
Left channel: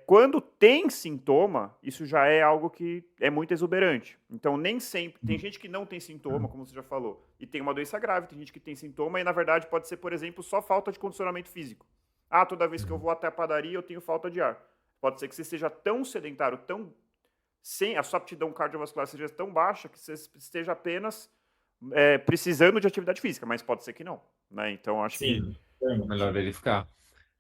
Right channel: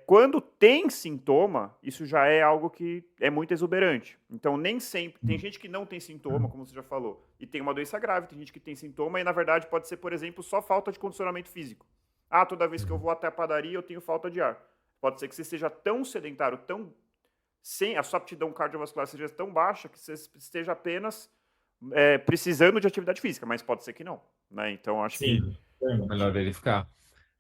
quando tem sintoma, isso já é algo que é muito exuberante. Então, nem sempre. Tem gente que não tem sintoma, como você já falou, e tem uma doença grave. Tem gente que tem sintoma e, na verdade, pode ser, por exemplo, só falta de condicionamento físico. Toda vez que eu vou até a padaria, eu tenho falta de ar. Pode ser que você seja tão sedentário, sem a sua aptidão cardiovascular seja tão baixa que você esteja apenas precisando de atividade física, mas pode ser que não, né? Então, acho que melhor verificar.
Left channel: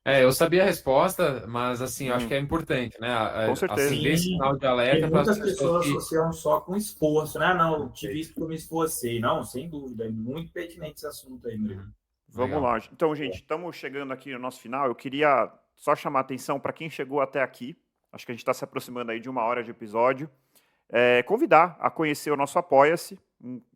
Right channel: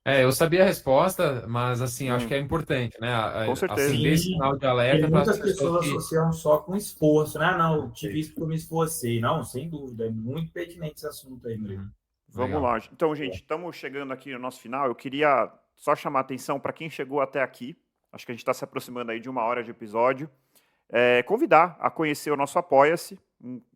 Eu sabia a resposta, mas assim, acho que é importante, né? Com certeza. Acender sinal de alerta para muitas pessoas associam só com esforço, né? Não, eu tive isso porque eu me esforcei. Não, sem dúvida, é muito pertinente esse assunto aí, André. Vamos lá. Então, gente, estamos chegando aqui no nosso final. Eu queria só chamar a atenção para quem chegou até aqui. Acho que a gente está se aproximando aí de 1 hora de episódio. Convidar a conhecer o nosso Apoia-se,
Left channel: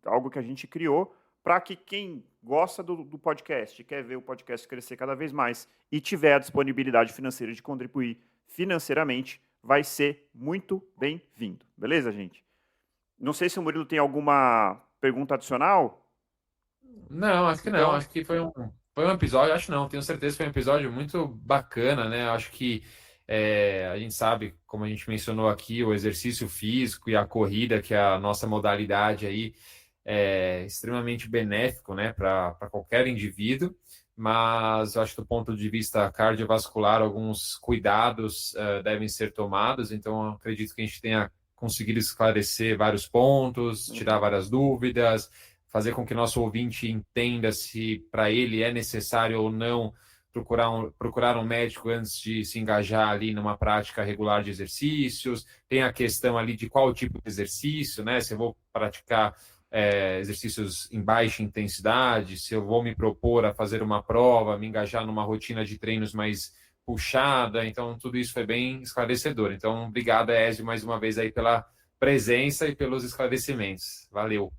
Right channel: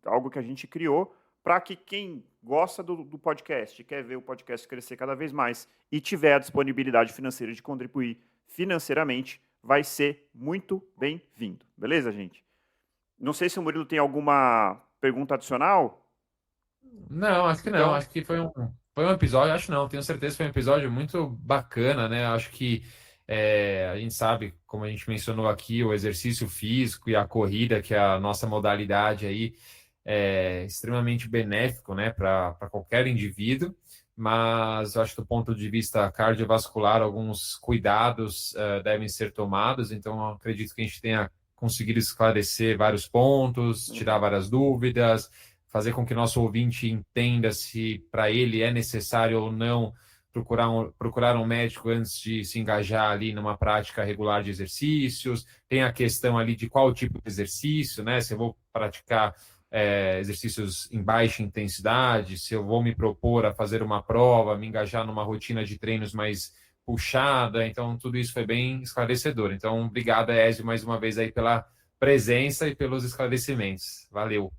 algo que a gente criou, para que quem gosta do podcast, quer ver o podcast crescer cada vez mais e tiver a disponibilidade financeira de contribuir financeiramente, vai ser muito bem-vindo. Beleza, gente? Não sei se o Murilo tem alguma pergunta adicional. Não, acho que não. Então... Acho que foi um episódio, acho não, tenho certeza que foi um episódio muito bacana, né? Acho que a gente sabe, como a gente mencionou aqui, o exercício físico e a corrida, que é a nossa modalidade aí, é extremamente benéfico, né, para qualquer indivíduo, mas eu acho que do ponto de vista cardiovascular, alguns cuidados devem ser tomados, então eu acredito que a gente tenha conseguido esclarecer vários pontos, tirar várias dúvidas, fazer com que nosso ouvinte entenda se para ele é necessário ou não procurar um médico antes de se engajar ali numa prática regular de exercícios. Tem a questão ali de qual tipo de exercício, né? Se eu vou praticar exercícios em baixa intensidade, se eu vou me propor a fazer uma prova, me engajar numa rotina de treinos mais puxada. Então, tudo isso foi bem esclarecedor. Então, obrigado, Ezio, mais uma vez aí pela presença e pelos esclarecimentos. Valeu.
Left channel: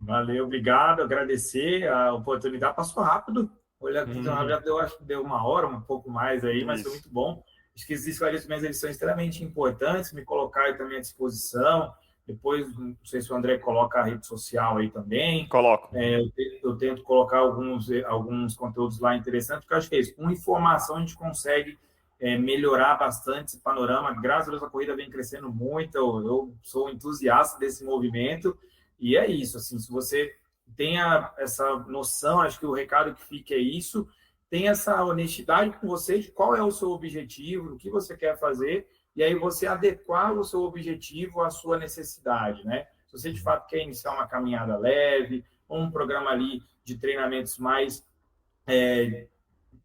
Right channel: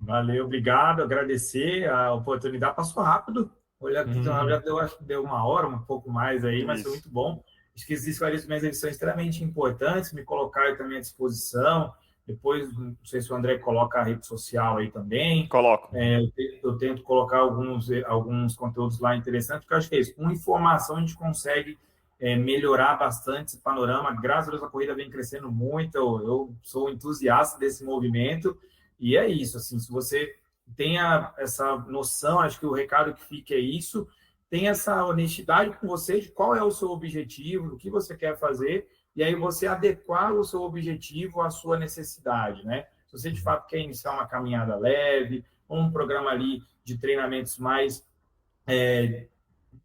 Valeu, obrigado, agradecer a oportunidade. Passou rápido. Olha, já acho que deu 1 hora, um pouco mais aí, mas foi muito bom. Acho que esses esclarecimentos eles são extremamente importantes, me colocar também à disposição. Depois, não sei se o André coloca a rede social aí também. Coloco. Eu tento colocar alguns conteúdos lá interessantes, porque eu acho que é isso. Com informação, a gente consegue melhorar bastante esse panorama. Graças a Deus, a corrida vem crescendo muito. Eu sou entusiasta desse movimento. E é isso, assim, se você tenha essa noção, acho que o recado que fica é isso, tem essa honestidade com você de qual é o seu objetivo, o que você quer fazer, e aí você adequar o seu objetivo à sua necessidade, né? Se você, de fato, quer iniciar uma caminhada leve, ou um programa ali de treinamentos mais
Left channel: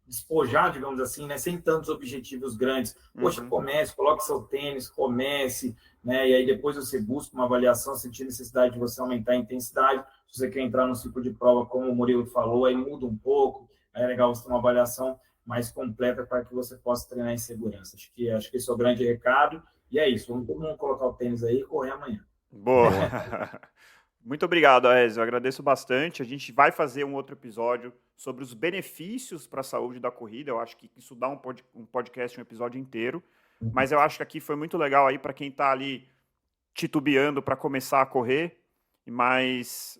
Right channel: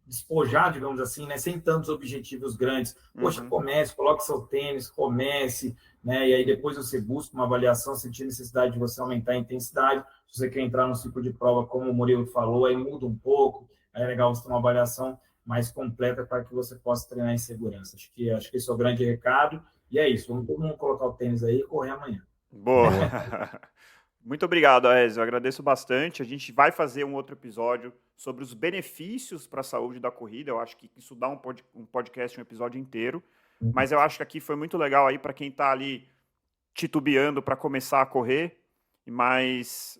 despojado, digamos assim, né? Sem tantos objetivos grandes. Poxa, comece, coloque seu tênis, comece, né? E aí depois você busca uma avaliação, sentir necessidade de você aumentar a intensidade. Se você quer entrar no ciclo de prova, como o Murilo falou, aí muda um pouco. Aí é legal você ter uma avaliação mais completa para que você possa treinar em segurança. Acho que esse é o grande recado. E é isso, vamos todo mundo colocar o tênis aí e correr amanhã. Boa. Muito obrigado, Aézio. Eu agradeço bastante. A gente vai fazer um outro episódio sobre os benefícios para a saúde da corrida. Eu acho que isso dá um podcast, um episódio inteiro. Mas eu acho que aqui foi muito legal aí para quem está ali titubeando para começar a correr. Mas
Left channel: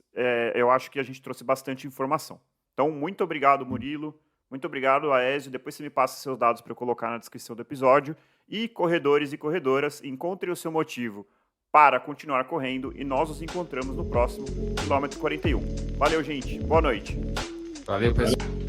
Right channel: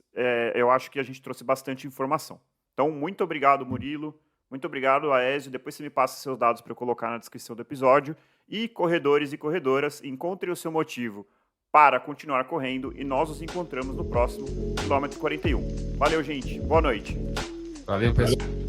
eu acho que a gente trouxe bastante informação. Então, muito obrigado, Murilo. Muito obrigado, Aézio. Depois você me passa seus dados para eu colocar na descrição do episódio. E corredores e corredoras, encontrem o seu motivo para continuar correndo e nós nos encontramos no próximo quilômetro 41. Valeu, gente. Boa noite. Valeu, pessoal.